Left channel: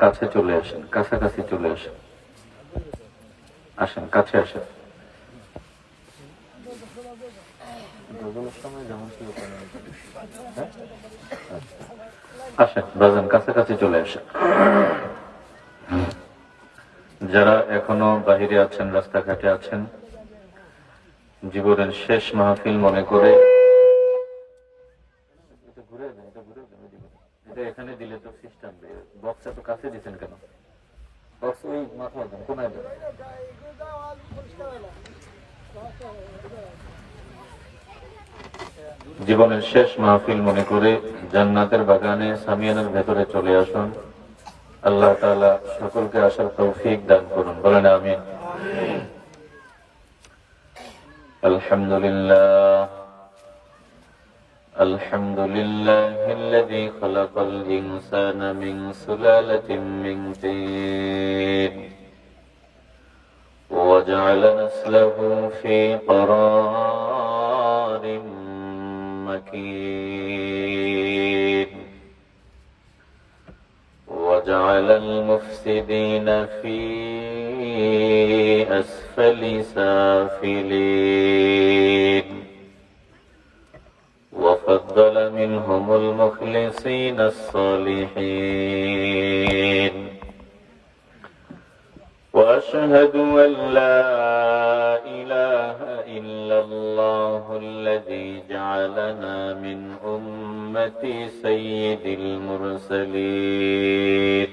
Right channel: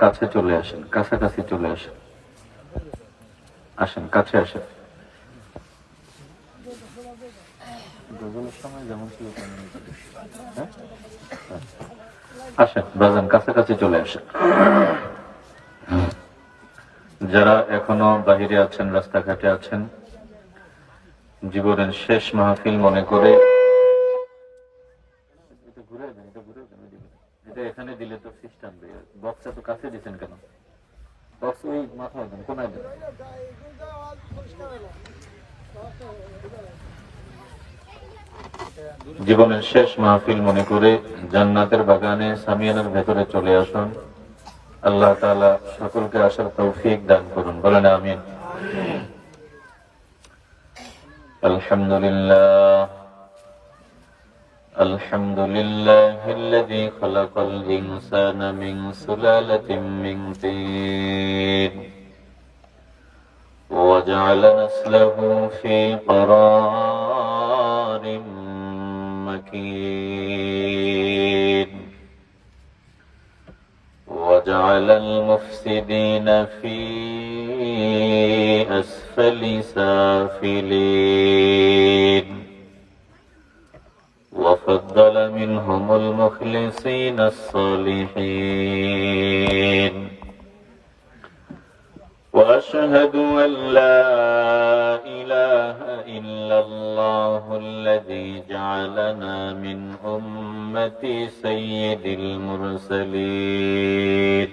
কাছে চলে আসেন, কাছাকাছি চলে আসেন, আসেন কাছে আসেন। সময় যেমন ছিল আসেন, বলবেন কাছাকাছি চলে আসেন। যারা এখনো বাহিরে আছেন, রাস্তাঘাটে আছেন, জীবনের শেষ মাহফিল মনে করে এখানে দিলে তো সিস্টেম দিয়ে বক্স তো কাছে দিচ্ছেন কেন? বক্স ওই মাথায় দেন, কোনায় দেন। জীবনের শেষ মাহফিল মনে করে জান্নাতের বাগানে সামিয়ানার ভেতরে চলে আসুন। আল্লাহ তাআলা সকলকে আসার তৌফিক দান করুন, বলেন আমিন। আলহামদুলিল্লাহ আলহামদুলিল্লাহ الذي خلق الإنسان من سلالة من طين وجعل نسله في قرار مكين وجعل المفسدين في أسفل سافلين وفضل منهم المخلصين الصالحين وأشهد أن لا إله إلا الله الذي جعلنا من أمة سيد المرسلين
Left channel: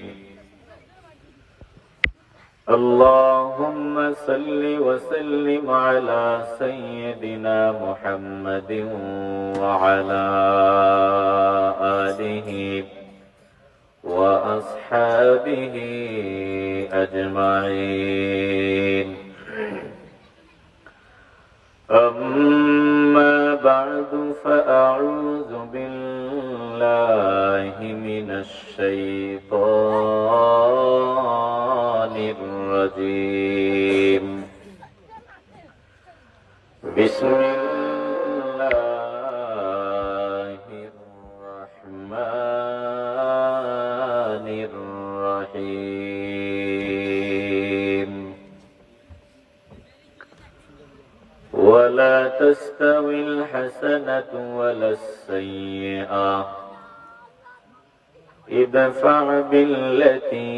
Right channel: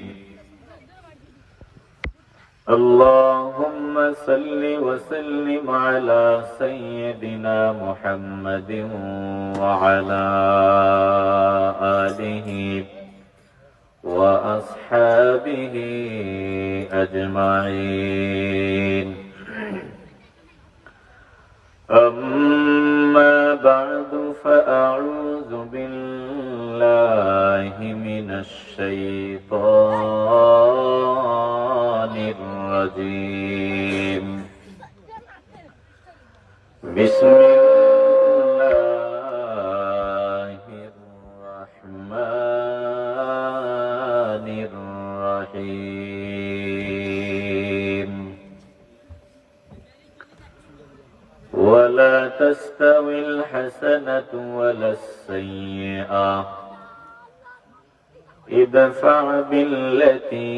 اللهم صل وسلم على سيدنا محمد وعلى آله وأصحابه أجمعين أما بعد فأعوذ بالله من الشيطان الرجيم بسم الله الرحمن الرحيم ولا تستوي الحسنة ولا السيئة ادفع بالتي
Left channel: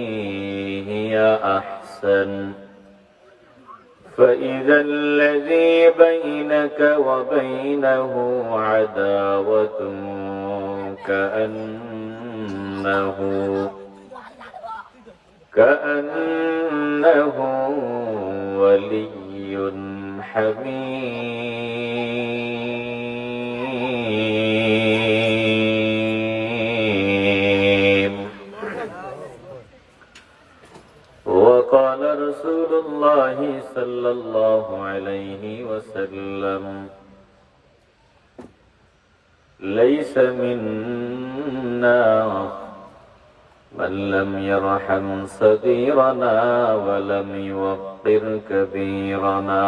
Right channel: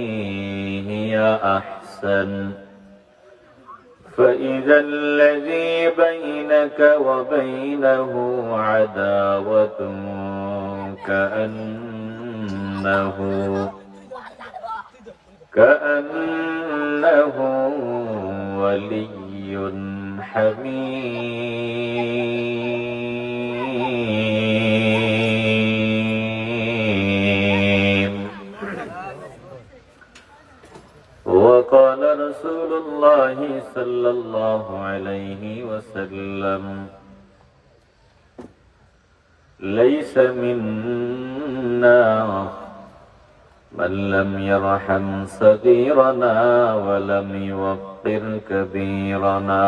هي أحسن فإذا الذي بينك وبينه عداوة كأنه ولي حميم وقال رسول الله صلى الله عليه وسلم ليس منا من لم يرحم صغيرنا ولم يوقر كبيرنا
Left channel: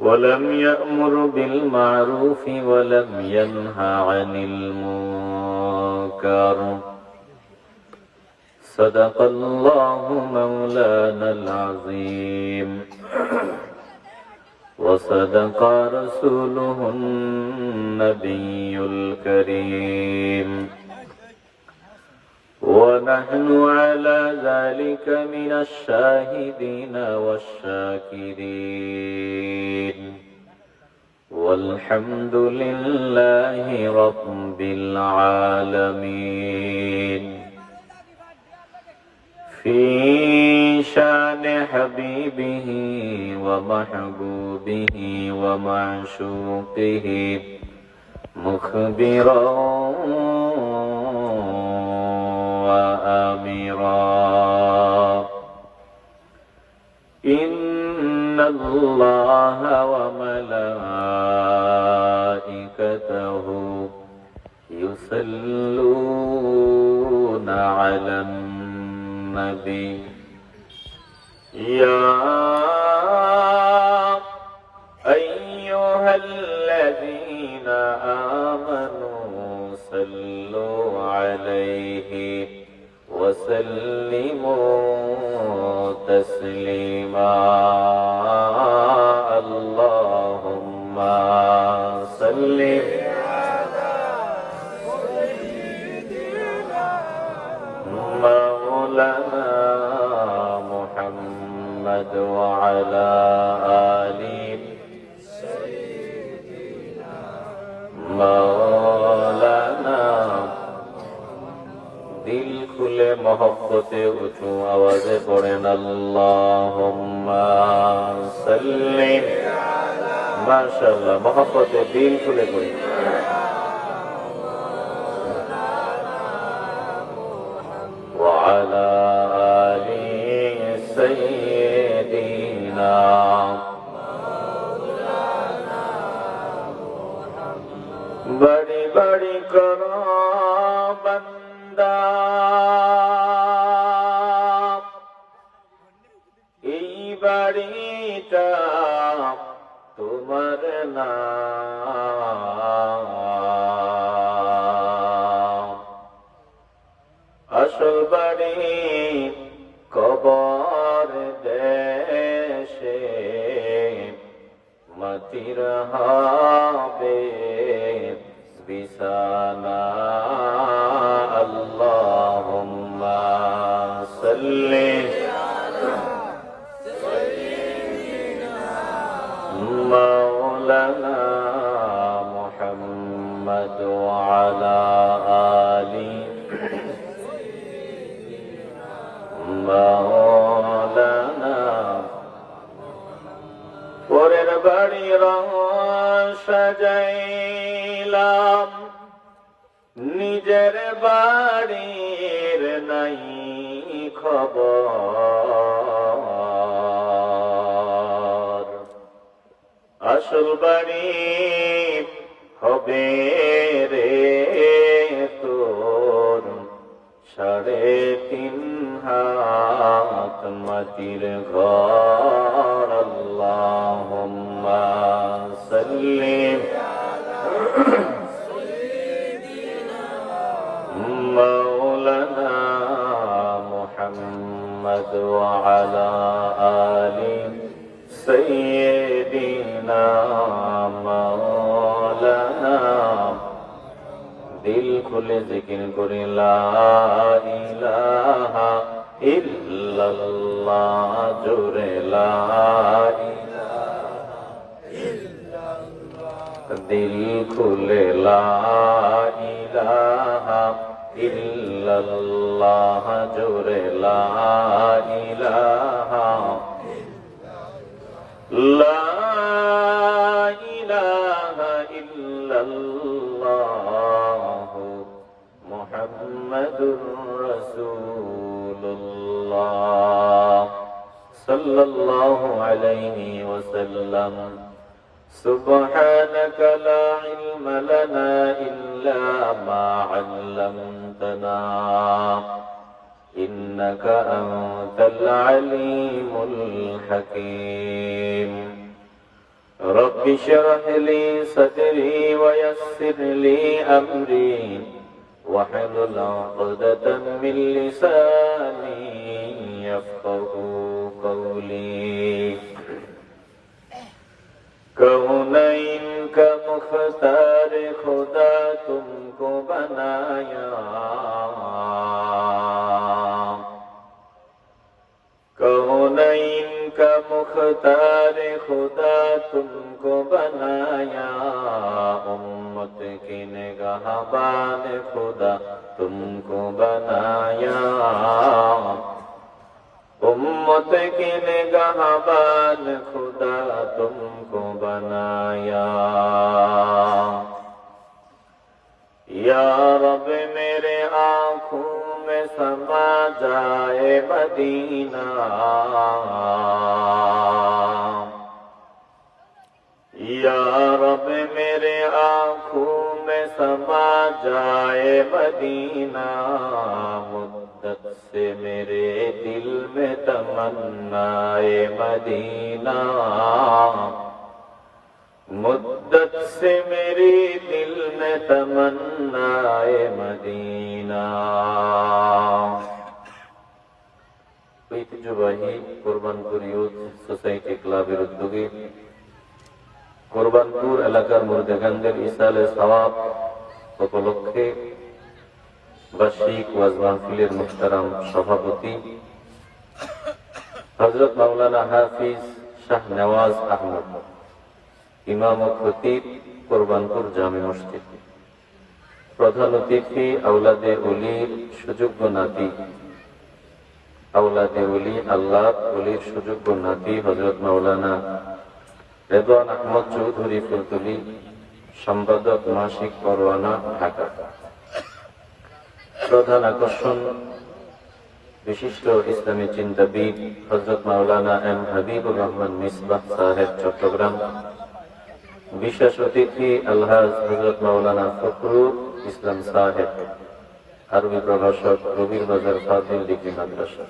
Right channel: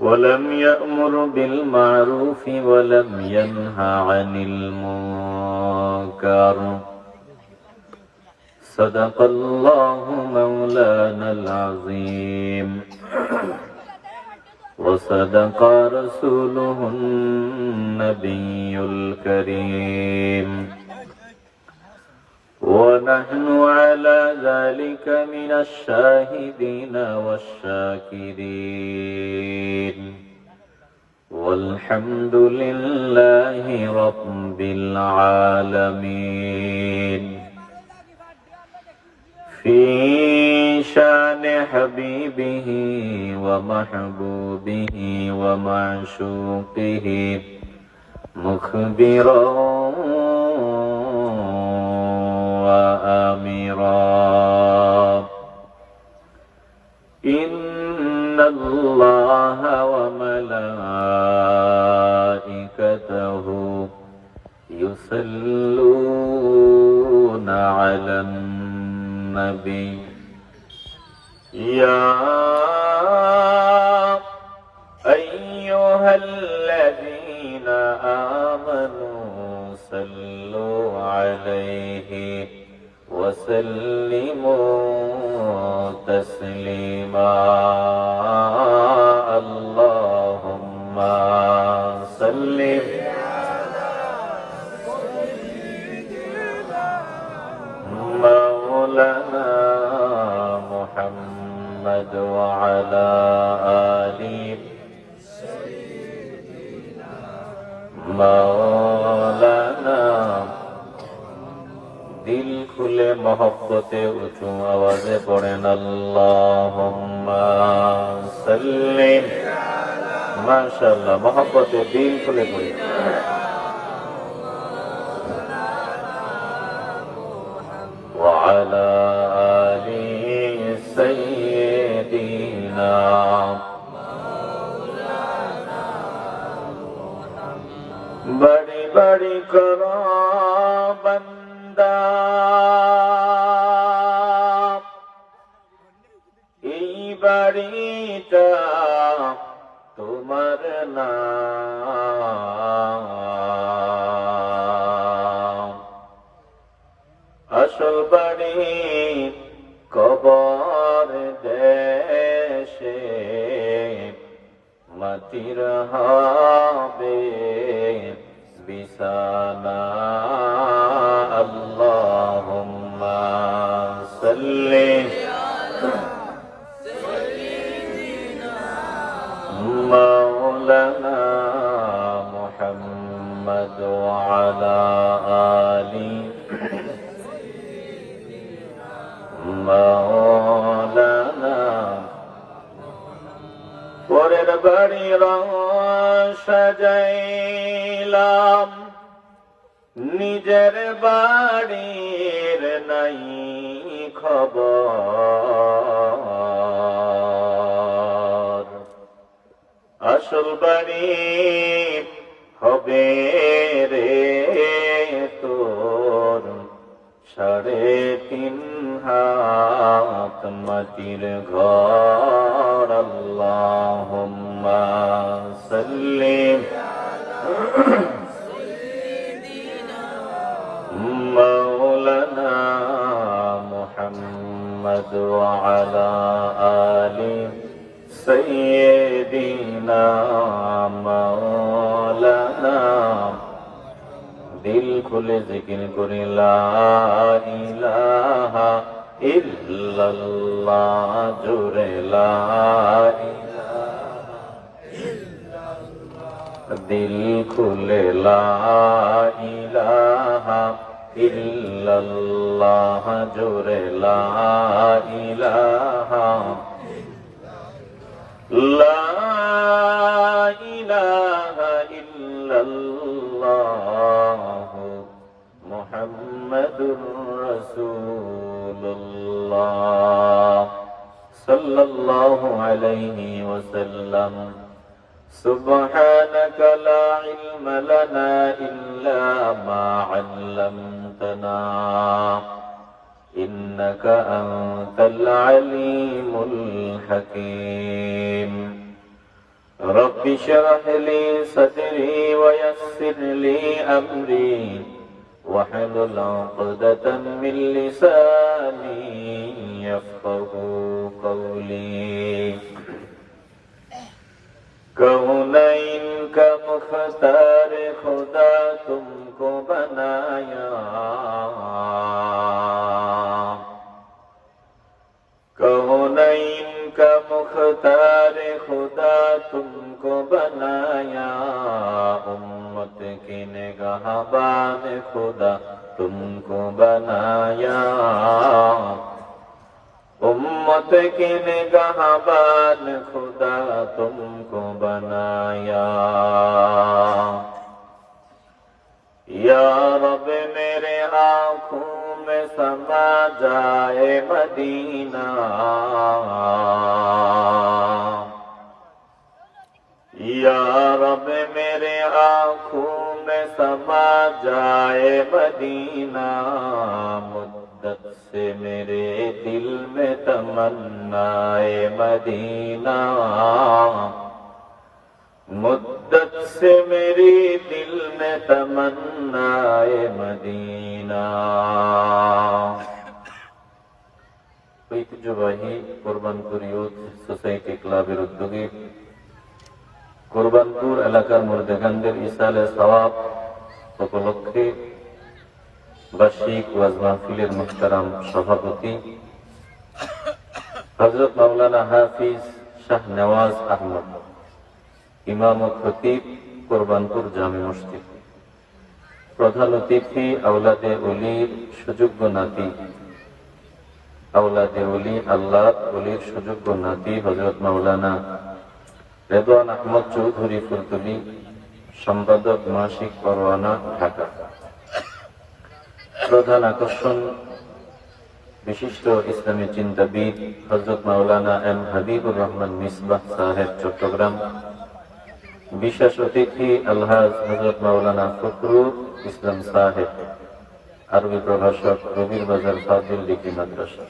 ولم يأمر بالمعروف ولم ينهى عن المنكر صدق الله مولانا العظيم وصدق رسوله النبي الكريم ونحن على ذلك من الشاهدين والشاكرين والحمد لله رب العالمين في شان حبيبه ومحبوبه ومعشوقه مخبرا وآمرا إن الله وملائكته يصلون على النبي يا أيها الذين آمنوا صلوا عليه وسلموا تسليما اللهم صل مولانا محمد وعلى آله مولانا दिल खुले मोहब्बते ऊंचू आवाजे पढ़ेन अल्लाहुम्मा सल्ली माशाअल्लाह मोहब्बते दिल खुले पढ़े وعلى آل سيدنا बड़ी बड़ी करो बंदा এই বাড়িটা তোমার নাম আসল বাড়ি কবর দেশে মাটির হবে বিছানা আল্লাহুম্মা সাল্লি مولانا محمد وعلى آله مولانا পরের বাড়ির সাজাইলাম নিজের বাড়ির নাই খবর আসল বাড়ি হবে রে তোর 3.5 হাত মাটির ঘর আল্লাহুম্মা সাল্লি مولانا محمد وعلى آل سيدنا مولانا दिल खुले जिक्र करी ला इलाहा इल्लल्लाह जुरे ला दिल खुले ला इलाहा इल्लल्लाह जुरे ला इलाहा ला इलाहा इल्लल्लाह मुहम्मदुर रसूलुल्लाह सल्लल्लाहु अलैहि वसल्लम سبحانك لا علم لنا إلا ما علمتنا إنك أنت العليم الحكيم رب اشرح لي صدري ويسر لي أمري واحلل عقدة من لساني يفقهوا قولي कौनैन का मुख्तार खुदा तुमको बनाया कौनैन का मुख्तार खुदा तुमको बनाया उम्मत की निगाहबान खुदा तुमको बनाया उम्मत की निगाहबान खुदा तुमको बनाया या रब मेरे आँखों में समा जाए मदीना या रब मेरे आँखों में समा जाए मदीना मुद्दत से मेरे दिल में तमन्नाए मदीना मुद्दत से मेरी दिल में तमन्नाए मदीना। ঐতিহ্যবাহী কোরবানপুর ইউথ সোসাইটি ক্লাবের উদ্যোগে কোরবানপুর এলাকার মুর্দেগানদের ইসালে সওয়াব উপলক্ষে বার্ষিক ওয়াজ মাহফিলের মুহতারাম সভাপতি হযরত মাওলানা হাফিজ শাহ নওয়াজ আহমদ, ইমাম ও খতিব কোরবানপুর জামে মসজিদ, প্রধান অতিথি আওলাদে ওলির সুযোগ্য নাতি, আওলাদে ওলি আল্লাহ ওলির সুযোগ্য নাতি হযরত মাওলানা রেদওয়ান আহমদ চৌধুরী ফুলতলি, সম্পাদক মাসিক পরওয়ানা, ঢাকা। প্রধান আকর্ষণ বিশিষ্ট ইসলামী চিন্তাবিদ হযরত মাওলানা এম হাবিবুর রহমান মিসবাহ সাহেব, চট্টগ্রাম। বিশেষ অতিথি আলহাজ হযরত মাওলানা ফখরুল ইসলাম সাহেব, আরবি প্রভাষক, রবির বাজার ফাজিল ডিগ্রি মাদ্রাসা।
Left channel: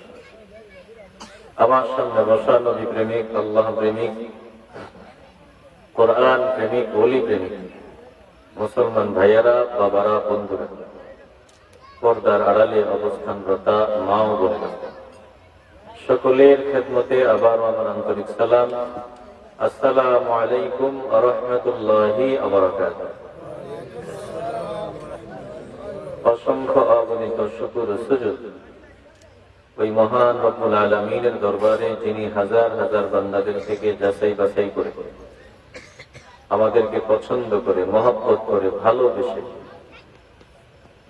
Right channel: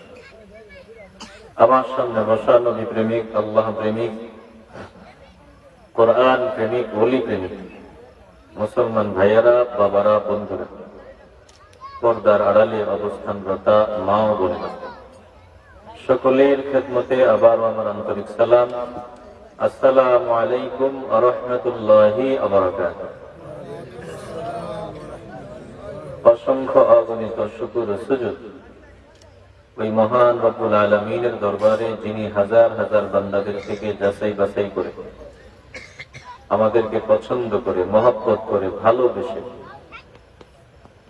আমার সামনে বসা নবী প্রেমিক, আল্লাহ প্রেমিক, কোরআন প্রেমিক, ওলি প্রেমিক মুসলমান ভাইয়েরা, বাবারা, বন্ধুরা, পর্দার আড়ালে অবস্থানরতা মা ও বোনেরা, সকলের খেদমতে আবার আমার আন্তরিক সালাম। আসসালামু আলাইকুম ওয়া রাহমাতুল্লাহি ওয়া বারাকাতুহু। অসংখ্য অগণিত শুকর ও সুজুদ ওই মহান রব্বুল আলামিনের দরবারে, যিনি হাজার হাজার বান্দাদের থেকে যাচাই বাছাই করে আমাদেরকে পছন্দ করে, মহব্বত করে, ভালোবেসে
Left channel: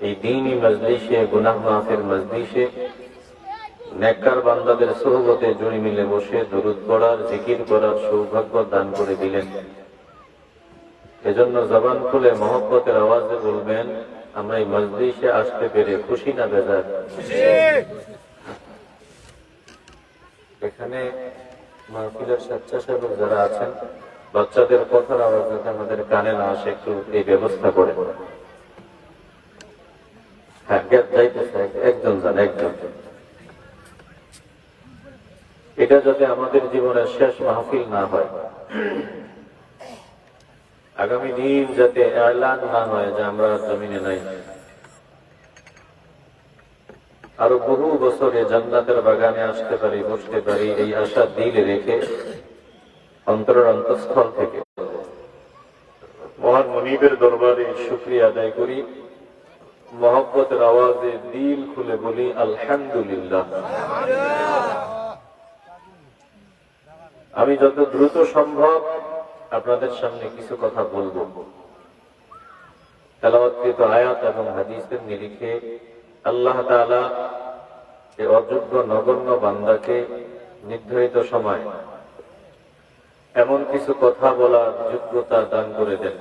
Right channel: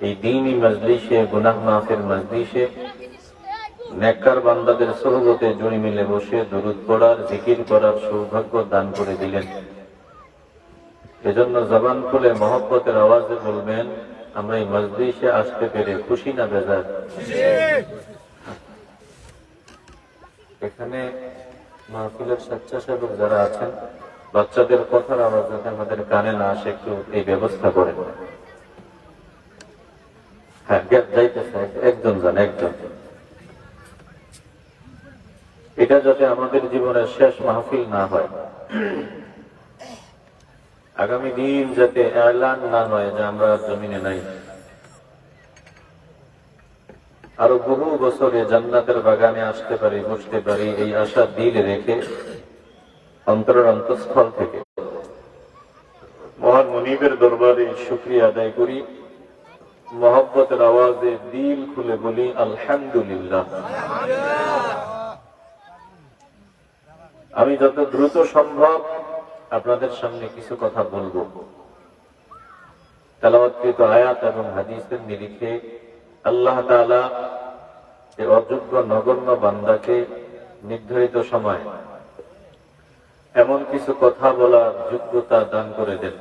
এই দ্বীনি মজলিসে, গুনাহ মাফের মজলিসে নেককার বান্দাদের সোহবতে জড়ি মিলে বসে দরুদ পড়ার, জিকির করার সৌভাগ্য দান করে দিলেন। এজন্য জবান খুলে মহব্বতের আওয়াজে বলবেন, আমরা এই মজলিসে আসতে পেরে খুশি না বেজার? এখানে মাহফিলের স্বেচ্ছাসেবক যারা আছেন, বাচ্চাদের কথার আওয়াজ যাতে আমাদের কানে না আসে, একটু এই ব্যবস্থা করে। হ্যাঁ, যাইতেছে, একজন যান, একজন। এটা যাতে আমাদের জীবনের শেষ মাহফিল না হয়, আগামী দিন যাতে এলান না হয় যে আমরা জমিনে নাই, আরো বহু বছরে জান্নাতের বাগানে আসতে পারি, বসতে পারি, এই আশা দিলে রেখে অন্তরের অন্তঃস্থল থেকে মহান মুনিবের দরবারে শুকরিয়া আদায় করি। মহব্বতের আওয়াজে দিল খুলে বলি আলহামদুলিল্লাহ। আমি যত দ্রুত সম্ভব আপনাদের সামনে কিছু কথা বলবো। তেলাওয়াতকৃত আয়াত এবং হাদিসের নিরিখে আল্লাহ তাআলা এই অযোগ্য নগণ্য বান্দাকে নির্ধারিত সময় এমন কিছু কথা বলার যোগ্যতা দান করে দেন,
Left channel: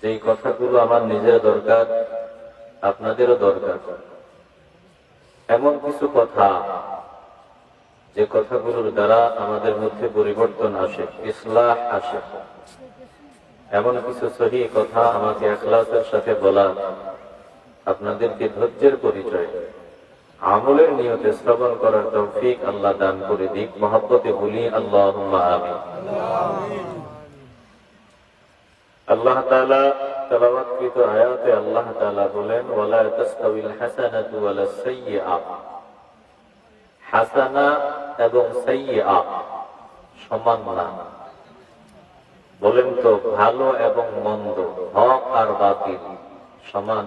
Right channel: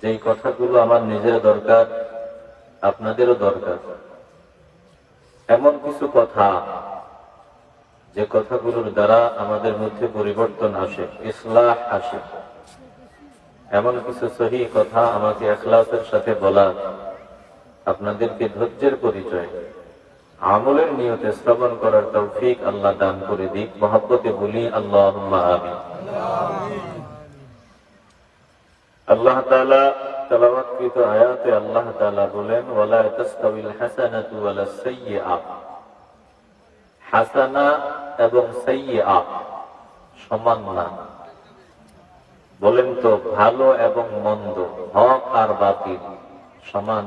যেই কথাগুলো আমার নিজের দরকার, আপনাদেরও দরকার। এমন কিছু কথা, যে কথাগুলোর দ্বারা আমাদের মধ্যে পরিবর্তন আসে, ইসলাহ আসে। এমন কিছু সহি কথা আমাকে ইখলাসের সাথে বলা, আপনাদেরকে ধৈর্যের পরিচয়, আমলের নিয়তে শ্রবণ করার তৌফিক আল্লাহ দান করে দিক। মহব্বতে বলি আল্লাহুম্মা আমিন। আল্লাহ তাআলা তেলাওয়াতকৃত আয়াতে আল্লাহ তাআলা বলেন, ওয়ালা তাস্তাবিল হাসানাতু ওয়ালাস সাইয়্যিআ। হাসানা এবং সাইয়্যিআ সমান না। বলেন তো, ভালো এবং মন্দ, হক আর বাতিল সমান?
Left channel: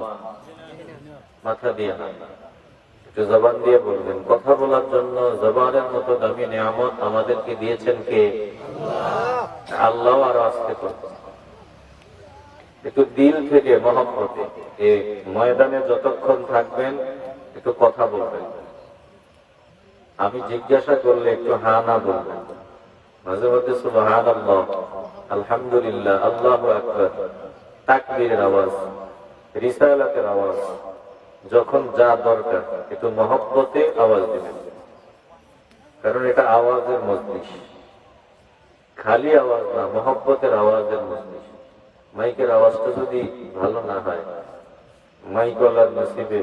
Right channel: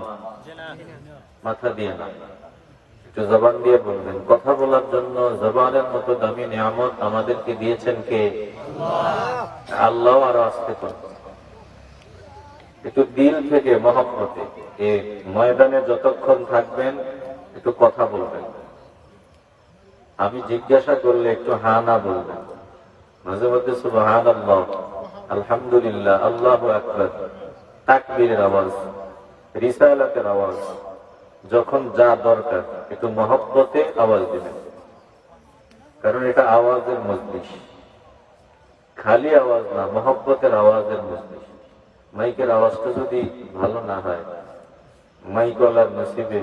মাথা দিয়ে না, একটু জবান দিয়ে বলবেন। কথা বলার জন্য জবানের মতো দামি নিয়ামত আমাদেরকে দিয়েছেন কে? আল্লাহ। আর আজকে তো একটু দিল থেকে মহব্বতে এই ময়দানে যতক্ষণ থাকবেন একটু কথা বলবেন। আমি জিজ্ঞাসা করলে একটু হা না বলবেন। মাঝে মাঝে সুবহানাল্লাহ, আলহামদুলিল্লাহ, আল্লাহু আকবার, তাকবীরের আওয়াজ, রিসালাতের আওয়াজ, যখন যা দরকার একটু মহব্বতে আওয়াজ দিবেন। কারণ এটা আওয়াজের মজলিস, খালি আওয়াজ না, মহব্বতের আওয়াজের মজলিস। মাইকের আওয়াজটা যদি ভালো না হয়, মাইকওয়ালার নসিবে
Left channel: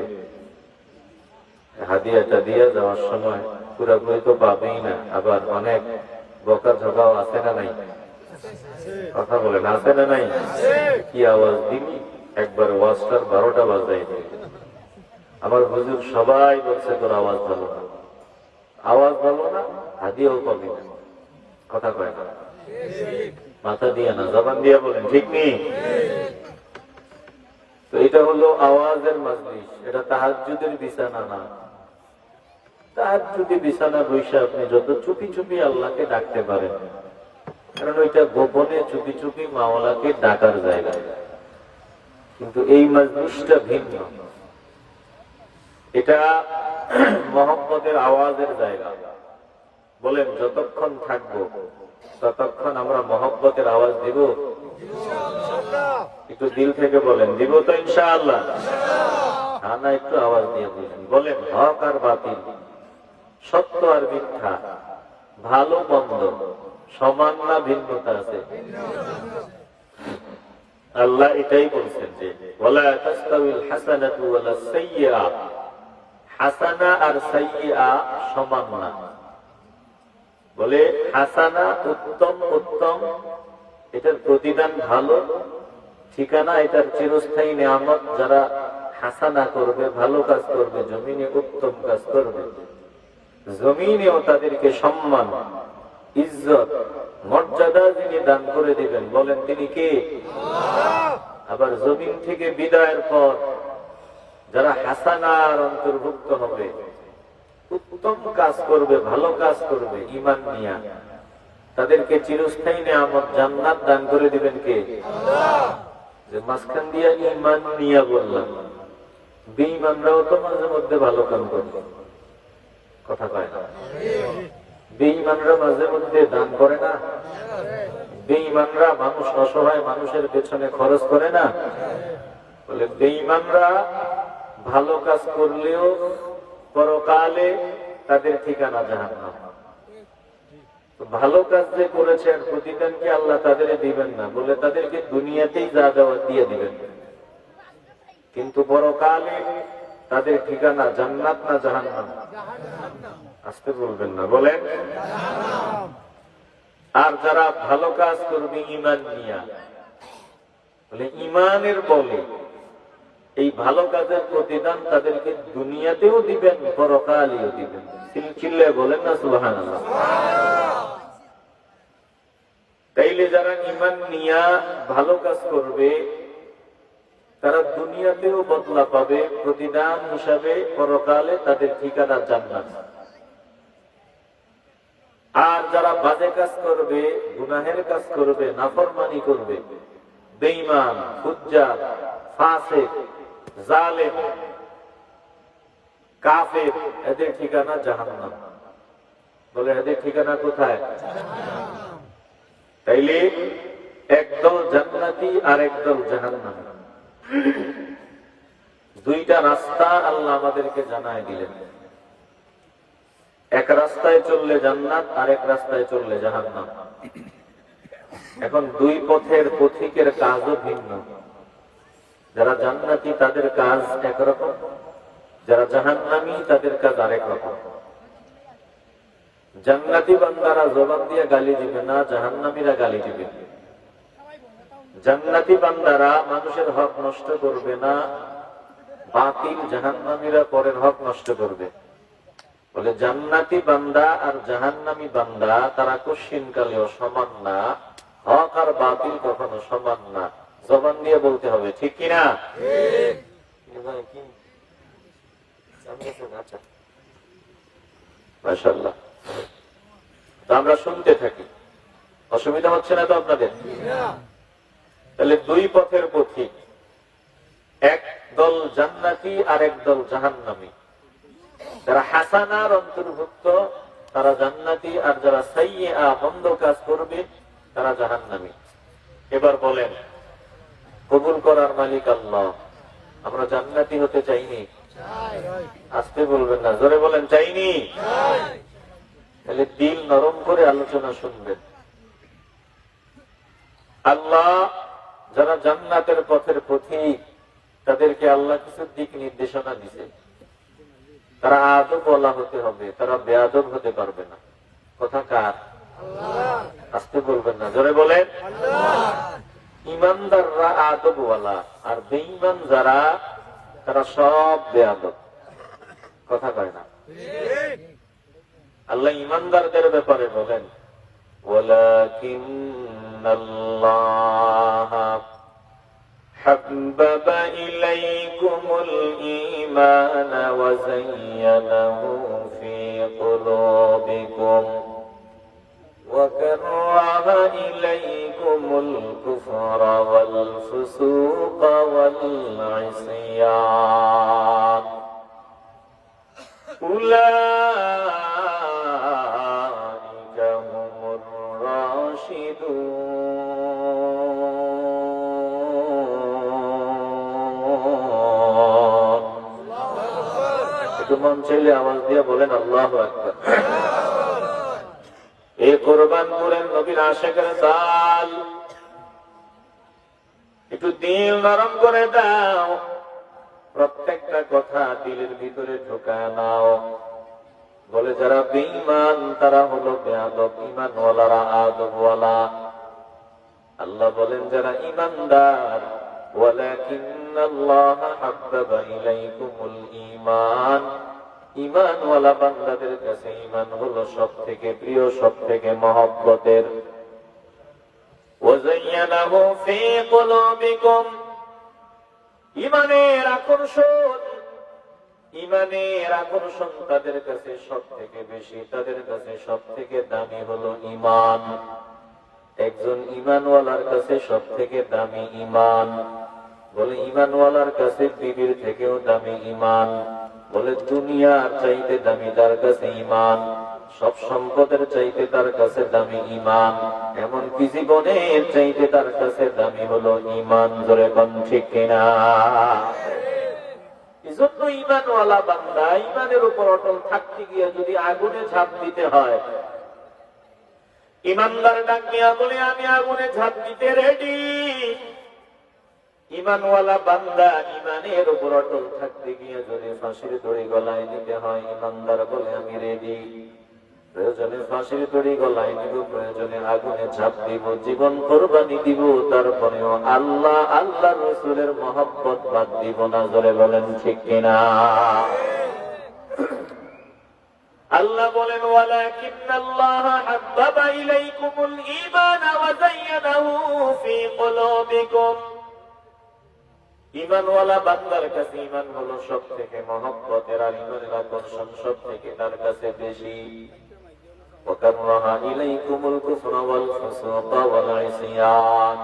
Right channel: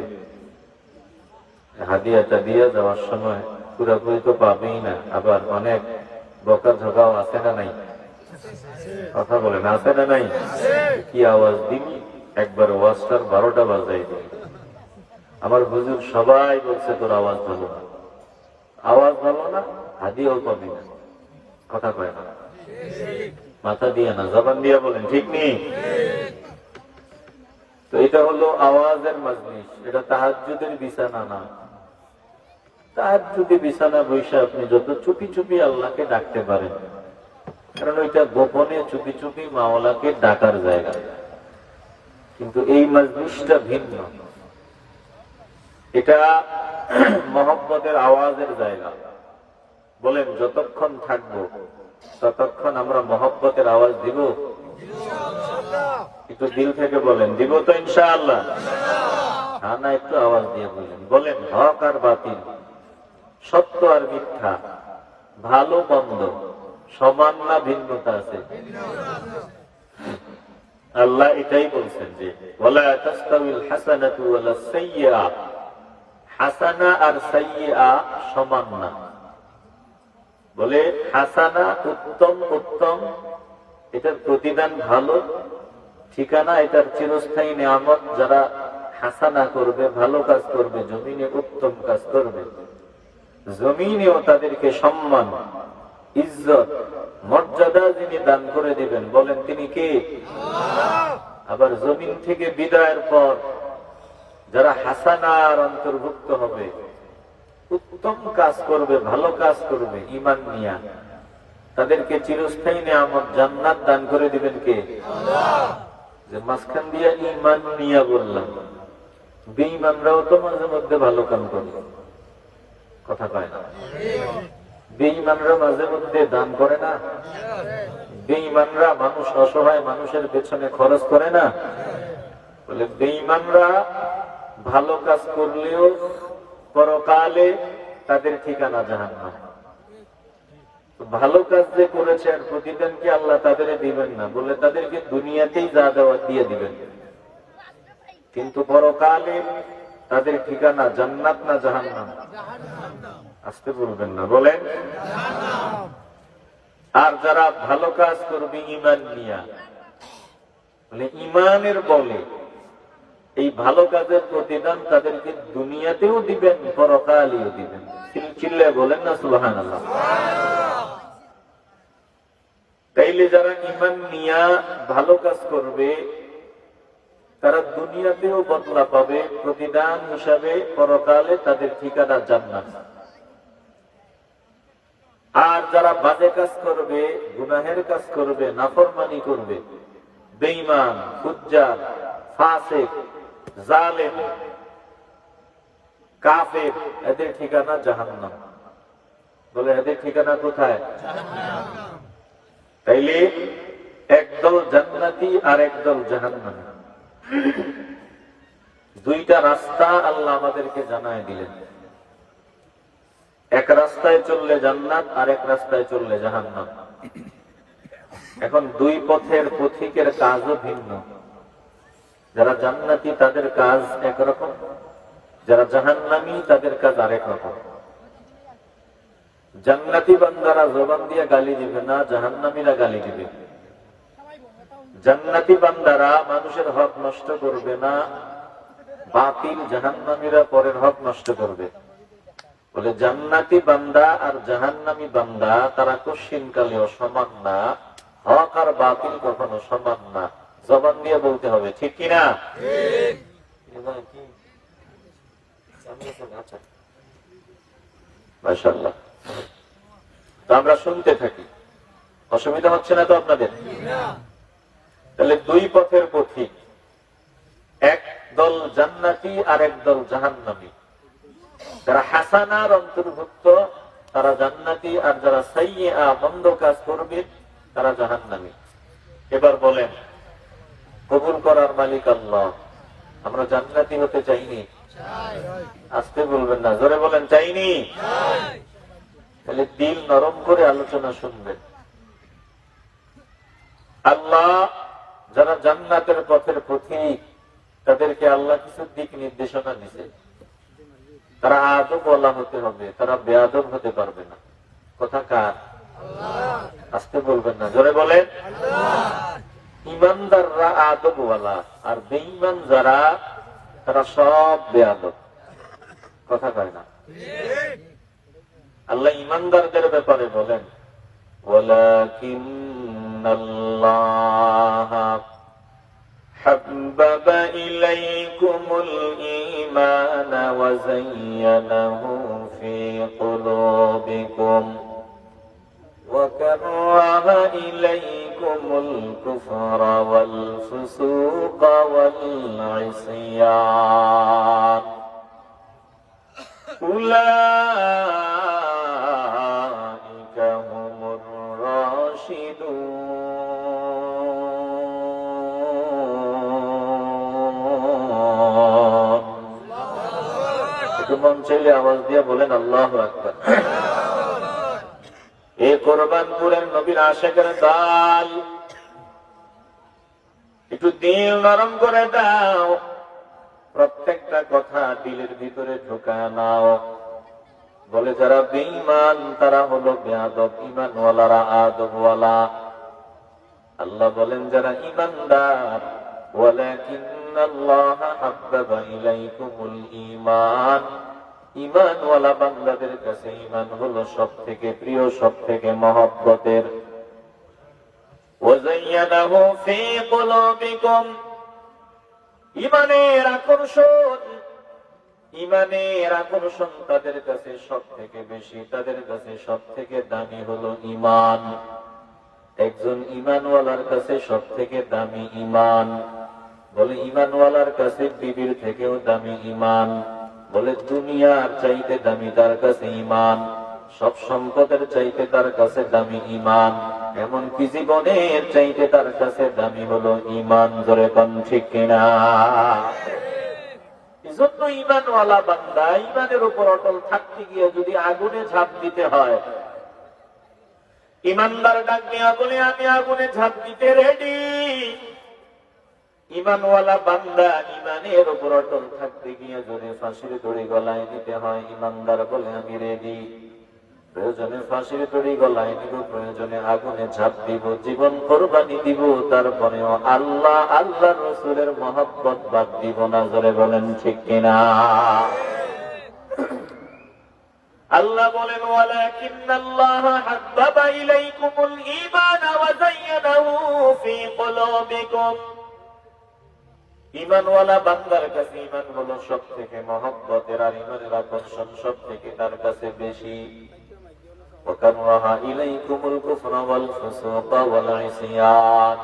হাদিয়াটা দিয়ে যাওয়ার সময় পুরোপুরি তো পাবেই না। আবার অনেক বকা ঝগাও আছে না নাই? কথা বলেন আছে না নাই? কি আওয়াজ দিবি, একবার ওয়াজটার 12টা বাজাই দেয়। আমার হুজুর সবাই বলছে তোর আওয়াজ ভালো না, আওয়াজ ভালো না, হাদিয়াও পাবি না। কথা কয় না, মাথা দিয়ে না, জবান দিয়ে বলেন ঠিক নেই। তো এটা হলো আওয়াজের মাজলিস, এটা তাহাজ্জুদের বিছানা না। তাহাজ্জুদে বিছানা বসে আপনি যত চুপি চুপি আল্লাহকে ডাকতে পারেন, কারণ ওইটা গোপনে চুপি চুপি মাওলাকে ডাকার জায়গা। কিন্তু এই মাজলিসটা ভিন্ন, এটা মোহাম্মদের আওয়াজের জায়গা। বলেন যতক্ষণ থাকবো ততক্ষণ আমরা মোহাম্মতের আওয়াজ দিব? একটু দিল থেকে বলেন, দিব তো ইনশাআল্লাহ? হ্যাঁ না একটু আওয়াজ দিয়ে দিলেন। বলেন হক আর বাতিল, সত্য আর মিথ্যা, ভালো মন্দ সমান না ভিন্নতা আছে? আল্লাহ এটাই বলছেন যে ওয়ালা তাস্তাবিল হাসানাতু ওয়ালা সাইয়্যা, হাসানা আর সাইয়্যা সমান না। বলে হাসানা উত্তম, উত্তম এটার প্রতিদান ভালো, ঠিকানা এটার চিরস্থায়ী নিয়ামত। যারা হাসানা করবে, ভালো কাজ করবে, জমিনে উত্তম কাজ করবে, জমিনেও তাদেরকে সম্মান, ইজ্জত, মর্যাদা যিনি দান করে দিবেন, বলেন তিনি কে? আবার জমিন থেকে বিদায়ের পর যারা হাসানার অন্তর্ভুক্ত হবে, উত্তম কাজ করবে, ভালো কাজ করবে, ঈমান নিয়া, তাদেরকে চিরস্থায়ী নিয়ামত জান্নাত দান করে দিবেন কে? যে মাঝখান দিয়ে ঈমান নিয়া বললাম, বেঈমানরাও তো মাঝে মধ্যে ভালো কাম করে। কথা কয় না? বেঈমানরা মাঝে মধ্যে দান করে না? বেঈমানরা মানুষ অসহায় মানুষের পেছনে খরচ করে না? বলে বেঈমানরা ভালো কাজ করলেও পরকালে তাদের ঠিকানা জাহান্নাম। ভালো কাজ যে করেছেন প্রতিদান কি আল্লাহ তাদের দিবেন না? বলে তাদেরকে দুনিয়াতেই যা দেওয়া দিয়ে দিবেন, কিন্তু পরকালে তাদের ঠিকানা জান্নাত না জাহান্নাম? আসতে বলবেন না, বলেন। আর যারা ভালো কাজ করবে ঈমান নিয়া, বলে ঈমানের বলে এই ভালো কাজের প্রতিদান তাদেরকে দুনিয়াতেও দিবেন, পরকালেও দিবেন। চিল্লায় বলেন না সুবহানাল্লাহ। তাইলে যারা ঈমান নিয়া ভালো কাজ করবে তারা দুনিয়াতেও বদলা পাবে, প্রতিদান হিসাবে পরকালে তাদের ঠিকানা জান্নাত। আর যারা বাজে কাজ করবে, গুনাহের কাজ করবে, নাফরমানি করবে, বেঈমান, ফুজ্জার, ফাসিক, জালেম, কাফের, এদের ঠিকানা জাহান্নাম। বলে এদের ঠিকানা কোথায়? তাইলে একদল জান্নাতি আর একদল জাহান্নামী, দুইটা রাস্তা আল্লাহ আমাদেরকে জানায় দিলেন। এক রাস্তায় চললে জান্নাত, আর এক রাস্তায় চললে জাহান্নাম। এখন দুই পথের পথিকের কাজও ভিন্ন। যারা জান্নাতি তাদের কাজ একরকম, যারা জাহান্নামী তাদের কাজ আরেক রকম। জান্নাতি বান্দারা জবান দিয়ে গালি দিবে না, জাহান্নামীরা গালি দিবে। জান্নাতি বান্দারা মানুষের হক নষ্ট করবে না, বাতিল জাহান্নামীরা পরের হক নষ্ট করবে। বলে জান্নাতি বান্দা আর জাহান্নামী বান্দা তারা কশিনকালেও সমান না, হক আর বাতিল কখনো সমান না। জবান দিয়ে বলতে হবে, ঠিক কিনা? মাশাআল্লাহ। তো আমরা শুনতে থাকি, অসুবিধা হচ্ছে না তো আপনাদের? তাহলে দুই পথের পথিক, এক দল জান্নাতি আর এক দল জাহান্নামী। যারা হাসানার অন্তর্ভুক্ত তারা জান্নাতি, আর যারা সাইয়্যা মন্দ কাজ করবে তারা জাহান্নামী। এবার বলেন, কবুল করার মালিক আল্লাহ। আমরা জান্নাতি হতে চাইনি? আসতে বলবেন না, জোরে বলেন চাইনি। তাহলে দিল নরম করে আলোচনা শুনবেন। আল্লাহ যারা জান্নাতের পথের পথিক তাদেরকে আল্লাহ কিছু দিক নির্দেশনা দিছে। তারা আদব ওয়ালা হতে হবে, তারা বেয়াদব হতে পারবে না। কথা কার? আসতে বলবেন না, জোরে বলেন। ইমানদাররা আদবওয়ালা, আর বেঈমান যারা তারা সব বেয়াদব। কথা কয় না। আল্লাহ ইমানদারদের ব্যাপারে বলেন, ওয়ালাকিন্নাল্লাহা হাব্বাবা ইলাইকুমুল ঈমান ওয়া যায়্যানাহু ফী কুলুবিকুম وكره إليكم الكفر والفسوق والعصيان أولئك هم الراشدون. একটু মন চাইলে আওয়াজ দিয়ে বলেন আল্লাহু আকবার। এই কোরবানপুরের নবীর আশিকের দল, একটু দিল নরম করে দাও, প্রত্যেকটা কথা দিলের ভিতরে ঢোকায় নাও। বলে যারা বেঈমান তারা হলো বেয়াদব, ঈমানওয়ালারা আদবওয়ালা। আল্লাহ বলেন যারা ঈমানদার, ওয়ালাকিন্নাল্লাহা হাব্বাবা ইলাইকুমুল ঈমান, ঈমানওয়ালা বান্দাদের কাছে ঈমান হলো সব থেকে প্রিয়, সব থেকে মহব্বতের। ওয়াযায়্যানাহু ফী কুলুবিকুম, ঈমানের আকর্ষণ, ঈমানের আকর্ষণ তাদের কাছে সব থেকে বেশি, তাদের কাছে সব থেকে দামি হলো ঈমান। একজন ঈমানওয়ালার কাছে সব থেকে দামি ঈমান। বলে ঈমানওয়ালার কাছে বিবির থেকেও দামি ঈমান। বলে দুনিয়ার চাইতে দামি তার কাছে ঈমান, সব সম্পদের চাইতে তার কাছে দামি ঈমান, এমনকি জীবনের চাইতে তার কাছে দামি হলো ঈমান। ধরে কোন ঠিক কিনা? এজন্য ঈমানওয়ালা বান্দা ঈমানের উপর অটল থাকতে গিয়ে যদি আগুনে ঝাঁপ দিতে হয়, ঈমানদার ডাক দিয়া বলে আমি আগুনে ঝাঁপ দিতে রেডি। ঈমানওয়ালা বান্দা ঈমানের উপর অটল থাকতে গিয়ে যদি ফাঁসির দড়ি গলায় নিতে হয়, ঈমানদার বলে আমি রেডি। প্রয়োজনে ফাঁসির দড়ি গলায় নিব, প্রয়োজনে আগুনে ঝাঁপ দিব, জীবন কোরবানি দিব, তারপরেও আল্লাহ আল্লাহ রাসূলের মহব্বত বাদ দিব না। জোরে বলেন ঠিক কিনা? আল্লাহ বলেন ওয়ালাকিন্নাল্লাহা হাব্বাবা ইলাইকুমুল ঈমান ওয়া যায়্যানাহু ফী কুলুবিকুম, ঈমানওয়ালা বান্দার কাছে ঈমান হলো সব থেকে মহব্বতের, আর ঈমানের আকর্ষণ সব থেকে তার কাছে বেশি। ওয়াকাররাহা ইলাইকুমুল কুফরা ওয়াল ফুসুকা ওয়াল ইসয়ান,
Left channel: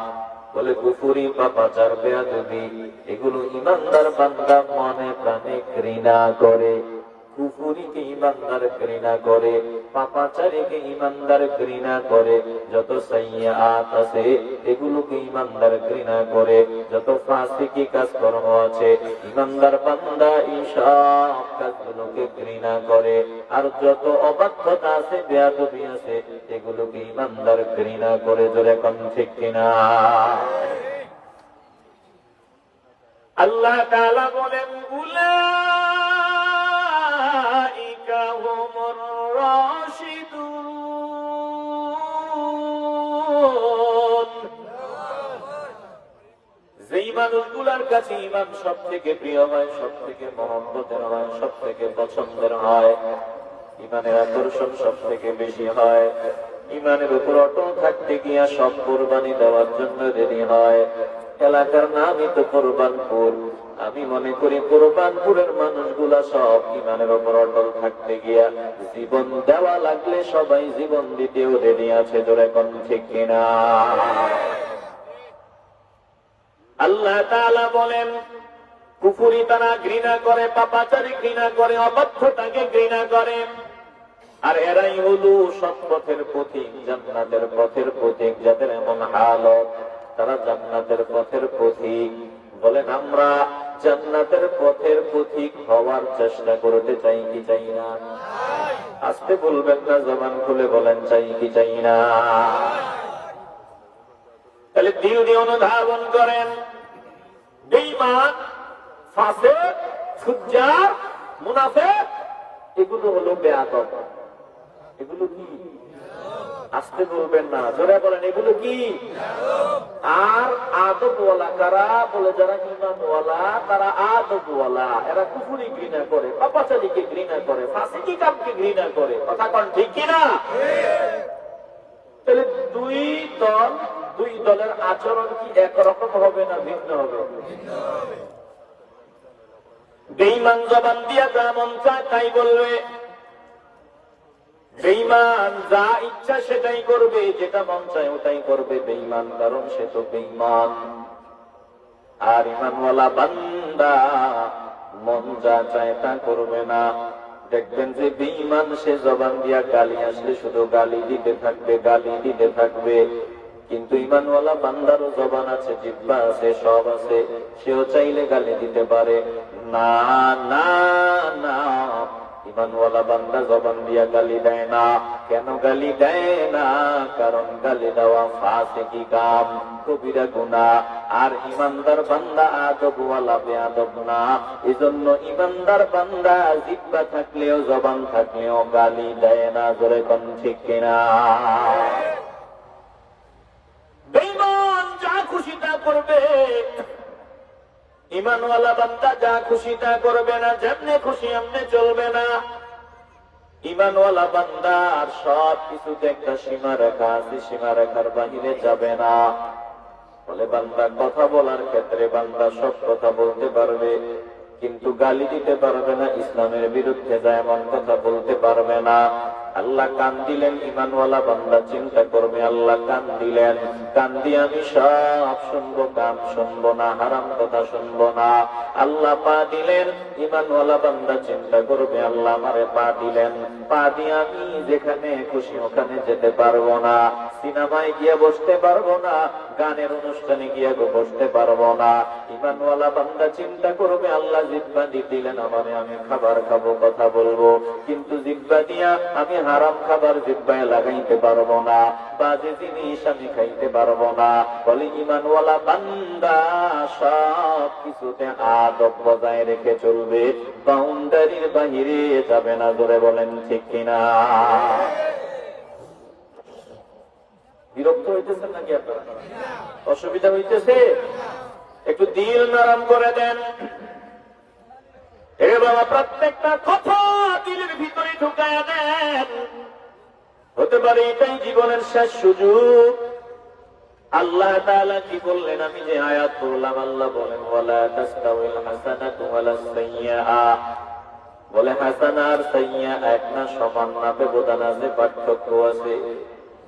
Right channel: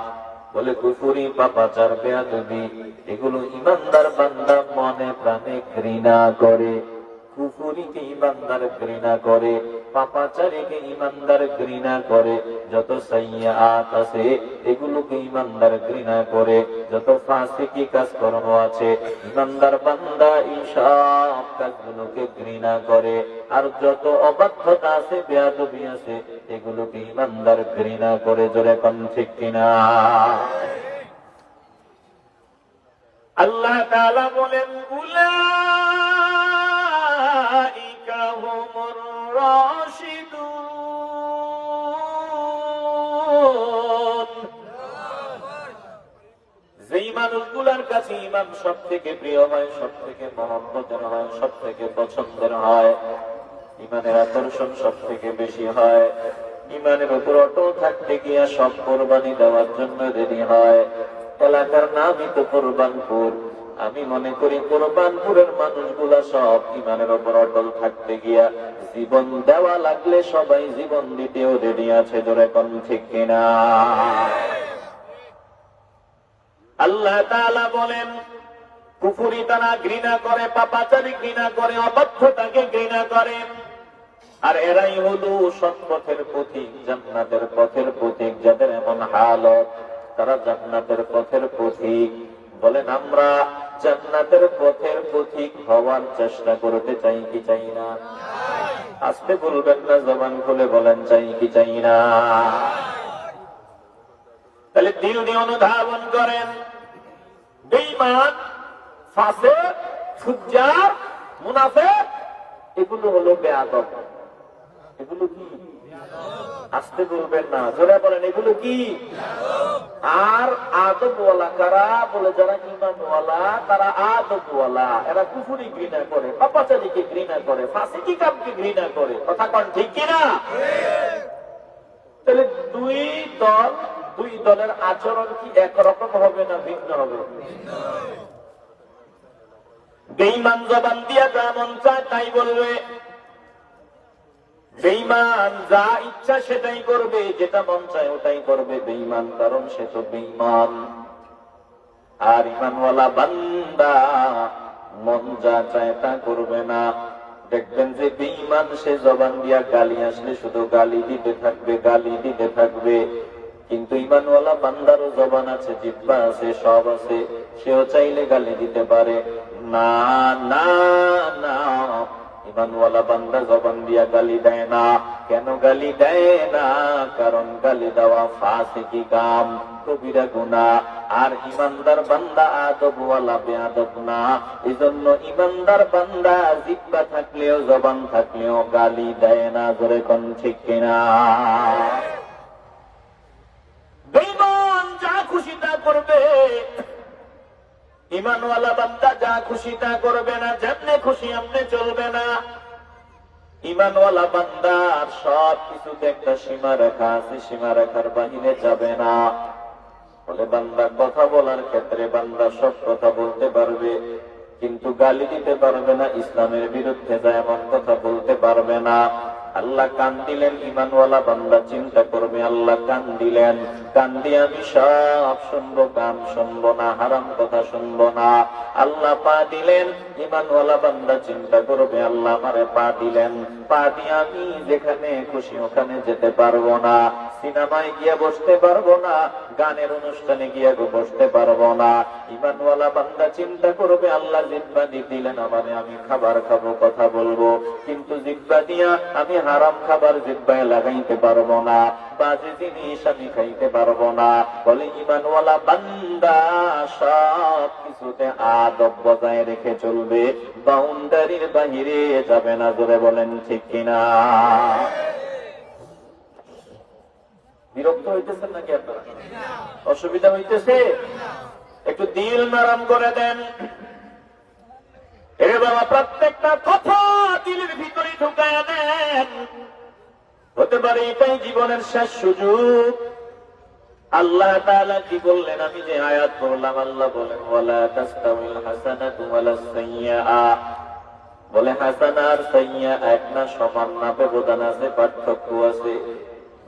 বলে কুফরি, পাপাচার, বেয়াদবি এগুলো ঈমানদার বান্দা মনে প্রাণে ঘৃণা করে। কুফরিকে ঈমানদার ঘৃণা করে, পাপাচারীকে ঈমানদার ঘৃণা করে, যত সাইয়্যাত আছে এগুলোকে ঈমানদার ঘৃণা করে, যত ফাসিকি কাজকর্ম আছে ঈমানদার বান্দা এই সব কাজগুলোকে ঘৃণা করে, আর যত অবাধ্যতা আছে, বেয়াদবি আছে এগুলোকে ঈমানদার ঘৃণা করে। জোরে কোন ঠিক কিনা? আল্লাহ তাআলা বলেন উলাইকা হুমুর রাশিদুন, যেই মানুষগুলার কাছে ঈমান সব থেকে প্রিয় হয়, সব থেকে মহব্বতের হয়, সব থেকে পছন্দের হয়, ঈমানের আকর্ষণ সব থেকে বেশি হয়, ঈমানের উপর অটল থাকতে গিয়া সব কোরবানি দেওয়ার জন্য রেডি হয়। এলাকার নামই তো কোরবানপুর। আমি মনে করি কোরবানপুরের মানুষগুলা সব ঈমানের উপর অটল থাকতে গিয়া জীবন দেওয়া লাগলে সবাই জীবন দিতেও রেডি আছে। জোরে কোন ঠিক কিনা? আল্লাহ তাআলা বলেন কুফরি তারা ঘৃণা করে, পাপাচারী ঘৃণা করে, অবাধ্যতাকে ঘৃণা করে, আর এরাই হলো সব পথের পথিক, জান্নাতের পথের পথিক। যাদের এমন হালত, তারা জান্নাতের পথের পথিক। বলেন আমরা জান্নাতের পথের পথিক হওয়ার চেষ্টা করতে চাই কি চাই না? আজকে বলবেন না, জবান খুলে বলেন চাই কি চাই না? তাহলে দিল দিয়ে অনুধাবন করেন, বেঈমান, ফাসিক, ফুজ্জার, মুনাফিক এগুলো হলো বেয়াদব। এগুলো কি? আসতে বলবেন না, জোরে বলেন এগুলো কি? আর আদবওয়ালা কারা? বলে যারা ঈমানওয়ালা তারা আদবওয়ালা। এরা কুফরি ঘৃণা করে, পাপাচারীকে ঘৃণা করে, ফাসিকি কামকে ঘৃণা করে। কথা কোন ঠিক কিনা? তাহলে দুই দলের আচরণ কি একরকম হবে না ভিন্ন হবে? বেঈমান জবান দিয়ে যা মন চায় তাই বলবে, বেঈমান যা ইচ্ছা সেটাই করবে, যেটা মন চায় ওটাই করবে বেঈমান, কারণ সে তো বেঈমান। আর ঈমানওয়ালা বান্দা মন যা চায় তা করবে না। দেখবেন যে বেঈমান সে জবান দিয়া গালি আসলে শুধু গালি দিতে থাকবে, গালি দিতে থাকবে। কিন্তু ঈমানওয়ালা বান্দারও জবান আছে, জিহ্বা আছে, সব আছে, সেও চাইলে গালি দিতে পারে। না না না, ঈমানওয়ালা বান্দা জবান দিয়া গালি দেয় না। কেন গালি দেয় না? কারণ গালি দেওয়া ফাসিকি কাম, কবিরা গুনাহ। আর ঈমানদার বান্দা আদবওয়ালা, বেয়াদব না। এজন্য ঈমানদার বান্দা জিহ্বা থাকলেও জবান থাকলেও গালি দেয় না। জোরে কোন ঠিক কিনা? বেঈমান যা খুশি তা করবে, ঈমানওয়ালা বান্দা যা খুশি তা করবে না, যেমনে খুশি এমনি চলবে না। ঈমানওয়ালা বান্দার সব কিছুতে একটা সীমা রেখা আছে, সীমা রেখার বাহিরে যাবে না। বলে বান্দা কথা বলার ক্ষেত্রে বান্দা সব কথা বলতে পারবে, কিন্তু গালি দিতে পারবে না, ইসলামের বিরুদ্ধে যায় এমন কথা বলতে পারবে না। আল্লাহ কান দিলেন, ঈমানওয়ালা বান্দা চিন্তা করবে, আল্লাহ কান দিলেন, কান দিয়ে আমি সব শুনবো, গান শুনবো না, হারাম কথা শুনবো না। আল্লাহ পা দিলেন, ঈমানওয়ালা বান্দা চিন্তা করবে, আল্লাহ আমারে পা দিলেন, পা দিয়ে আমি যেখানে খুশি ওখানে যেতে পারবো না, সিনেমায় গিয়ে বসতে পারবো না, গানের অনুষ্ঠানে গিয়ে বসতে পারবো না। ঈমানওয়ালা বান্দা চিন্তা করবে, আল্লাহ জিহ্বা দিলেন আমারে, আমি খাবার খাবো, কথা বলবো, কিন্তু জিহ্বা দিয়া আমি হারাম খাবার জিহ্বায় লাগাইতে পারবো না, বাজে জিনিস আমি খাইতে পারবো না। বলে ঈমানওয়ালা বান্দা সব কিছুতে আদব বজায় রেখে চলবে, বাউন্ডারির বাহিরে যাবে না। জোরে বলেন ঠিক কিনা? বিরক্ত হইতেছেন নাকি আপনারা? অসুবিধা হইতেছে? একটু দিল নরম করে দেন। এ বাবা, প্রত্যেকটা কথা দিলের ভিতরে ঢুকায় দেন। হতে পারে এটাই জীবনের শেষ সুযোগ। আল্লাহ তাআলা কি বললেন? আমি যে আয়াত পড়লাম, আল্লাহ বলেন ওয়ালা তাস্তাউল হাসানাতু ওয়ালাস সাইয়্যা। বলে হাসানা আর সাইয়্যা এক না, সমান না, ব্যবধান আছে, পার্থক্য আছে।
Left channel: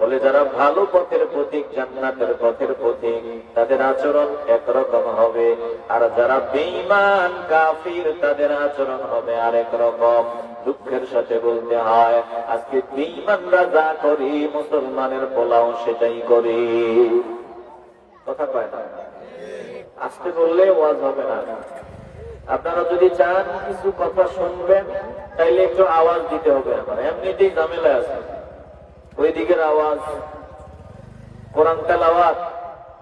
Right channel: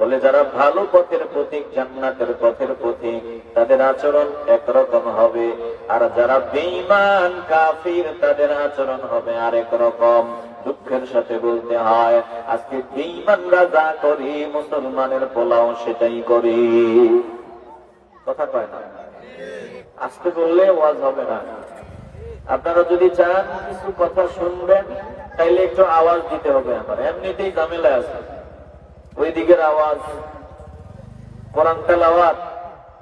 বলে যারা ভালো পথের পথিক, জান্নাতের পথের পথিক, তাদের আচরণ একরকম হবে, আর যারা বেঈমান কাফির তাদের আচরণ হবে আরেক রকম। দুঃখের সাথে বলতে হয়, আজকে বেঈমানরা যা করি মুসলমানের পোলাও সেটাই করি। কথা কয় না? আজকে বললে ওয়াজ হবে না। আপনারা যদি চান কিছু কথা শুনবেন, তাইলে একটু আওয়াজ দিতে হবে। আমার এমনিতেই ঝামেলা আছে, ওই দিকের আওয়াজ, কোরআন তেলাওয়াত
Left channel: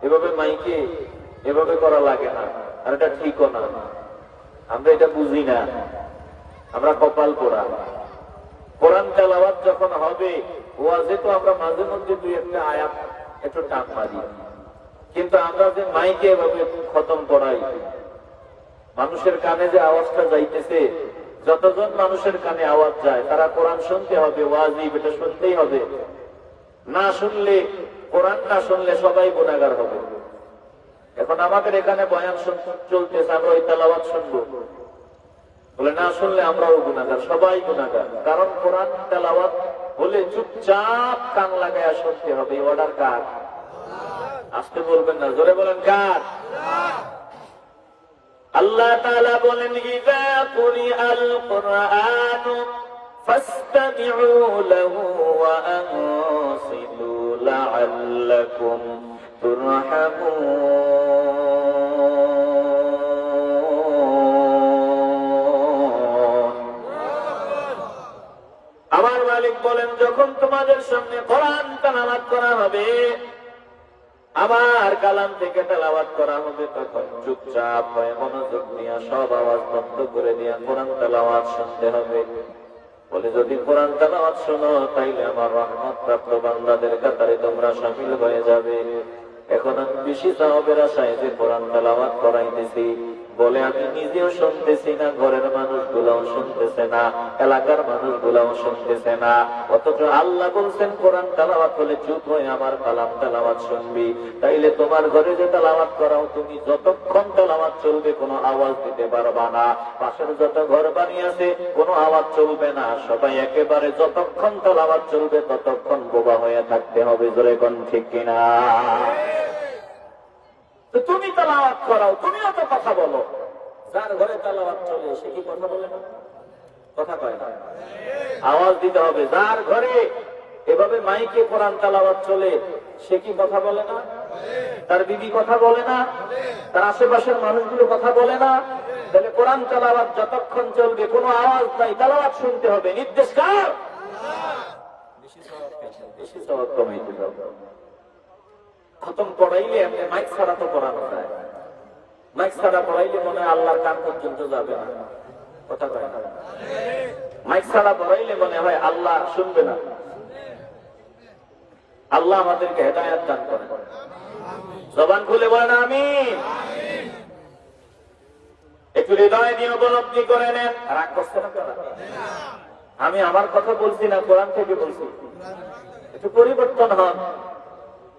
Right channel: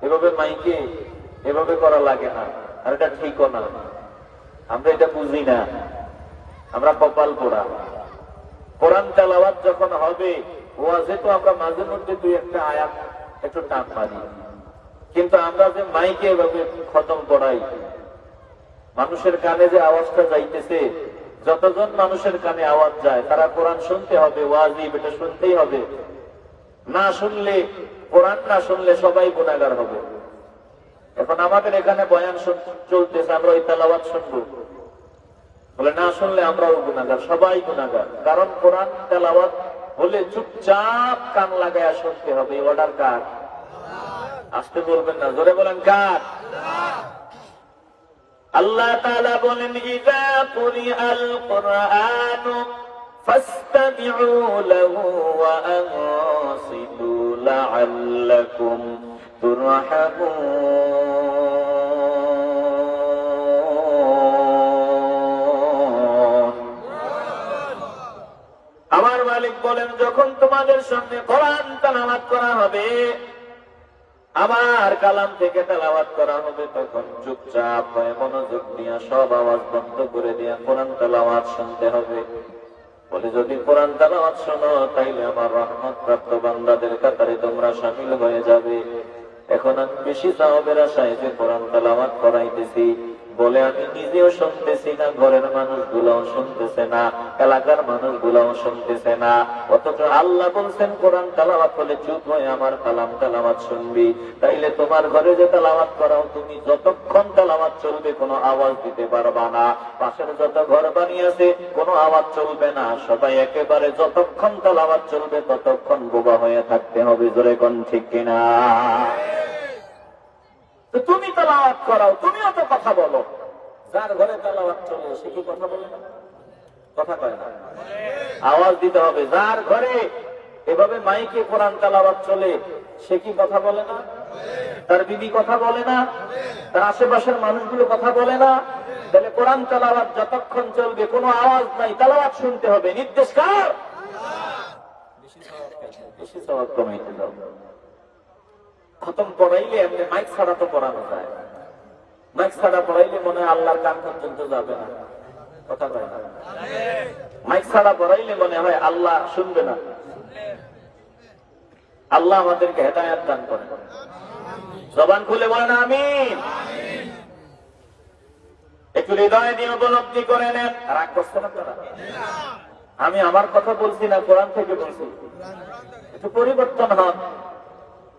এভাবে মাইকে এভাবে করা লাগে না, আর এটা ঠিকও না। আমরা এটা বুঝি না, আমরা কপাল পোড়া। কোরআন তেলাওয়াত যখন হবে ওয়াজে তো আমরা মাঝে মধ্যে দুই একটা আয়াত একটু টান মারি, কিন্তু আমরা যে মাইকে এভাবে খতম করাই, মানুষের কানে যে আওয়াজটা যাইতেছে, যতজন মানুষের কানে আওয়াজ যায় তারা কোরআন শুনতে হবে, ওয়াজিব, এটা শুনতেই হবে। না শুনলে, কোরআন না শুনলে সবাই গুনাহগার হবে। এখন আমাদের এখানে বয়ান চলতেছে, আমরা ওই তেলাওয়াত শুনবো, বলে না শুনলে আমরাও গুনাহগার, সবাই গুনাহগার। কারণ কোরআন তেলাওয়াত হলে চুপচাপ কান লাগায় শুনতে হবে। অর্ডার কার? আসতে বলবেন না, জোরে বলেন কার? আল্লাহ তাআলা বলেন ইযা কুরিআল কুরআনু ফাসতামিউ লাহু ওয়া আনসিতু লাআল্লাকুম তুরহামুন। আমার মালিক বলেন, যখন তোমাদের সামনে কোরআন তেলাওয়াত করা হবে, আমার কালাম থেকে তেলাওয়াত করা হবে, তখন চুপচাপ হয়ে মনোযোগ নিয়ে সব আওয়াজ বন্ধ করে দিয়ে কোরআন তেলাওয়াত শুনতে হবে। বলে যদি কোরআন তেলাওয়াত শোনো তাইলে আমার রহমত প্রাপ্ত বান্দাদের কাতারে তোমরা শামিল হয়ে যাবে। এখন আমি বেশি সওয়াবের আশায় যে কোরআন তেলাওয়াত করাইতেছি, বলে আমি নিজেও শুনতেছি না, ঘরের মানুষগুলাও শুনতেছে না, এলাকার মানুষগুলাও শুনতেছে না, অথচ আল্লাহ বলছেন কোরআন তেলাওয়াত হলে চুপ হয়ে আমার কালাম তেলাওয়াত শুনবি। তাইলে তোমার ঘরে যে তেলাওয়াত করাও, তুমি যতক্ষণ তেলাওয়াত চলবে কোনো আওয়াজ দিতে পারবা না। পাশের যত ঘর বানিয়েছে কোনো আওয়াজ চলবে না, সবাই একেবারে যতক্ষণ তেলাওয়াত চলবে ততক্ষণ বোবা হয়ে থাকতে হবে। জোরে কোন ঠিক কিনা? তুমি তেলাওয়াত করাও, তুমিও তো কথা বলো। যার ঘরে তেলাওয়াত চলে সে কি কথা বলে না? কথা কয় না, আওয়াজ দিতে হবে। যার ঘরে এভাবে মাইকে কোরআন তেলাওয়াত চলে সে কি কথা বলে না? তার বিবি কথা বলে না? তার আশেপাশের মানুষগুলো কথা বলে না? তাহলে কোরআন তেলাওয়াত যতক্ষণ চলবে কোনো আওয়াজ নাই, তেলাওয়াত শুনতে হবে। নির্দেশ কার? বেশি সওয়াব কমাইতে হবে। খতম পড়াইলে এমনি মাইক ছাড়া তো পড়ানো যায়। মাইক ছাড়া পড়াইলে মনে হয় আল্লাহর কাম পর্যন্ত যাবে না। কথা কয় না? মাইক ছাড়া পড়াইলে মনে হয় আল্লাহ শুনবে না। আল্লাহ আমাদেরকে হেদায়েত দান করেন। জবান খুলে বলেন আমিন। একটু হৃদয় নিয়ে উপলব্ধি করে নেন। রাগ করছেন আপনারা? আমি আমার কথা বলছি না, কোরআন থেকে বলছি। একটু পরিবর্তন হন,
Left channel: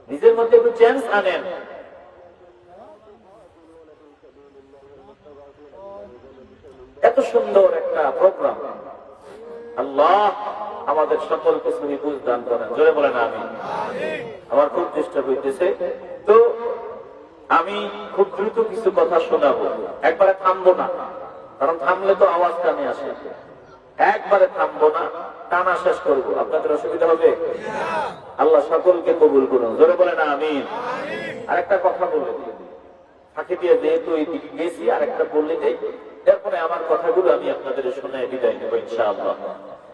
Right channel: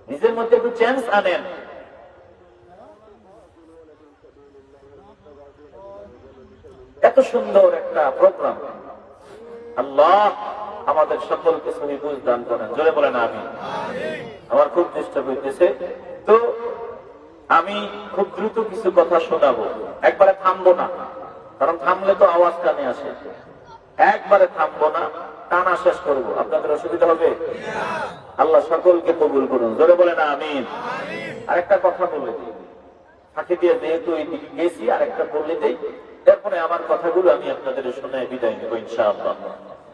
নিজের মধ্যে একটু চেঞ্জ আনেন। এত সুন্দর একটা প্রোগ্রাম, আল্লাহ আমাদের সকলকে সহি বুঝ দান করেন। জয় বলেন আমিন। আমার খুব চেষ্টা করতেছে, তো আমি খুব দ্রুত কিছু কথা শোনাবো। একবারে থামবো না, কারণ থামলে তো আওয়াজ কানে আসে। একবারে থামবো না, টানা শেষ করবো। আপনাদের অসুবিধা হবে? আল্লাহ সকলকে কবুল করুন। জোরে বলেন আমিন। আরেকটা কথা বলে দিই, ফাঁকি দিয়ে যেহেতু এইদিকে গেছি, আরেকটা বললে দিই, তারপরে আমার কথাগুলো আমি আপনাদের শোনায় বিদায় নেব ইনশাআল্লাহ।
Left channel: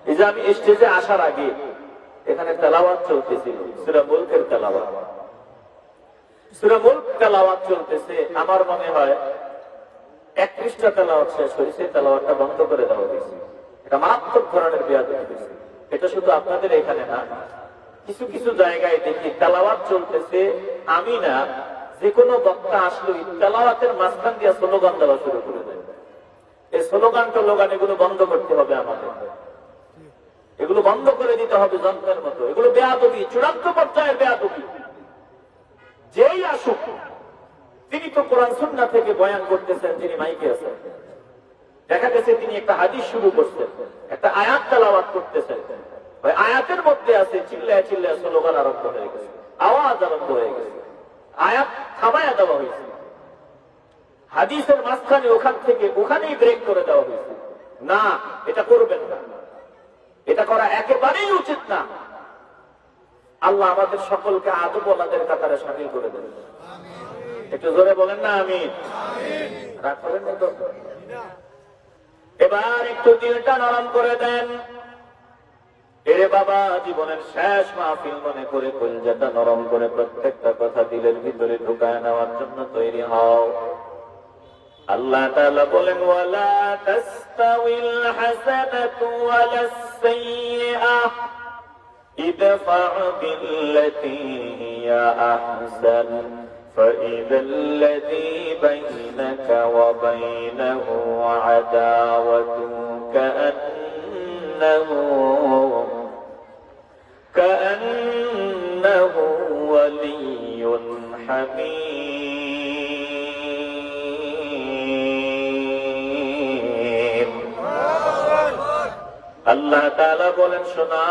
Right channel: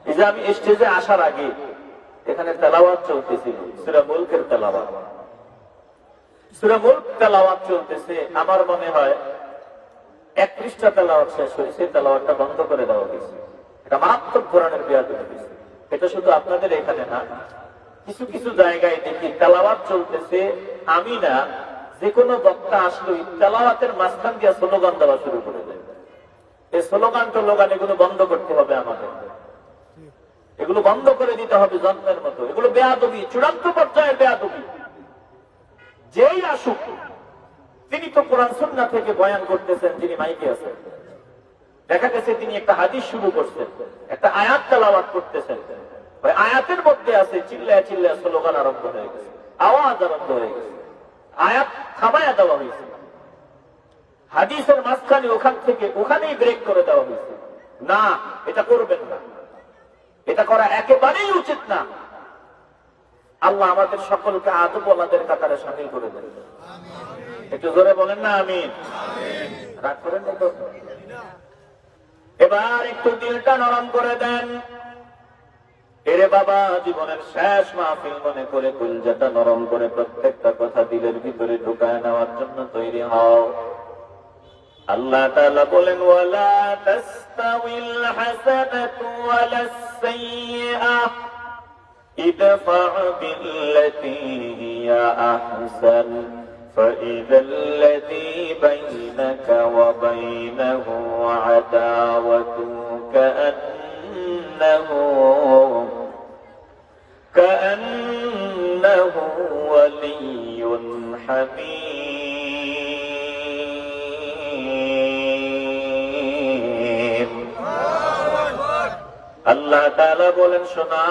এই যে আমি স্টেজে আসার আগে এখানে তেলাওয়াত চলতেছিল, সূরা মুলকের তেলাওয়াত। সূরা মুলক তেলাওয়াত চলতেছে, আমার মনে হয় 31টা তেলাওয়াত শেষ হয়েছে, তেলাওয়াতটা বন্ধ করে দেওয়া হয়েছে। এটা মারাত্মক কোরআনের বেয়াদবি হয়েছে। এটা শুধু আপনাদের এখানে না, কিছু কিছু জায়গায় দেখি তেলাওয়াত চলতেছে, আমি না যে কোনো বক্তা আসলো তেলাওয়াতের মাঝখান দিয়ে স্লোগান দেওয়া শুরু করে দেয়। এই স্লোগান এগুলো বন্ধ করতে হবে আমাদের, এগুলো বন্ধ করে দিতে হবে যন্ত্রের মতো। এগুলো বেয়াদবি, চূড়ান্ত পর্যায়ে বেয়াদবি। যেই আসুক তিনি তো কোরআন সুন্নাহ থেকে বয়ান করতেছেন, যিনি মাইকে আছেন। দেখা গেছে তিনি একটা হাদিস শুরু করছেন, একটা আয়াত তেলাওয়াত করতেছেন, ওই আয়াতের মধ্যে আছে চিল্লায় চিল্লায় স্লোগান আরম্ভ হয়ে গেছে, আওয়াজ আরম্ভ হয়ে গেছে, আয়াত থামায়া দেওয়া হয়েছে। হাদিসের মাঝখানে ওখান থেকে ওখানেই ব্রেক করে দেওয়া হয়েছে। না, এটা করবেন না, এটা করা একেবারেই উচিত না। আল্লাহ আমাদের সকলকে আদবওয়ালাদের কাতারে শামিল করে দেন। একটু জোরে বলেন না আমিন। রাগ করেন না তো? এবার একটু দিলটা নরম করে দেন। এরে বাবা, জীবনের শেষ মাহফিল মনে করে কলজাটা নরম করে প্রত্যেকটা কথা দিলের ভিতরে ঢুকায় নেওয়ার জন্য তৈরি হও। আল্লাহ তাআলা বলেন, ওয়ালা তাস্তাউিল হাসানাতু ওয়ালাস সাইয়্যাহ ইদফা বিল্লাতী হিয়া আহসান فإذا الذي بينك وبينه عداوة كأنه ولي حميم। আল্লাহ তাআলা বলেন, শোনা,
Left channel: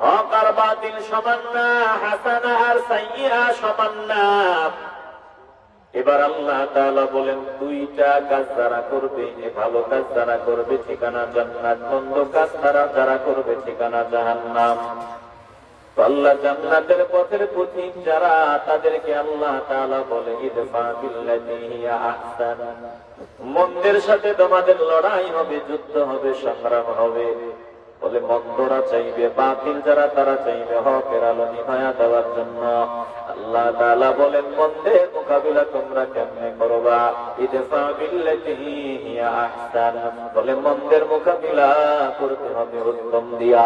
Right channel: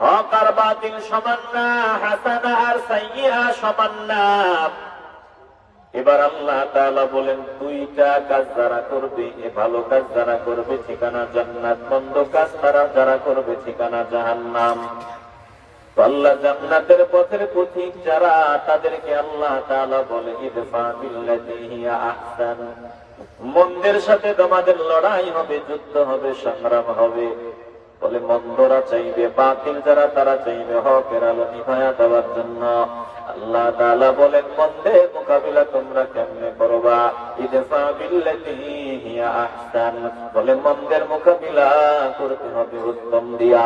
হক আর বাতিল সমান না, হাসানা আর সাইয়্যা সমান না। এবার আল্লাহ তাআলা বলেন, দুইটা কাজ যারা করবে, এই ভালো কাজ যারা করবে ঠিকানা জান্নাত, মন্দ কাজ যারা করবে ঠিকানা জাহান্নাম। আল্লাহ জান্নাতের পথের পথিক যারা, তাদেরকে আল্লাহ তাআলা বলে ইদফা বিল্লাতী হিয়া আহসান। মন্দের সাথে তোমাদের লড়াই হবে, যুদ্ধ হবে, সংগ্রাম হবে। বলে মন্দরা চাইবে, বাতিল যারা তারা চাইবে হকের আলো নিভায়া দেওয়ার জন্য। আল্লাহ তাআলা বলেন মন্দের মোকাবিলা তোমরা কেমনে করবা? ইদফা বিল্লাতি হিয়া আহসান, বলে মন্দের মোকাবিলা করতে হবে উত্তম দিয়া।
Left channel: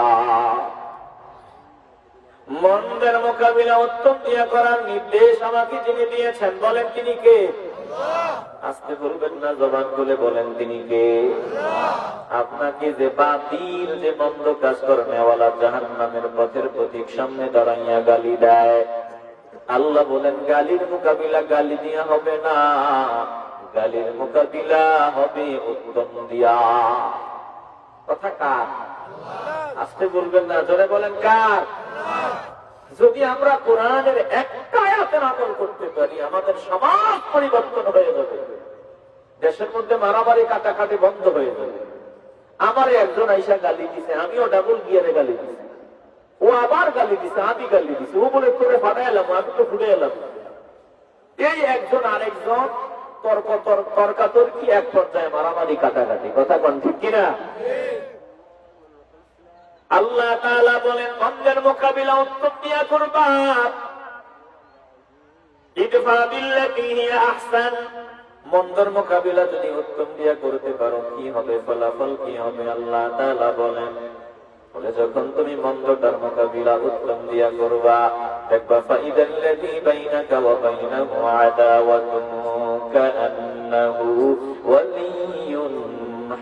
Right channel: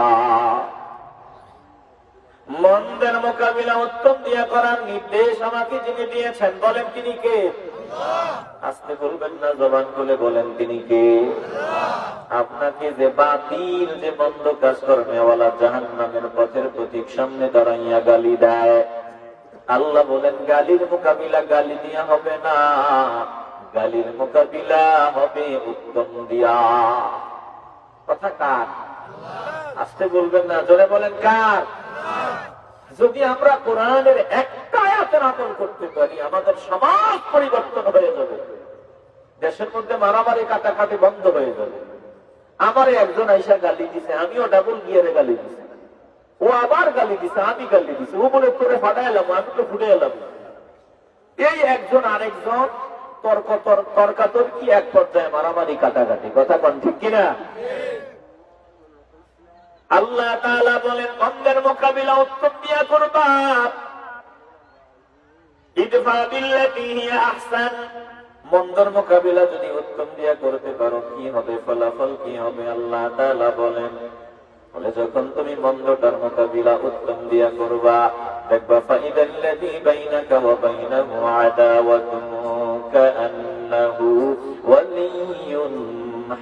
মন্দের মোকাবিলা উত্তম দিয়া করার নির্দেশ আমাকে যিনি দিয়েছেন, বলেন তিনি কে? আস্তে বলবেন না, জবান খুলে বলেন তিনি কে? আপনাকে যে বাতিল, যে মন্দ কাজ করনেওয়ালা জাহান্নামের পথের প্রতীক সামনে দাঁড়াইয়া গালি দেয়, আল্লাহ বলেন গালির মোকাবিলা গালি দিয়া হবে না, গালির মোকাবিলা হবে উত্তম দিয়া। কথা কার? আস্তে বলবেন না, জোরে বলেন কার? যদি আমরা কোরআনের একটা আয়াতের আমল করতে পারি, আমাদের সমাজ পরিবর্তন হয়ে যাবে, দেশের মধ্যে মারামারি কাটাকাটি বন্ধ হয়ে যাবে। আমার একজন আইসা গালি দিছে, আমিও ডাবল গিয়ারে গালি দিছি, ও আবার গালি দিছে, আমি গালি দিছি, ও বলে তোকে ফাটাইলাম, আমি তো ফুটে এলাম। এই একজন আরেকজন তর্কাতর্কি, এক পর্যায়ে মারামারি কাটাকাটি। কথা কোন ঠিক কিনা? আল্লাহ তাআলা বলেন মন্দের মোকাবিলা উত্তম দিয়া করবা। ইদফা বিল্লাতি হিয়া আহসান, মন্দের মোকাবিলা যদি উত্তম দিয়া করতে পারো কি হবে, ফলাফল কি হবে? আল্লাহ তাআলা বলেন, বলে যখন তুমি মন্দটার মোকাবিলা উত্তম দিয়া করবা, দেখবা ফাইদাল্লাযী বাইনাকা ওয়া বাইনাহু আদাওয়াতুন কাআন্নাহু ওয়ালিয়্যুন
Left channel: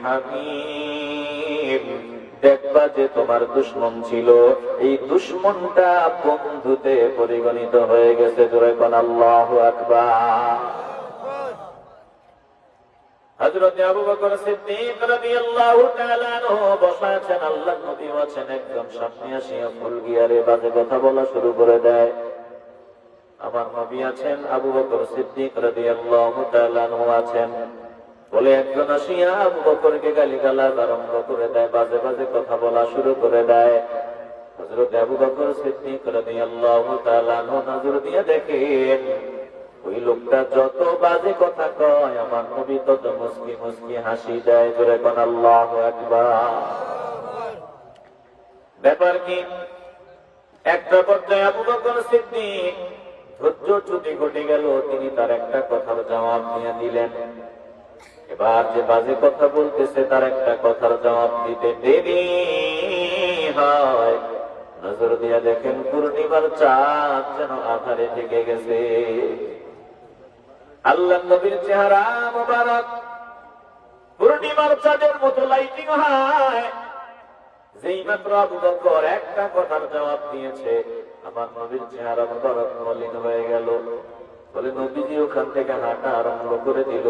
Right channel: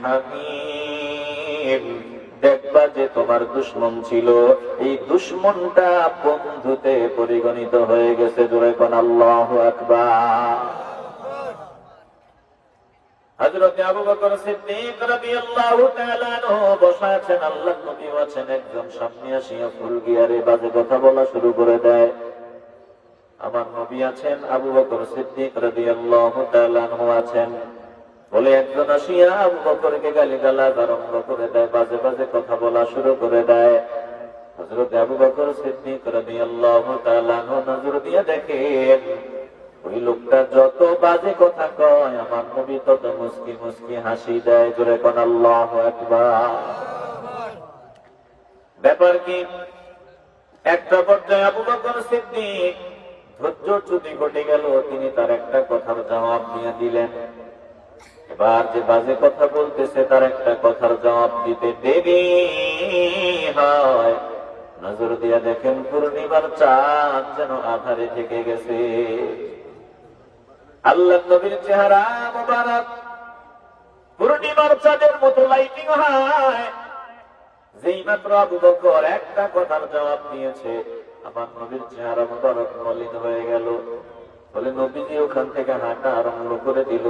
হামীম। দেখবা যে তোমার দুশমন ছিল, এই দুশমনটা বন্ধুতে পরিগণিত হয়ে গেছে। জোরে কোন আল্লাহু আকবার। হযরত আবু বকর সিদ্দিক রাদিয়াল্লাহু তাআলা আনহু বসা আছেন, আল্লাহর নবী আছেন, একজন সামনে এসে ফুল গিয়ারে বাজে কথা বলা শুরু করে দেয়। আমার নবী আছেন, আবু বকর সিদ্দিক রাদিয়াল্লাহু তাআলা আনহু আছেন, বলে একজন আসিয়া আবু বকরকে গালিগালাজ আরম্ভ করে দেয়, বাজে বাজে কথা বলা শুরু করে দেয়। হযরত আবু বকর সিদ্দিক রাদিয়াল্লাহু তাআলা আনহু নজর দিয়ে দেখেন, ওই লোকটা যত বাজে কথা কয়, আমার নবী তত মুস্কি মুস্কি হাসি দেয়। জোরে কোন আল্লাহু আকবার। ব্যাপার কি? একটা পর্যায়ে আবু বকর সিদ্দিক ধৈর্যচ্যুতি ঘটে গেল, তিনি তার একটা কথার জবাব দিয়ে দিলেন। এবার যে বাজে কথা বলতেছে তার একটা কথার জবাব দিতে দেরি হয়, নজর দিয়া দেখেন পূর্ণিমার চাঁদ যেন আধারে থেকে গেছে। আল্লাহ নবীর চেহারা মোবারক পূর্ণিমার চাঁদের মতো লাইটিং হয়। যেই মাত্র আবু বকর একটা কথার জবাব দিয়েছে, আমার নবীর চেহারা মোবারক মলিন হয়ে গেল। বলে নবীজি ওখান থেকে হাঁটা আরম্ভ করে দিল।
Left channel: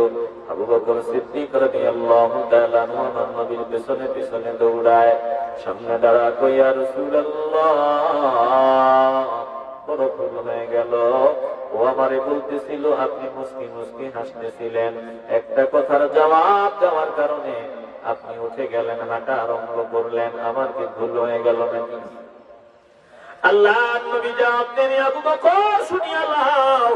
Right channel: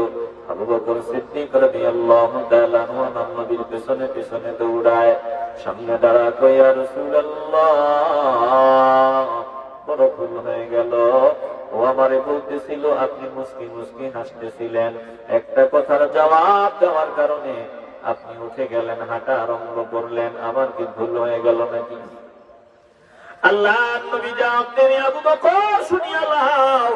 আবু বকর সিদ্দিক রাদিয়াল্লাহু তাআলা আনহু আমার নবীর পেছনে পেছনে দৌড়ায়, সামনে দাঁড়া কই, ইয়া রাসূলুল্লাহ, বড় ভুল হয়ে গেল। ও আমারে বলতেছিল, আপনি মুস্কি মুস্কি হাসতেছিলেন, একটা কথার জবাব দেওয়ার কারণে আপনি উঠে গেলেন, হাঁটা আরম্ভ করলেন, আমার কি ভুল হয়ে গেল নাকি? আল্লাহ নবী জবাব দেন, আবু বকর শুনিয়া লাও,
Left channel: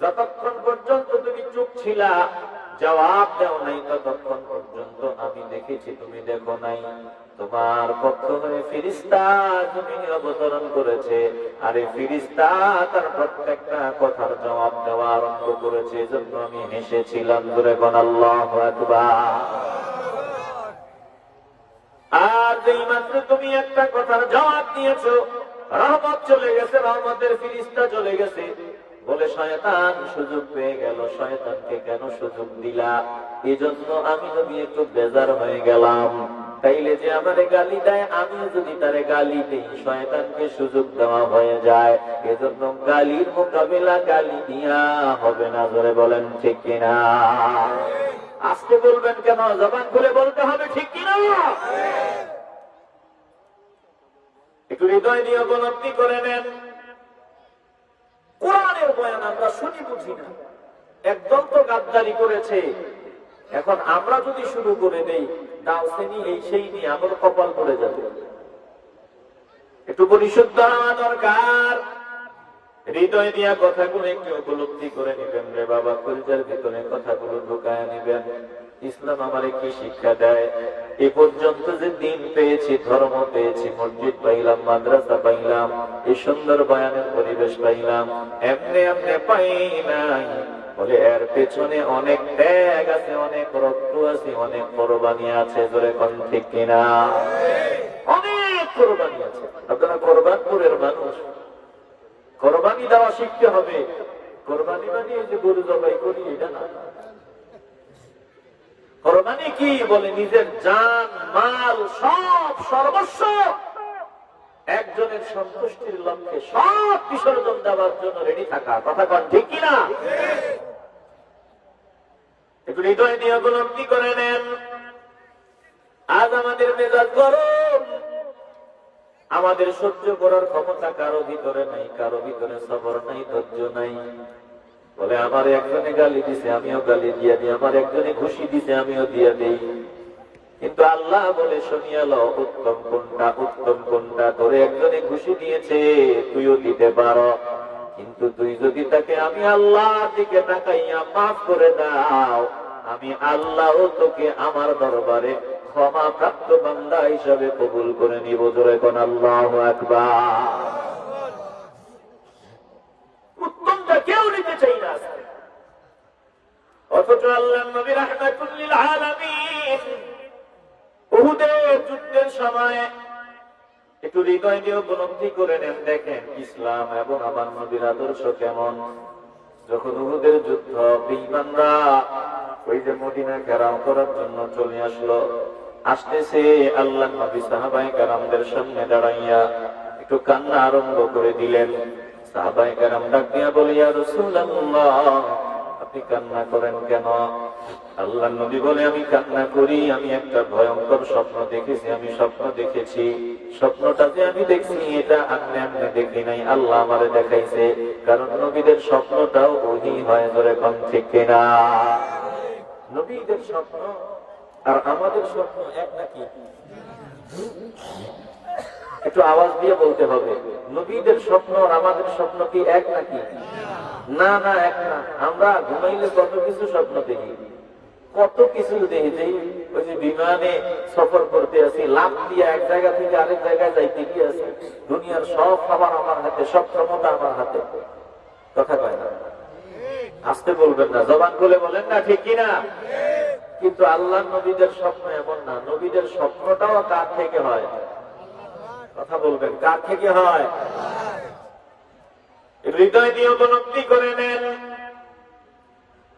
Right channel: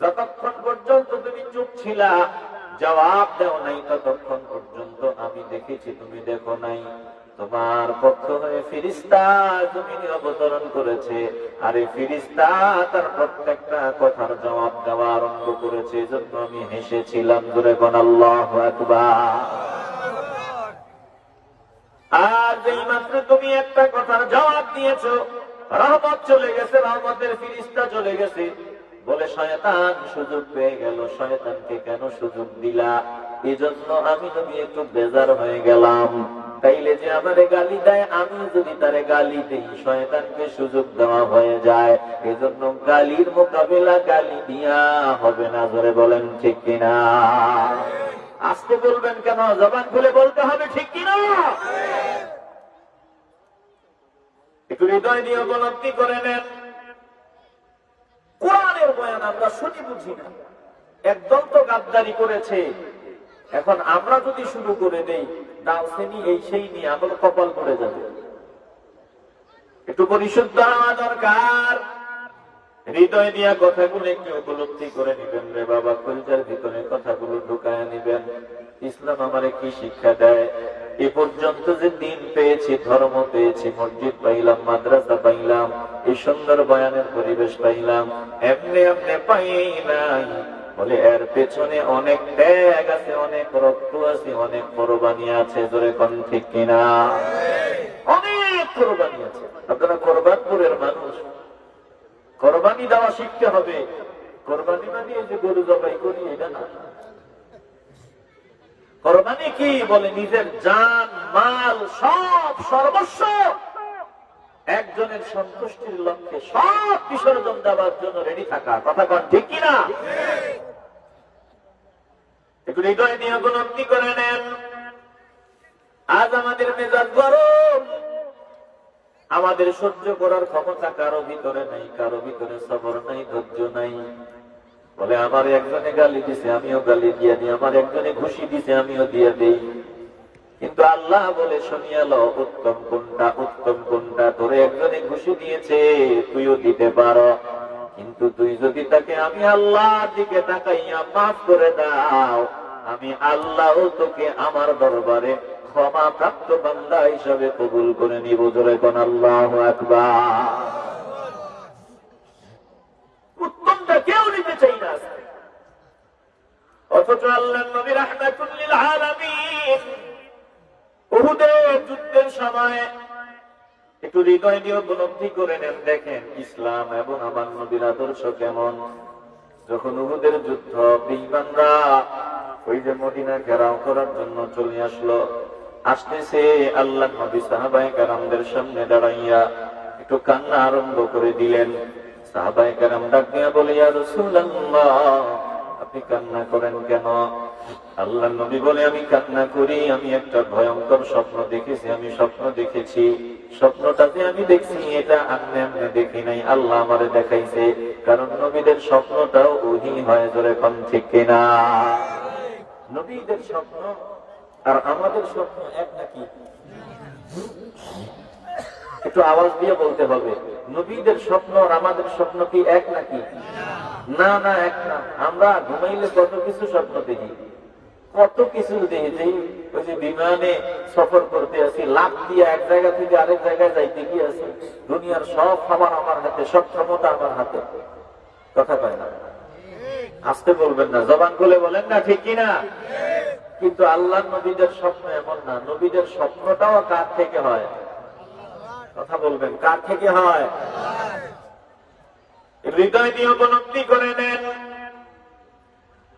যতক্ষণ পর্যন্ত তুমি চুপ ছিলা, জবাব দাও নাই, ততক্ষণ পর্যন্ত আমি দেখেছি, তুমি দেখো নাই। তোমার পক্ষ হয়ে ফেরেশতা জমিনে অবতরণ করেছে, আর এই ফেরেশতা তার প্রত্যেকটা কথার জবাব দেওয়া আরম্ভ করেছে, এজন্য আমি হেসেছিলাম। জোরে বল আল্লাহু আকবার। আর যেই মাত্র তুমি একটা কথার জবাব দিয়েছো, রহমত চলে গেছে, রহমতের ফেরেশতা চলে গেছে। বলে শয়তান সুযোগ পেয়ে গেল, শয়তানকে কেন সুযোগ দিলা? এই জন্য আমি যদি একটু বেজার হয়ে গেলাম, তাইলে যে আমারে গালি দেয়, আমি যদি তারে গালি দিই, শয়তানকে সুযোগ দেওয়া হয়ে যায়। এজন্য গালির মোকাবেলা গালি দিয়া হবে না। জোরে বলেন ঠিক কিনা? আজকে বলবেন কেন? জবান খুলে বলতে হবে, ঠিক কিনা? একটু হৃদয় দিয়ে উপলব্ধি করে নেন, কোরআনের বয়ান আমরা শুনি বুঝি না, একদম তো গাদ্দারি করেছে। এখন আমরা যদি শুরু করে দেই, দাও শ্রেণী এই সেই নিয়ে আমার কপাল পড়ে যাবে। একটু পরিশুদ্ধ হওয়া দরকার। হৃদয় দিয়া কথাগুলো একটু উপলব্ধি করে নিবেন রে বাবা, কলিজার ভিতরে কথাগুলো ঢুকায় নিবেন। ইসলাম আমারে কি শিক্ষা দেয়? এ পর্যন্ত যে দিন পেয়েছি, ধর্ম পেয়েছি, মসজিদ পাইলাম, মাদ্রাসা পাইলাম, এই সুন্দর বয়ানের পরিবেশ পাইলাম, এমনি এমনি পাই নাই। বলে এর পেছনে অনেক ত্যাগ আছে, অনেক রক্ত আছে, অনেক কোরবানি আছে। জোরে কোন ঠিক কিনা? অনেক কোরবানি আছে। আপনারা কোরবানপুরের মানুষ, কোরবানি দেওয়া শিখতে হবে। কোরবানিটা দিয়ে যে গরু জবাই করি এটা না। কোরবানি কি? বলে নিজের জান মাল সব সর্বস্ব একজনের সন্তুষ্টির লক্ষ্যে সব বিসর্জন দেওয়ার জন্য রেডি থাকা। কথা কন ঠিক কিনা? একটু হৃদয় নিয়ে উপলব্ধি করে নেন। আজ আমাদের মেজাজ গরম, আমাদের সহ্য করার ক্ষমতা কারো ভিতরে নাই, কারো ভিতরে সবর নাই, ধৈর্য নাই। বলে আমার একজনে গালি দিছে আমিও গালি দিয়ে দিই, আমার একজনে ঘুষি দিছে আমিও দিয়ে দেই। কিন্তু আল্লাহ বলে শুনিয়া লো, উত্তম কোনটা, উত্তম কোনটা। তোরে একজনে ঘুষি দিয়েছে, তুইও দিতে পারো, কিন্তু তুই যদি তাকে আমি আল্লাহর দিকে তাকাইয়া মাফ করে দাও, আমি আল্লাহ তোকে আমার দরবারে ক্ষমা প্রাপ্ত বান্দা হিসাবে কবুল করে নিব। জোরে কোন আল্লাহু আকবার। উত্তমটা কেউ নিতে চাই না, অথচ আল্লাহর নবী রাহমাতুল লিল আলামিন উহুদের যুদ্ধের সময় একটু হৃদয় দিয়ে উপলব্ধি করে নেন। দেখেন ইসলাম এবং আমার নবীর আদর্শ কেমন। যখন উহুদের যুদ্ধ, বেঈমানরা ওই যে মদিনা ঘেরাও করার জন্য চলে আসলো, আসতেছে আল্লাহ নবী সাহাবায়ে কেরামদের সামনে দাঁড়াইয়া একটু কান্না আরম্ভ করে দিলেন। সাহাবায়ে কেরাম ডাক দিয়া বলে, ইয়া রাসূলুল্লাহ, আপনি কান্না করেন কেন? আল্লাহ নবী বলে, আমি কান্না করি, আমি একটা ভয়ঙ্কর স্বপ্ন দেখেছি। আমি স্বপ্ন দেখেছি, স্বপ্নটা যে আমি দেখছি এটা আমি এমনি দেখি নাই, আল্লাহ আমারে দেখাইছে। কারণ নবীদের স্বপ্নটাও ওহী হয়। ধরে কোন ঠিক কিনা? নবীদের স্বপ্ন আর আমাদের স্বপ্ন এক নাকি? একটু আওয়াজ দিয়ে বলতে হবে, নবীদের স্বপ্ন আর আমাদের স্বপ্ন কি এক নাকি? না না, এক না। আমরা ঘুমাইলে কত কিছু স্বপ্ন দেখি, কত কিছু দেখি। ওই যে বিমানে সফর করতে আছি, লাফ দিয়ে এক জায়গা থেকে আরেক জায়গায় যাইতে গিয়ে আছি, দুনিয়ার সব খাবার আমার হাতে, সব ক্ষমতা আমার হাতে। কথা পাই না, আসতে বলবেন না, জবান খুলে বলেন না ঠিক কিনা? কিন্তু আল্লাহ নবীদের স্বপ্ন এমন না। নবীদের স্বপ্নটাও কার থেকে হয়? কথা বলবেন, কার থেকে হয়? হৃদয় দিয়ে উপলব্ধি করে নেন।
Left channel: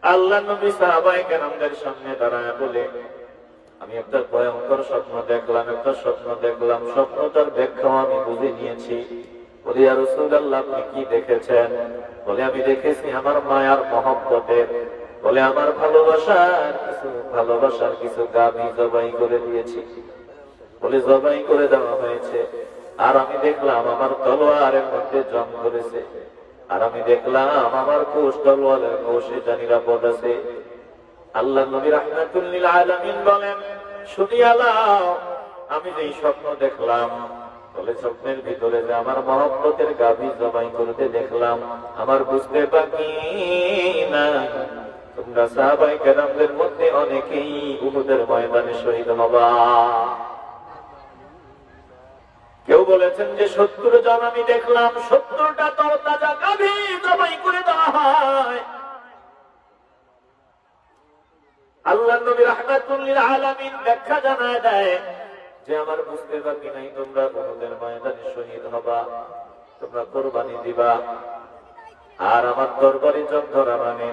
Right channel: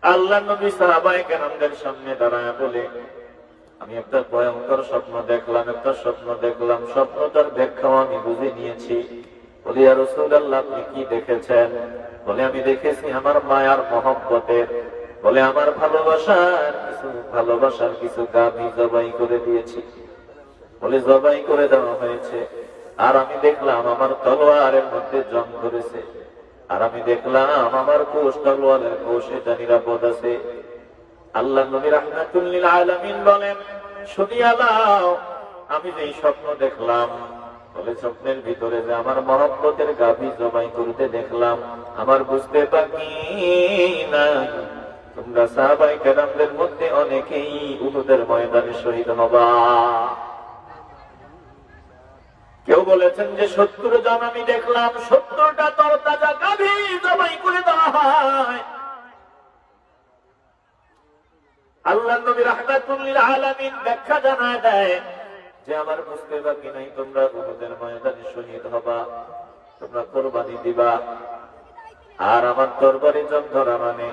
আল্লাহ নবী সাহাবায়ে কেরামদের সামনে দাঁড়ায় বলে, আমি একটা ভয়ঙ্কর স্বপ্ন দেখলাম, একটা স্বপ্ন দেখলাম, স্বপ্নটার ব্যাখ্যা আমি বুঝে নিয়েছি। বলে, ইয়া রাসূলুল্লাহ, আপনি কি দেখেছেন? বলে, আমি দেখেছি আমার মায়ার মহব্বতের, বলে আমার ভালোবাসার কিছু গাভী জবাই করে দিয়েছি। বলে, জবাই করে দেওয়া হয়েছে, আর আমি দেখলাম আমার তলোয়ারের মধ্যে জং ধরেছে, আর আমি দেখলাম আমার কোষ, তলোয়ারের কোষ, এটা নিরাপদ আছে। আল্লাহ নবী রাহমাতুল লিল আলামিন বলেন, শুনিয়া নাও, আমি যে স্বপ্ন দেখলাম, বলে স্বপ্নের ভিতরে যে আমার মহব্বতের গাভী জবাই করতে দেখলাম, আমার বুঝতে বাকি নাই তোমরা সাহাবায়ে কেরামদের মধ্যে অনেকেই উহুদের ময়দানে শহীদ হবা। কেউ বলেছেন যে 70 জন আমি দেখলাম, 70টা তরতাজা গাভী জবাই করে দেওয়া হয়। আল্লাহ নবী রাহমাতুল লিল আলামিন ব্যাখ্যা জানায় দেয় যে আমার বুঝতে বাকি নাই, তোমরা উহুদের ময়দানে শহীদ হবা, তোমরা কোরবানি দিবা, আর আমার দরবারে জন ধরা মানে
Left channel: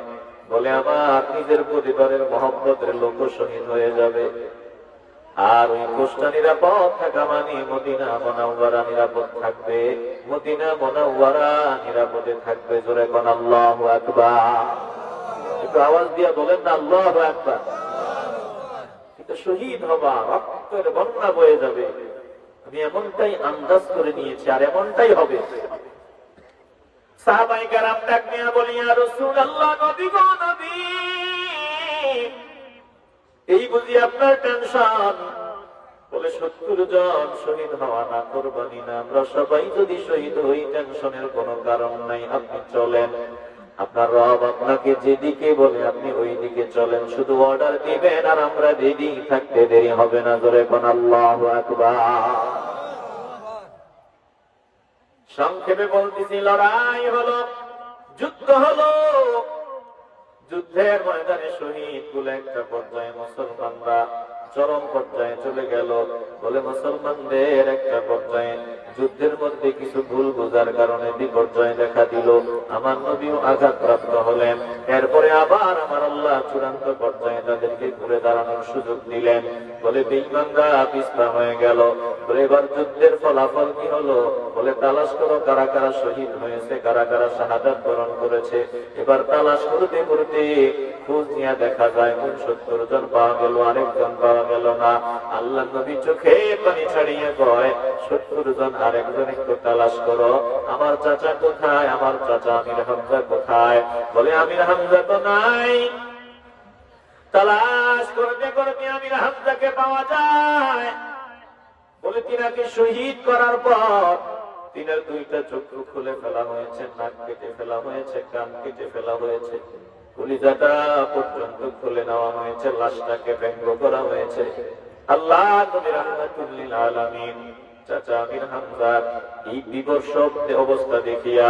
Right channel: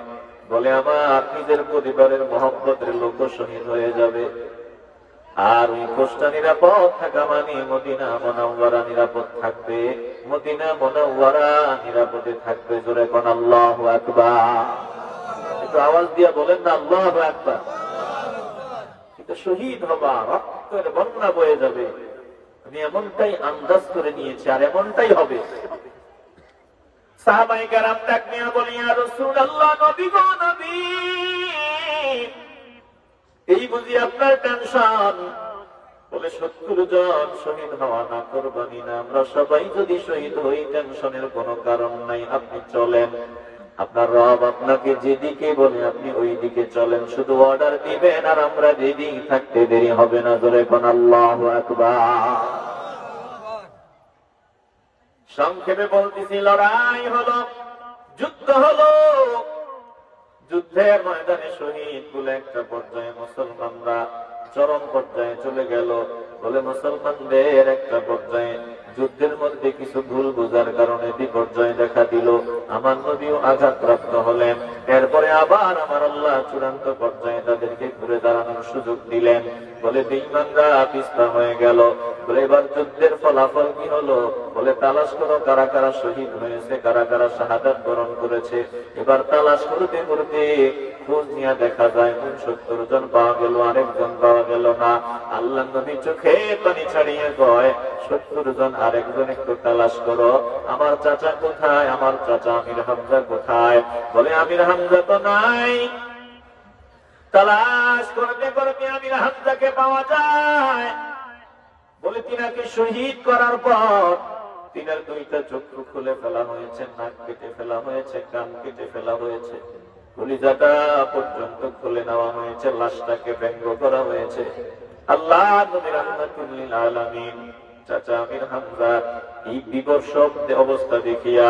বলে আমার নিজের পরিবারের মহব্বতের লোক শহীদ হয়ে যাবে। আর ওই কোষটা নিরাপদ থাকা মানে মদিনা মুনাওয়ারা নিরাপদ থাকবে, মদিনা মুনাওয়ারা নিরাপদে থাকবে। জোরে কোন আল্লাহু আকবার। একটু আওয়াজ দিয়ে বলেন না আল্লাহু আকবার। এটা শহীদ হবা, রক্তের বন্যা বয়ে যাবে। আমি এমনটাই আন্দাজ করে নিয়েছি, আর এমনটাই হবে। সাহাবায়ে কেরাম ডাক নিয়ে বলে, ইয়া রাসূলুল্লাহ, নবী গো নবী, এই বুঝি আপনার টেনশন? বলে 70 জন শহীদ হওয়া না, কোরবানি না, আমরা সবাই যদি শহীদ হই টেনশনের কোনো কারণ নাই, আপনি চলেন, আপনার রব আপনাকে যেদিকে বলে আপনি ওই দিকে চলেন, শুধু অর্ডার দিবেন আর আমরা যেদিকে থাকতে দেরি হবে না। জোরে কোন আল্লাহু আকবার। সংক্ষেপে বলতেছি, লড়াই হলো, যুদ্ধ হলো, যুদ্ধের ময়দানে শহীদ গুলো একটা পর্যায়ে মুসলমানরা চরম পর্যায়ে চলে গেল। বলে মুসলমানদের একটা পর্যায়ে যুদ্ধের মধ্যে কিছু ভুল বোঝার কারণে বিপর্যয় দেখা দিল, আমার নবীও আঘাতপ্রাপ্ত হলেন। এরপরে আবার আমার আল্লাহ চূড়ান্ত পর্যায়ে তাদেরকে ঘুরে দাঁড়ানোর সুযোগ দিলেন। বলে বেঈমানরা পিছপা হয়ে গেল। বলে এবার যুদ্ধের ফলাফল কি হলো? বলে তালাশ করো কারা কারা শহীদ হয়েছে, কারা কারা শাহাদাত বরণ করেছে। এবার তালাশ করতে করতে খোঁজ নিয়ে দেখা যায় 69 জন পাওয়া গেল, আরেকজন পাওয়া গেল না। আল্লাহ নবী চোখে পানি ছাড়িয়ে কয়, 70 জন, আরেকজন একটু তালাশ করো। আমার চাচা কোথায়? আমার চাচা আমির হামজা কোথায়? বলে আমির হামজা তো নাই। তালাশ করতে করতে আমির হামজাকে পাওয়া যায়। বলে তিনাকে শহীদ করার পর তিনার 2টা চক্ষু খুলে ফেলা হয়েছে, নাক কেটে ফেলা হয়েছে, কান কেটে ফেলা হয়েছে, কলিজাটা পর্যন্ত খুলে নেওয়া হয়েছে, লাশটাকে ব্যঙ্গ করা হয়েছে। আল্লাহ নবী রাহমাতুল লিল আলামিন চাচা আমির হামজার এই বিবর্ষ অবস্থা দেখিয়া,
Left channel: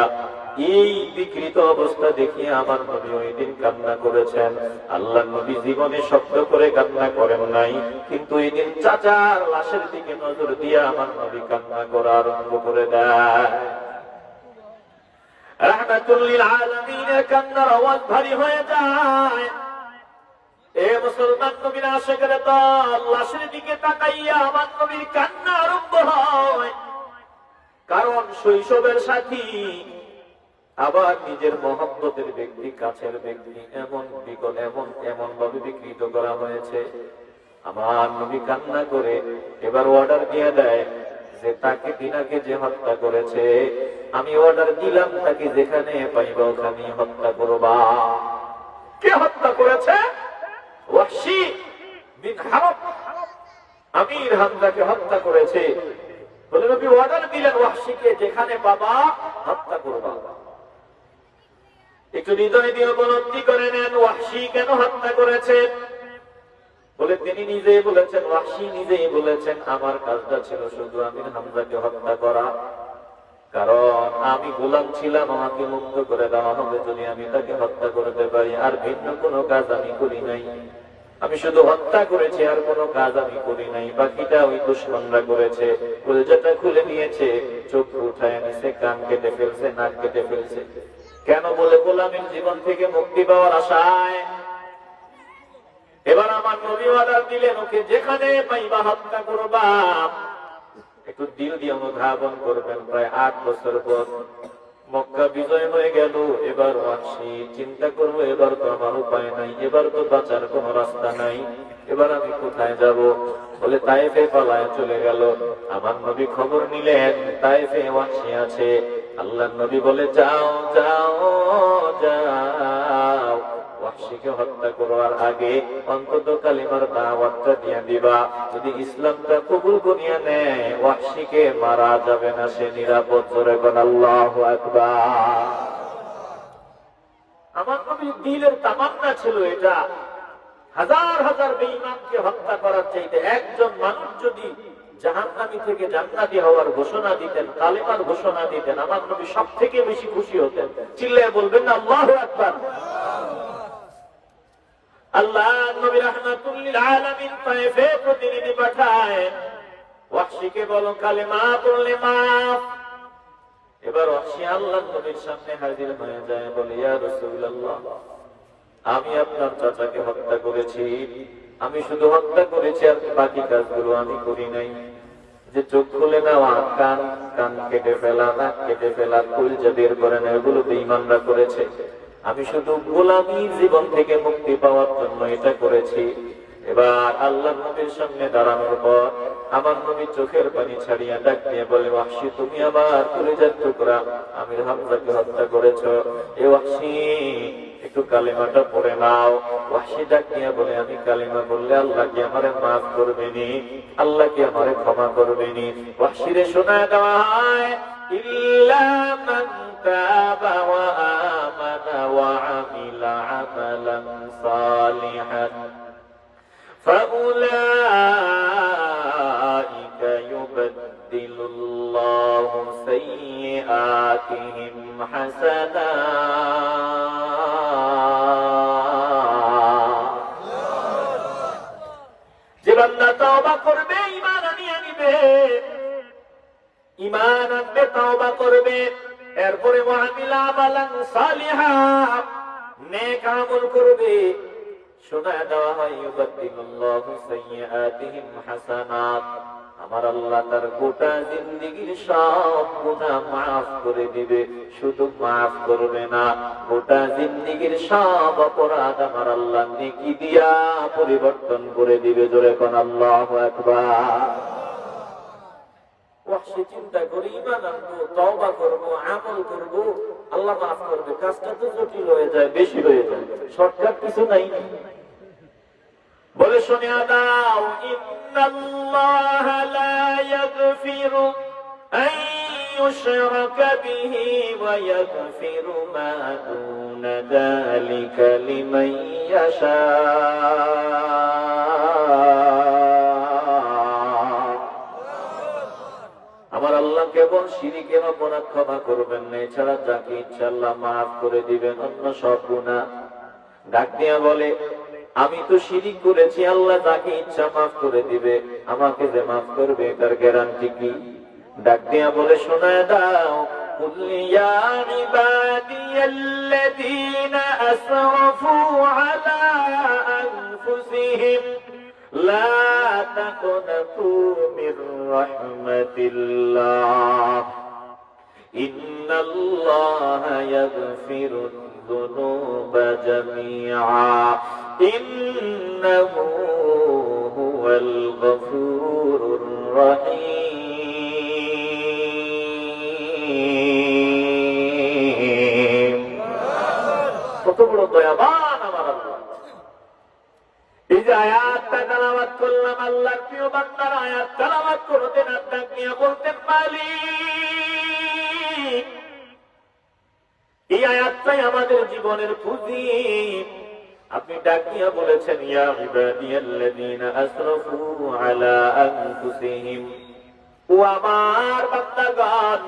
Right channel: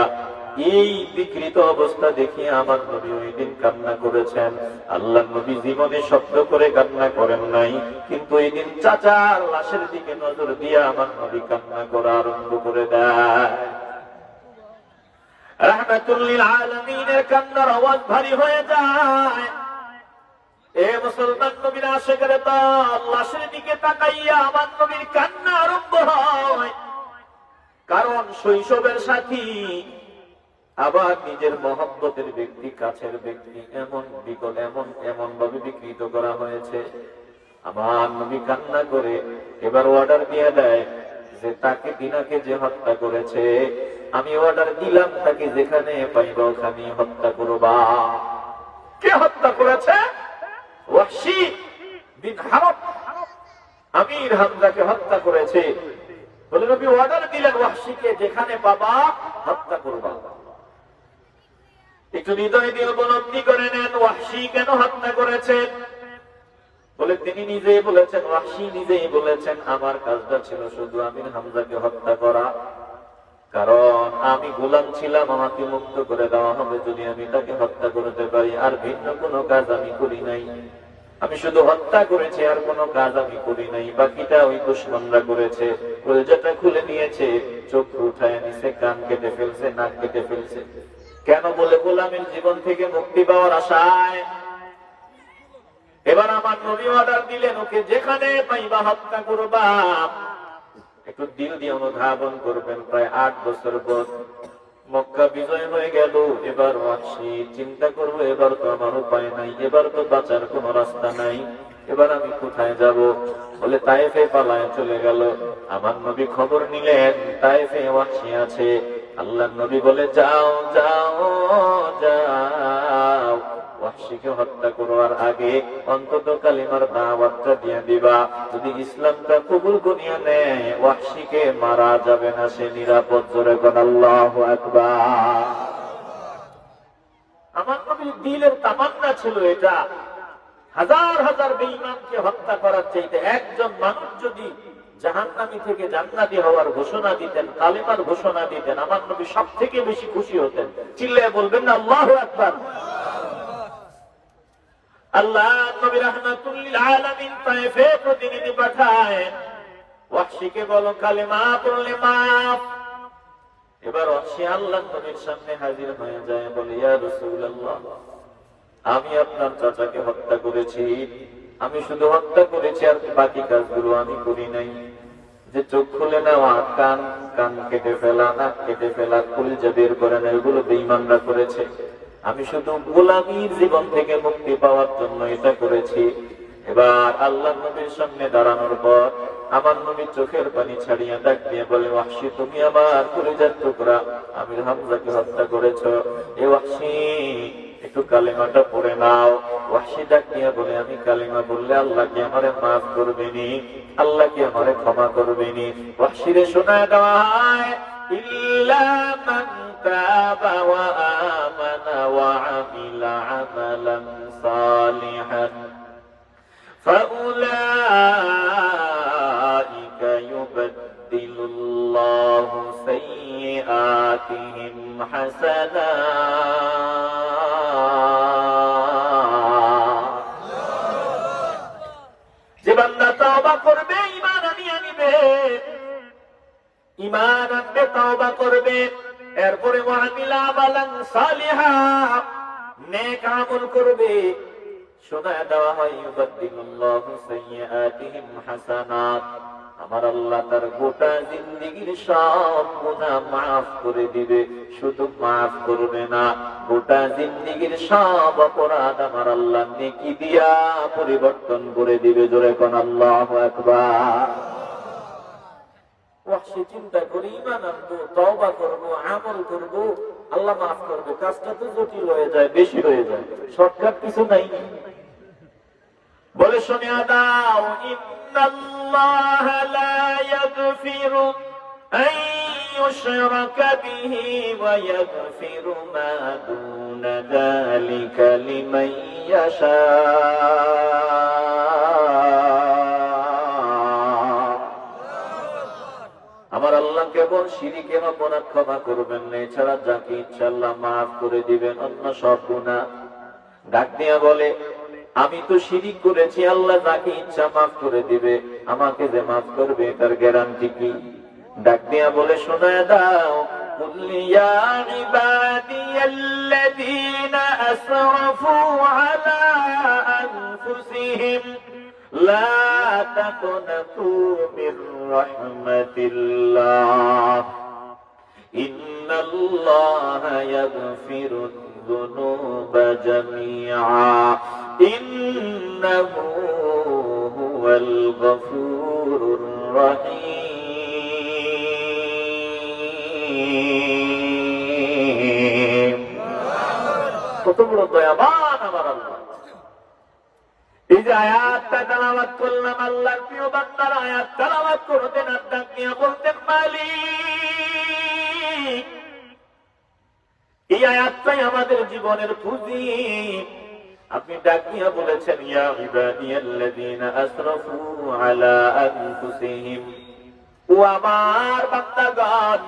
এই বিকৃত অবস্থা দেখিয়া আমার নবী ওই দিন কান্না করেছেন। আল্লাহ নবী জীবনে শব্দ করে কান্না করেন নাই, কিন্তু এই দিন চাচার লাশের দিকে নজর দিয়ে আমার নবী কান্না করা আরম্ভ করে দেয়। রাহমাতুল লিল আলামিনের কান্নার আওয়াজ ভারী হয়ে যায়। এ মুসলমান নবীর আশিকের দল, লাশের দিকে তাকাইয়া আমার নবীর কান্না আরম্ভ হয়। কারণ শৈশবের সাথী, আবার নিজের মহব্বতের ব্যক্তি, কাছের ব্যক্তি এমন ভাবে বিকৃত করা হয়েছে। আমার নবী কান্না করে এবার অর্ডার দিয়ে দেয় যে তাকে তিনাকে যে হত্যা করেছে, আমি অর্ডার দিলাম তাকে যেখানে পাইব ওখানে হত্যা করবা। কে হত্যা করেছে? ওয়াহশী বিন হারব আমির হামজাকে হত্যা করেছে। বলে নবী অর্ডার দিলেন ওয়াহশীকে যেখানে পাবা হত্যা করবা। একটু হৃদয় দিয়ে উপলব্ধি করে নেন ওয়াহশী কেন হত্যা করেছে। বলে তিনি নিজেই বলেছেন, ওয়াহশী নিজেই বলেছেন, আমার কাজটা ছিল শুধু আমির হামজাকে হত্যা করা। কারণ আমি গোলাম ছিলাম, আমাকে মুক্ত করে দেওয়া হবে যদি আমি তাকে হত্যা করতে পারি। আর ভিন্ন কোনো কাজ আমি করি নাই, আমি শুধু হত্যা করেছি, আর কোনো কাজ আমি করি নাই। বাকিটা ওই দুশমনরা করেছে। কলিজাটা খুলে নিয়েছে, চোখ উঠায় নিয়েছে, কান কেটে ফেলছে, নাক কেটে ফেলছে। কেন? বলে গোলামের জীবন থেকে মুক্তি পাওয়ার আশায়। এবার আমার নবী অর্ডার দিলেন ওকে যেখানে পাইবা হত্যা করবা। একটু দিল দিয়ে অনুধাবন করবেন, প্রায় 8 বছর পর মক্কা বিজয় হয়ে গেল। এবার ওয়াহশী চিন্তা করবো, এবার তো আমার উপায় নাই, এবার তো বাঁচার কোন রাস্তা নাই, এবার আমি কোথায় যাব? বলে তায়েফে পালায় চলে গেল। আমার নবী খবর নিলেন তায়েফে ওয়াহশী আছে। আল্লাহ নবী বলে যাও যাও যাও, ওয়াহশীকে হত্যা করার আগে অন্তত কালিমার দাওয়াতটা দিয়ে দিবা। যদি ইসলামটা কবুল করিয়া নেয় ওয়াহশীকে মারা যাবে না, সে নিরাপদ। জোরে বল আল্লাহু আকবার। আমার নবীর দিলের তামান্না ছিল এটা। হাজার হাজার বেঈমানকে হত্যা করার চাইতে একজন মানুষ যদি জাহান্নামী থেকে জান্নাতি হওয়ার ঘোষণা দিতেন, কালেমার ঘোষণা দিতেন, আমার নবী সব থেকে বেশি খুশি হতেন। চিল্লায় বলবেন না আল্লাহু আকবার। আল্লাহ নবী রাহমাতুল লিল আলামিন তায়েফে প্রতিনিধি পাঠায়, ওয়াহশীকে বলো কালেমা পড়লে মাফ। এবার ওয়াহশী আল্লাহ নবীর সামনে হাজির হয়ে যায়, বলে ইয়া রাসূলুল্লাহ, আমি আপনার চাচাকে হত্যা করেছি। আমি শুধু হত্যা করেছি, আর বাকি কাজগুলো আমি করি নাই। যে চোখ খুলে নেওয়া, কান কেটে ফেলা, নাক কেটে ফেলা, কলিজা বের করে নেওয়া, এগুলো বেঈমানরা করেছে। আমি শুধু গোলামীর জীবন থেকে মুক্তি পাওয়ার জন্য এটা করেছি। এবার আল্লাহ নবীর সামনে দাঁড়ানোর পর আমার নবী চোখের পানি ছাড়িয়ে ডাক দিয়ে বলে, ওয়াহশী তুমি আমার কলিজার টুকরা আমির হামজাকে হত্যা করেছ। এ ওয়াহশী একটু কালেমাটা পড়ে নাও। ওয়াহশী ডাক দিয়ে বলে, আমি কালিমা বললে আল্লাহ কি আমারে মাফ করবেনি? আল্লাহ কি আমারে ক্ষমা করবেনি? ওয়াহশীরে শোনায় দেওয়া হয়, ইল্লা মান তাবা ওয়া আমানা ওয়া আমিলা আমালান সালিহান ফাউলাইকা ইউবাদদিলুল্লাহু সাইয়্যাতিহিম হাসানাত। যে বান্দা তওবা করবে, ঈমান আনবে, ঈমান আনবে, তওবা করবে, এরপরে ওয়ামিলা আমালান সালিহা, নেক আমল করবে, শোনায় দেওয়া হয় ইউবাদদিলুল্লাহু সাইয়্যাতিহিম হাসানাত, আমার আল্লাহ তার গোটা জিন্দেগীর সব গুনাহ মাফ করে দিবে। শুধু মাফ করবে না, গোটা জিন্দেগীর সব অপরাধ আমার আল্লাহ নেকি দিয়া পরিবর্তন করে দিবে। জোরে কোন আল্লাহু আকবার। ওয়াহশী চিন্তা করে, ঈমান আনবো, তওবা করবো, আমল করবো, আল্লাহ মাফ করবো। কাজটা তো জটিল হয়ে যায়, বেশি হয়ে যায়, শর্টকাট কিছু নাই। বলে শুনিয়া দাও, ইন্নাল্লাহ লা ইয়াগফিরু আন ইউশরাকা বিহি ওয়া ইয়াগফিরু মা দুনা যালিকা লিমান ইয়াশা। আমার আল্লাহ কেবল শিরকের অপরাধ ক্ষমা করবেন না, এছাড়া যাকে ইচ্ছা আল্লাহ মাফ করে দিবেন অন্য সব গুনাহ। ডাক দিয়ে বলে, আমি তো শিরিক করেছি, আল্লাহ তাকে ইচ্ছা মাফ করে দিবে, আমাকে যে মাফ করবে তার গ্যারান্টি কি? ডাক দিয়ে বলে, শোনায় দাও, কুল ইয়া ইবাদিয়াল্লাযীনা আসরাফু আলা আনফুসিহিম লা তাকনাতু মির রাহমাতিল্লাহ ইন্নাল্লাহা ইয়াগফিরুদ যুনুবা জামিআ ইন্নাহু হুয়াল গফুরুর রহিম। কত বড় দয়াবান আমার আল্লাহ। এই যে আয়াতটা তেলাওয়াত করলাম, আল্লাহর প্রিয় বান্দারা আয়াত তেলাওয়াত করতেন, আর ডাক নিয়ে বলতেন, মালিক, এই আয়াতটাই আমাদের জীবনের পুঁজি। আপনি ডাক দিয়ে বলেছেন, ইয়া ইবাদিয়াল্লাযীনা আসরাফু আলা আনফুসিহিম, ও আমার বান্দাগণ,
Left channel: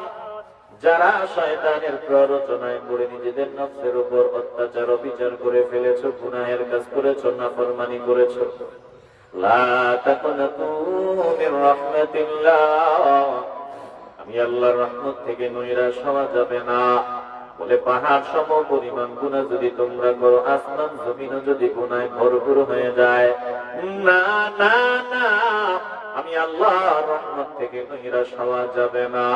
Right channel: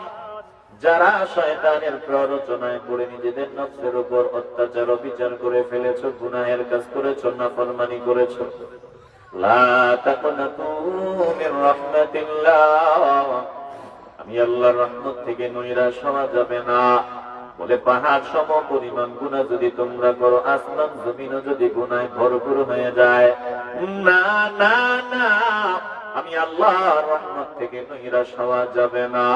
যারা শয়তানের প্ররোচনায় পড়ে নিজেদের নফসের উপর অত্যাচার অবিচার করে ফেলেছো, গুনাহের কাজ করেছো, নাফরমানি করেছো, লা তাকনাতু মির রাহমাতিল্লাহ, আমি আল্লাহর রহমত থেকে নৈরাশ হওয়া যাবে না। বলে, পাহাড় সম পরিমাণ গুনাহ যদি তোমরা করো, আসমান জমিনও যদি গুনায় ভরপুর হয়ে যায়, না না না, আমি আল্লাহর রহমত থেকে নৈরাশ হওয়া যাবে না।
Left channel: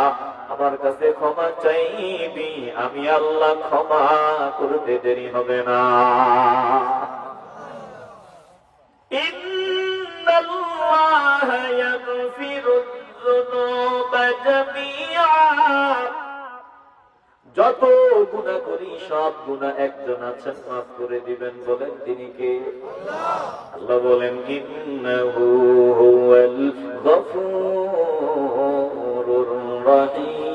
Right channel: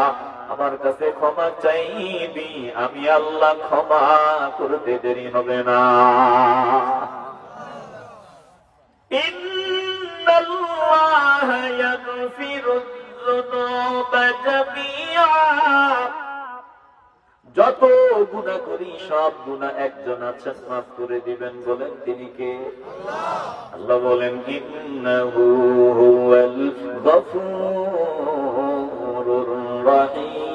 আমার কাছে ক্ষমা চাইবি, আমি আল্লাহ ক্ষমা করতে দেরি হবে না। ইন্নাল্লাহা ইয়াগফিরুয যুনুবা জামিআ, যত গুনাহ করি সব গুনাহ একজন আছেন মাফ করে দিবেন। বলেন তিনি কে? আল্লাহ বলেন, ইন্নাহু হুয়াল গফুরুর রহিম।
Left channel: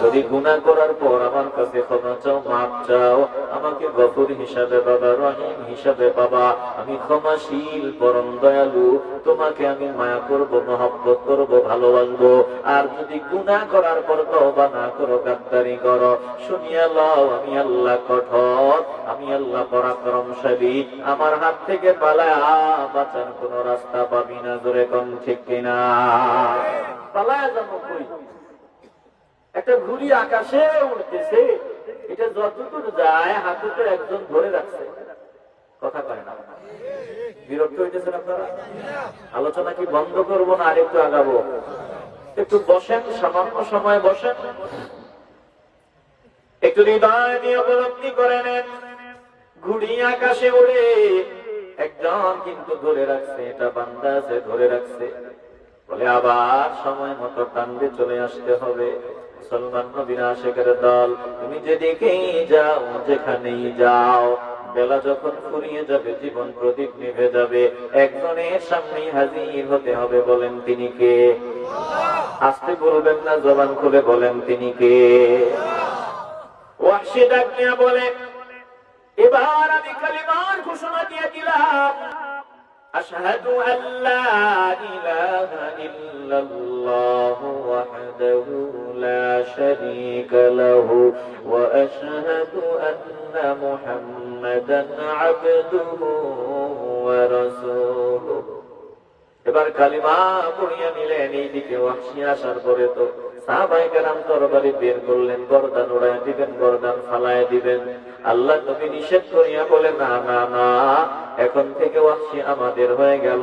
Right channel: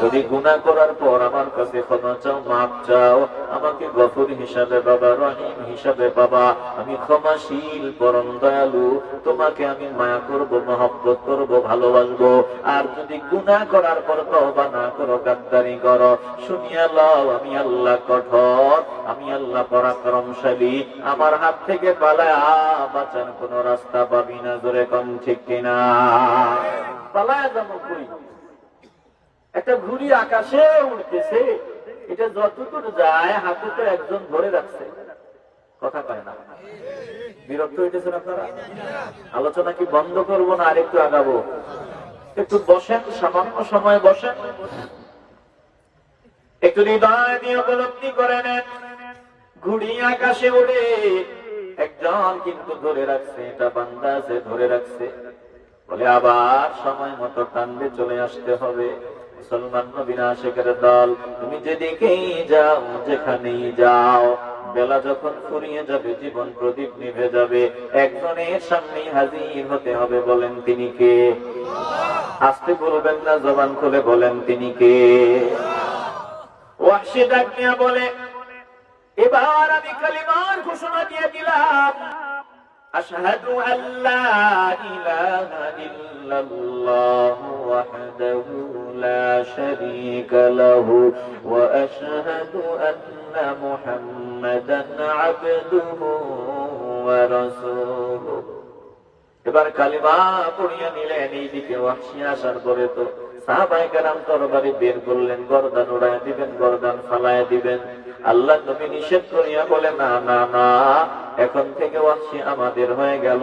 যদি গুনাহ করার পর আমার কাছে ক্ষমা চাও, মাফ চাও, আমাকে গফুর হিসাবে পাবা, রহিম হিসাবে পাবা। আমি ক্ষমাশীল, পরম দয়ালু, তোমাকে আমি মায়া করবো, মহব্বত করবো, ভালোবাসবো। আর যদি গুনাহ করার পর তওবা না করো, গাদ্দারি করো, শুনিয়া লও, আমি আল্লাহ কঠোর, আমি আল্লাহ পরাক্রমশালী, আমার হাত থেকে পালায়া বাঁচার কোন রাস্তা পাবি না। জোরে কম ঠিক কিনা? পালায়া যাবো কই? একটা ঘুড়ি আকাশে উঠতেছে, এটা যতদূর যায় হাতে তো একজন ধরে রাখছে, কথা কয় না। বিরক্ত হইতেছে না? আলোচনা কি বন্ধ করবো না আরেকটু আগাবো? একটু বসেন, সামান্য সময় বসেন, একটু হৃদয় নিয়ে উপলব্ধি করে নেন। ঘুড়ি আকাশে উড়ে, একজন কিন্তু ধরে রাখছে, এটা বান্দা আছে ধরে রাখছে। বলে, আবার সময় মতো টানবে চলে আসতে হবে। মুসলমান নবীর আশিকের দল, তুমি যেদিকেই যাও, যেখানেই যাও, বেলা যখন ফুরিয়ে যাবে, জীবন প্রদীপ নিভে যাবে, একজনের সামনেই হাজির হতে হবে। বলেন তিনি কে? আস্তে বলবেন না, জবান খুলে বলেন তিনি কে? ওয়াহশী ডাক দিয়া বলে, এবার আমি কালিমার ঘোষণা দিয়ে দিলাম, আশহাদু আল্লা ইলাহা ইল্লাল্লাহু ওয়াহদাহু লা শারীকা লাহু ওয়া আশহাদু আন্না মুহাম্মাদান আবদুহু ওয়া রাসূলুহু। এবার কালিমা পড়িয়ে নিলেন। এইদিকে ওয়াহশী আসার পরে তো সাহাবায়ে কেরাম তরবারি বের করলেন, গর্দান উড়ায় দিবেন, গর্দান ফালায় দিবেন। আল্লাহ নবী নিষেধ করিয়া বলে, না না না, এখন থেকে ওয়াহশী আমাদের হয়ে গেল,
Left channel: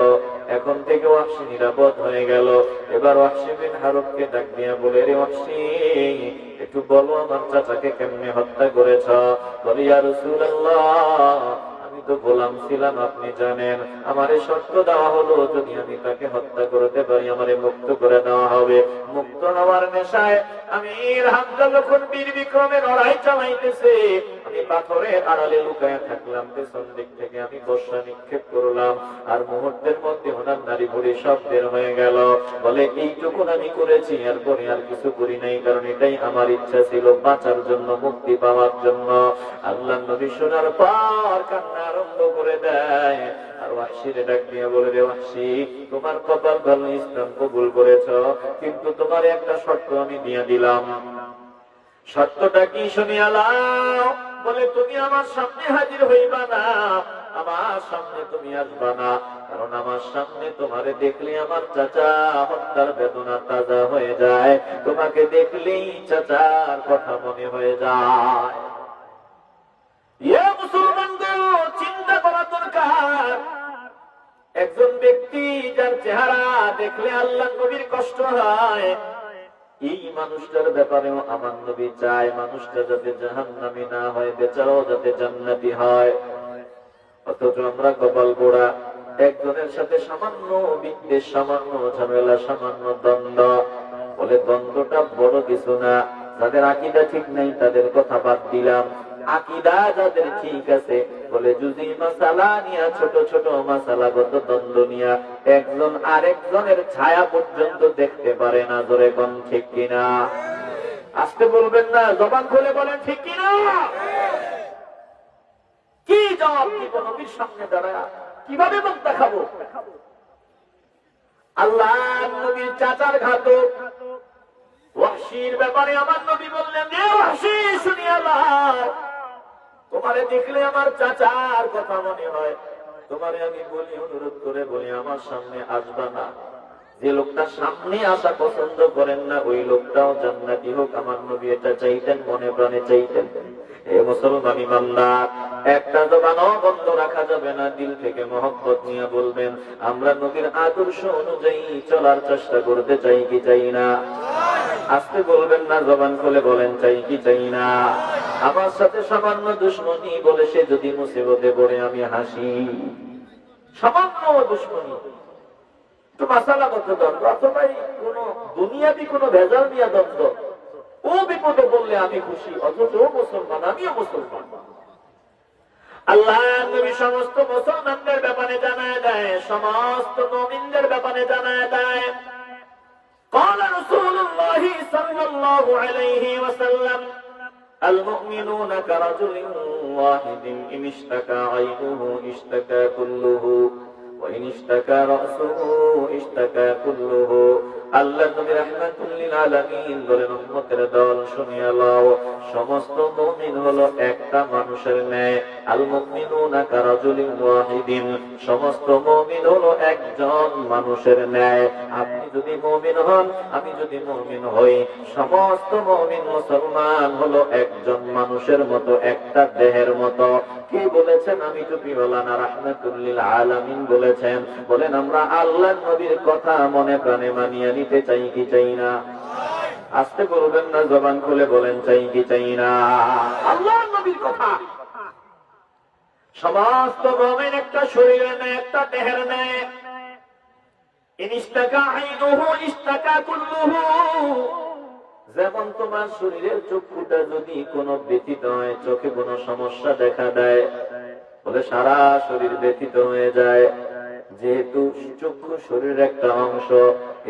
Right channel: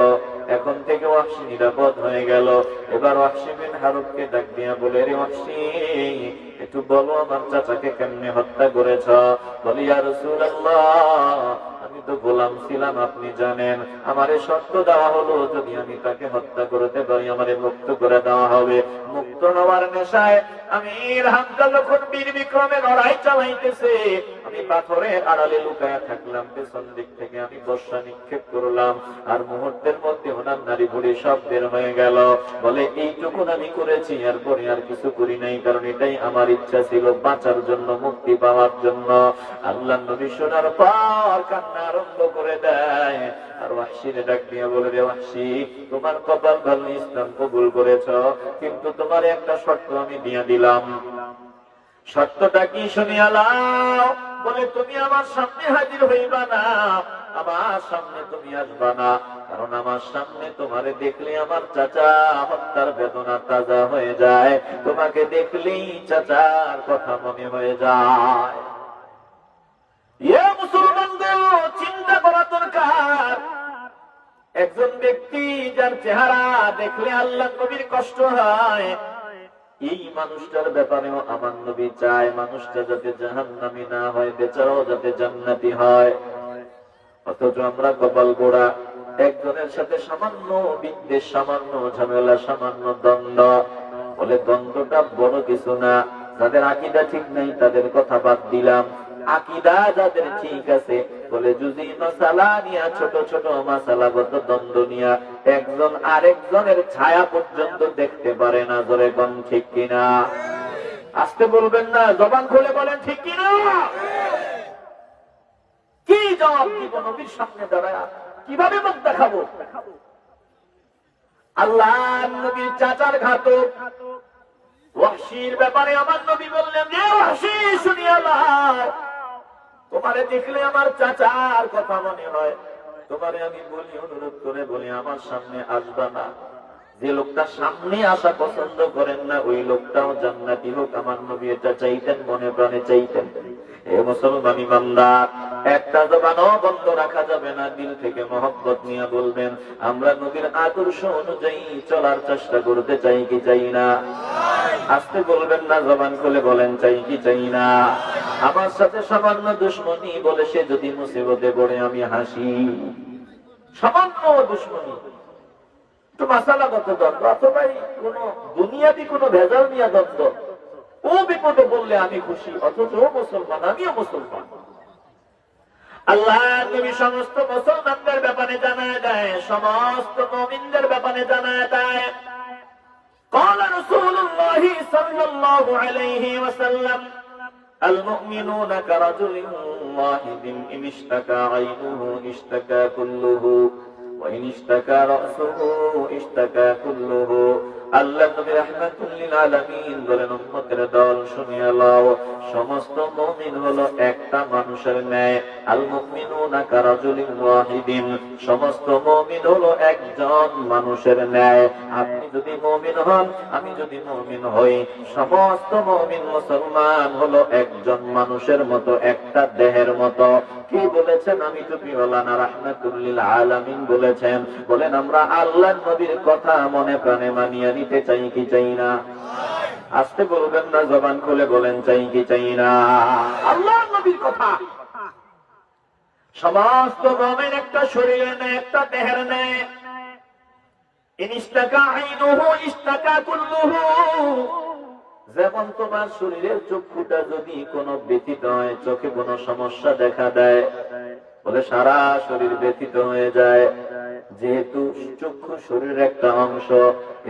এখন থেকে ওয়াহশী নিরাপদ হয়ে গেল। এবার ওয়াহশী বিন হারুবকে ডাক দিয়া বলে, রে ওয়াহশী, একটু বলো আমার চাচাকে কেমনে হত্যা করেছ? বলে, ইয়া রাসূলুল্লাহ, আমি তো গোলাম ছিলাম, আপনি জানেন। আমারে শর্ত দেওয়া হলো, যদি আমি তাকে হত্যা করতে পারি আমারে মুক্ত করে দেওয়া হবে। মুক্ত হওয়ার নেশায় আমির হামজা যখন বীর বিক্রমে লড়াই চালাইতেছে, আমি পাথরের আড়ালে লুকায়া থাকলাম, পেছন দিক থেকে আমি বর্ষা নিক্ষেপ করলাম, আর মুহূর্তের মধ্যে ওনার নারী বুড়ি সব বের হয়ে গেল। বলে, এইটুকু আমি করেছি, এরপরে আর কিছু করি নাই, কারণ এটাই আমার ইচ্ছা ছিল, বাঁচার জন্য, মুক্তি পাওয়ার জন্য। আল্লাহ নবী শোনার পর কান্না আরম্ভ করে দেয়। আর ওয়াহশীরে ডাক দিয়া বলে, রে ওয়াহশী, তোমার কপাল ভালো, ইসলাম কবুল করেছ, কিন্তু তোমার একটা শর্ত আমি দিয়ে দিলাম। শর্তটা কি শুনিয়া নাও। বলে, তুমি আমার সামনে হাজির হইবা না, আমার সামনে তুমি আসবা না, কারণ আমার সামনে তোমারে দেখলে আমার চাচা হত্যার বেদনা তাজা হয়ে যায়, তোমাকে দেখলেই চাচার কথা মনে হয়ে যায়। মুসলমানদের চিন্তা করা দরকার। একজন ব্যক্তি যার চেহারা দেখলে আল্লাহ নবীর কষ্ট হয়, এই মানুষটার ব্যাপারেও আমার নবী চায় মানুষটা যাতে জাহান্নামী না হয়, বেচারাও যাতে জান্নাতি হয়। অথচ আমরা কপাল পোড়া, একজনের সাথে সামান্য বিদ্বেষ, সামান্য ঝামেলা, সামান্য দ্বন্দ্ব। বলে, দ্বন্দ্বটা বড় কিছু না, যাদের আকীদা ঠিক নাই তাদের কথা বাদ দিলাম, আকীদা যাদের ঠিক আছে, বলে জুজি মাসালা নিয়া, ছোট ছোট মাসালাগত দ্বন্দ্ব নিয়া একজন আরেকজনের ছায়া পর্যন্ত দেখতে পারে না। ধরে কোন ঠিক কিনা? আজকে বলবেন না, জবান খুলে বলেন ঠিক কিনা? কি জবাব দিব নবীর সামনে দাঁড়ায়? কিভাবে মুখ দেখাবো? আল্লাহ নবীর চাচার ঘাতক ওয়াহশীর ব্যাপারে আমার নবী বললেন, যে ওয়াহশী শুনিয়া নাও, তোমারে দেখলে আমার চাচার কথা মনে হয়, তোমারে আমি বলি, অনুরোধ করে বলি, আমার সামনে আসবা না। যে লোকটা সামনে আসা পছন্দ করেন না, ওই লোকটাও জান্নাতি হোক, আমার নবী এটা চাইতেন, মনে প্রাণে চাইতেন। এ মুসলমানি বান্দা, একটা জবানও বন্ধ রাখা যাবে না, দিল থেকে মহব্বত নিয়ে বলবেন, আমরা নবীর আদর্শ অনুযায়ী চলার চেষ্টা করতে চাই কি চাই না? আজকে বলবেন না, জবান খুলে বলেন, চাই কি চাই না? আমার সাথে সামান্য দুশ্মনী বলে সে যদি মুসিবতে পড়ে আমি হাসি, সামান্য দুশ্মনী, তো মাসালাগত দ্বন্দ্ব, অথবাই কোন দুনিয়াবি কোন ভেজাল নিয়ে দ্বন্দ্ব, ও বিপদে বললে আমি খুশি, অথচ ও মুসলমান, আমিও মুসলমান। আল্লাহ তুমি সমস্ত মুসলমানদের ব্যাপারে জানায় দেয়, সমস্ত মুমিনদের ব্যাপারে জানায় দেয়। قال رسول الله صلى الله عليه وسلم المؤمنون كرجل واحد إن اشتكى عينه اشتكى كله وإن اشتكى رأسه اشتكى كله। আল্লাহ নবী রাহমাতুল লিল আলামিন বলেন, উম্মতের দল শুনিয়া লও, সমস্ত মুমিন হলো একটা মানুষের ন্যায়। আল মুমিনুনা কারাজুলিন ওয়াহিদিন, সমস্ত মুমিন হলো একজন মানুষের ন্যায়। আপনি যদি মুমিন হন, আমি যদি মুমিন হই, সমস্ত মুমিন মুসলমান হলো একজন মানুষের মতো, একটা দেহের মতো। কি বলেছেন? আমি টুপিওয়ালা রাহমাতুল লিল আলামিন বলেছেন। বলেন, আমরা আল্লাহ নবীর কথা মনে প্রাণে মানিয়ে নিতে চাই কি চাই না? আজকে বলবেন না, জবান খুলে বলেন, চাই কি চাই না? আল্লাহ নবীর কথা সমস্ত মুমিন একটা শরীরে নেয়, একটা দেহের নেয়। ইন ইশতাকা আইনুহু ইশতাকা কুল্লুহু, যেমন তোমার শরীরের চক্ষুটা যদি কোনো ব্যথিত হয়, চোখে কোনো সমস্যা দেখা দেয়, বলে সারা শরীর ব্যথিত হয়ে যায়। যেহেতু চক্ষু শরীরের একটা অংশ,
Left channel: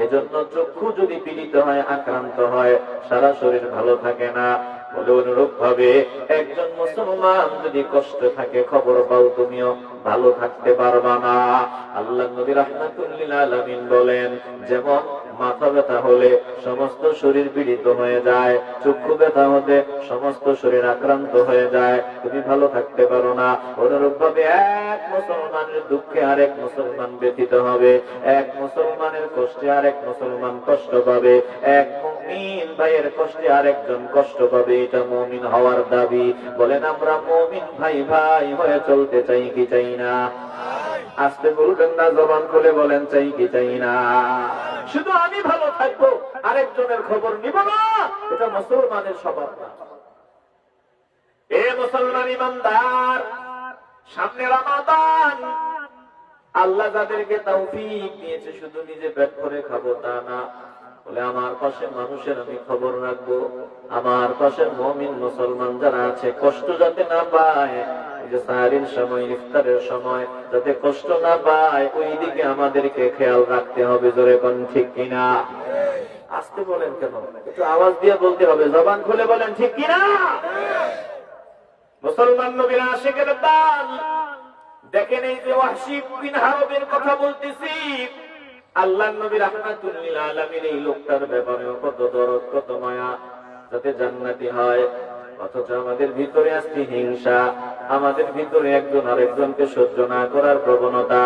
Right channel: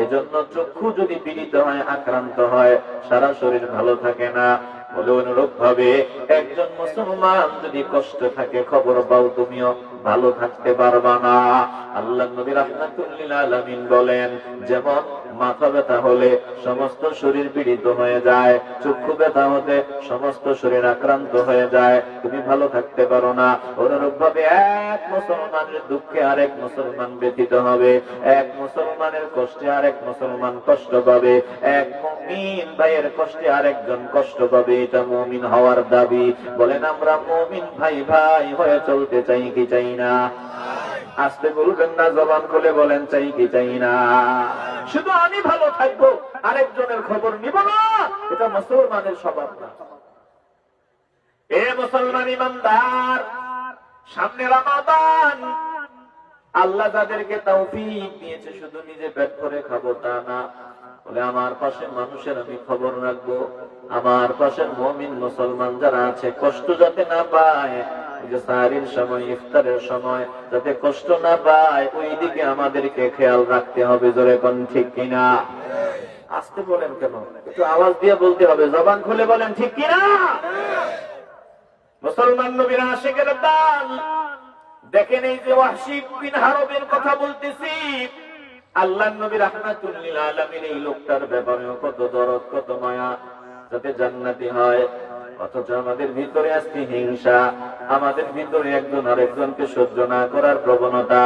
এজন্য চক্ষু যদি পীড়িত হয়, আক্রান্ত হয়, সারা শরীর ভালো থাকে না। বলে অনুরূপ ভাবে একজন মুসলমান যদি কষ্ট থাকে, খবর পাও তুমিও ভালো থাকতে পারবা না। আল্লাহ নবী রাহমাতুল লিল আলামিন বলেন, যেমন মাথা ব্যথা হলে সমস্ত শরীর পীড়িত হয়ে যায়, চক্ষু ব্যথা হলে সমস্ত শরীর আক্রান্ত হয়ে যায়, তুমি ভালো থাকতে পারো না। অনুরূপ ভাবে এক মুসলমানের দুঃখে আরেক মুসলমান ব্যথিত হবে, এক মুসলমানের কষ্টে আরেক মুসলমান কষ্ট পাবে, এক মুমিন ভাইয়ের কষ্টে আরেকজন কষ্ট পাবে। এটা মুমিন হওয়ার দাবি। বলেন আমরা মুমিন ভাই ভাই হয়ে চলতে চাই কি চাই না? আস্তে বলবেন না, জবান খুলে বলেন চাই কি চাই না? শুধু আমি ভালো থাকবো, আরেকজনের খবর নিব না, এটা মুসলমানের স্বভাব না। এ মুসলমান ইমানদার, সামনে রমাদান, আল্লাহ যাদেরকে তৌফিক দিয়েছে শুধু নিজে পেট করে খাবো তা না, বলে আমার পাশে মানুষের আমি খবর রাখবো, আমার পাশের মুমিন মুসলমান যারা আছে কষ্ট যাতে না পায়, সাহারির সময় ইফতারের সময় যাতে কষ্ট না পায়, ওই দিকে আমাদেরকে খেয়াল রাখতে হবে। জোরে কোন ঠিক কিনা? আসতে বলেন কেন? একটু আওয়াজ দিয়ে বলতে হবে, জবান খুলে বলেন ঠিক কিনা? মুসলমান নবীর আশিকের দল দেখেন, এই যে ওয়াহশী বিন হারবের কথা বলতেছি, আল্লাহ নবী রাহমাতুল লিল আলামিন এই লোকটার ব্যাপারেও কত দরদ, কত মায়া, যাতে জান্নাতি হয়। অথচ আমাদের ভিতরে আসছে হিংসা, আমাদের ভিতরে একজন আরেকজনকে সহ্য না করার প্রবণতা।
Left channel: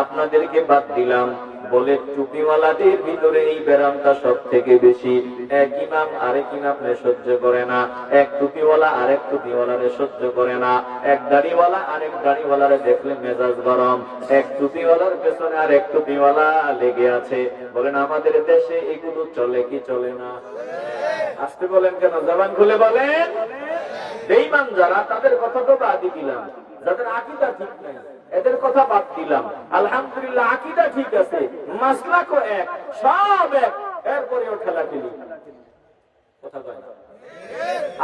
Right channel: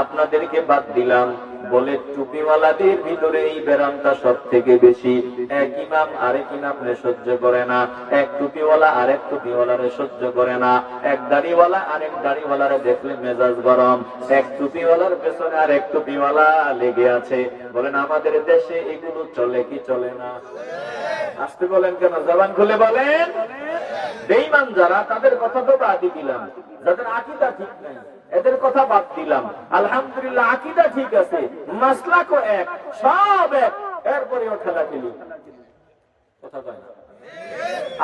আপনাদেরকে বাদ দিলাম, বলে টুপিওয়ালাদের ভিতরে এই ব্যারামটা সব থেকে বেশি। এক ইমাম আরেক ইমামকে সহ্য করে না, এক টুপিওয়ালা আরেক টুপিওয়ালারে সহ্য করে না, এক দাড়িওয়ালা আরেক দাড়িওয়ালারে দেখলে মেজাজ গরম, এক টুপিওয়ালার পেছনে আরেক টুপিওয়ালা লেগে আছে। বলেন আমাদের দেশে এগুলো চলে কি চলে না? আসতে বলেন কেন? জবান খুলে বলেন। বেঈমান যারা, তাদের কথা তো বাদই দিলাম, যাদের আকীদা ঠিক নাই এদের কথা বাদ দিলাম। আলহামদুলিল্লাহ আকীদা ঠিক আছে, মাসলাকও এক, সব এক, এরপরেও ঠেলাঠেলি কথা বলেন।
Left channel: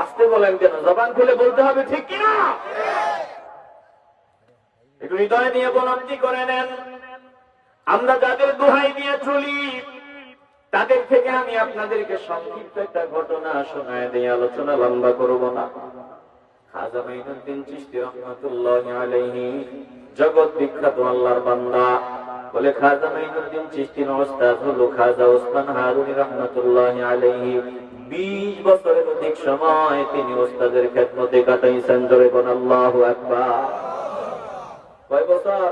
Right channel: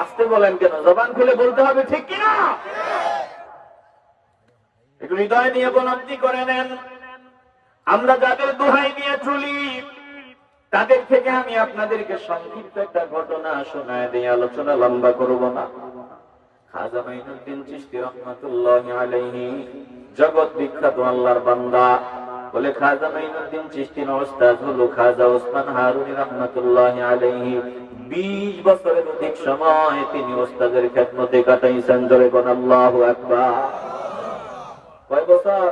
আসতে বলেন কেন? জবান খুলে বলতে হবে ঠিক কিনা? একটু হৃদয় নিয়ে উপলব্ধি করে নেন। আমরা যাদের দোহাই দিয়ে চলি, তাদের থেকে আমি আপনাদেরকে সংক্ষিপ্ত একটা ঘটনা শোনায় দিই, আলোচনা লম্বা করব না। খাজা মাইনুদ্দিন চিশতি রাহমাতুল্লাহি আলাইহি, জগৎ বিখ্যাত আল্লাহর বান্দা। বলে খাজা মাইনুদ্দিন চিশতির ওস্তাদ হলো খাজা ওসমান হারুনি রাহমাতুল্লাহি আলাইহি। 20 বছরের অধিক সময় তিনি ওস্তাদের খেদমতে কাটাইছেন। জোরে বলেন আল্লাহু আকবার। কয় বছর?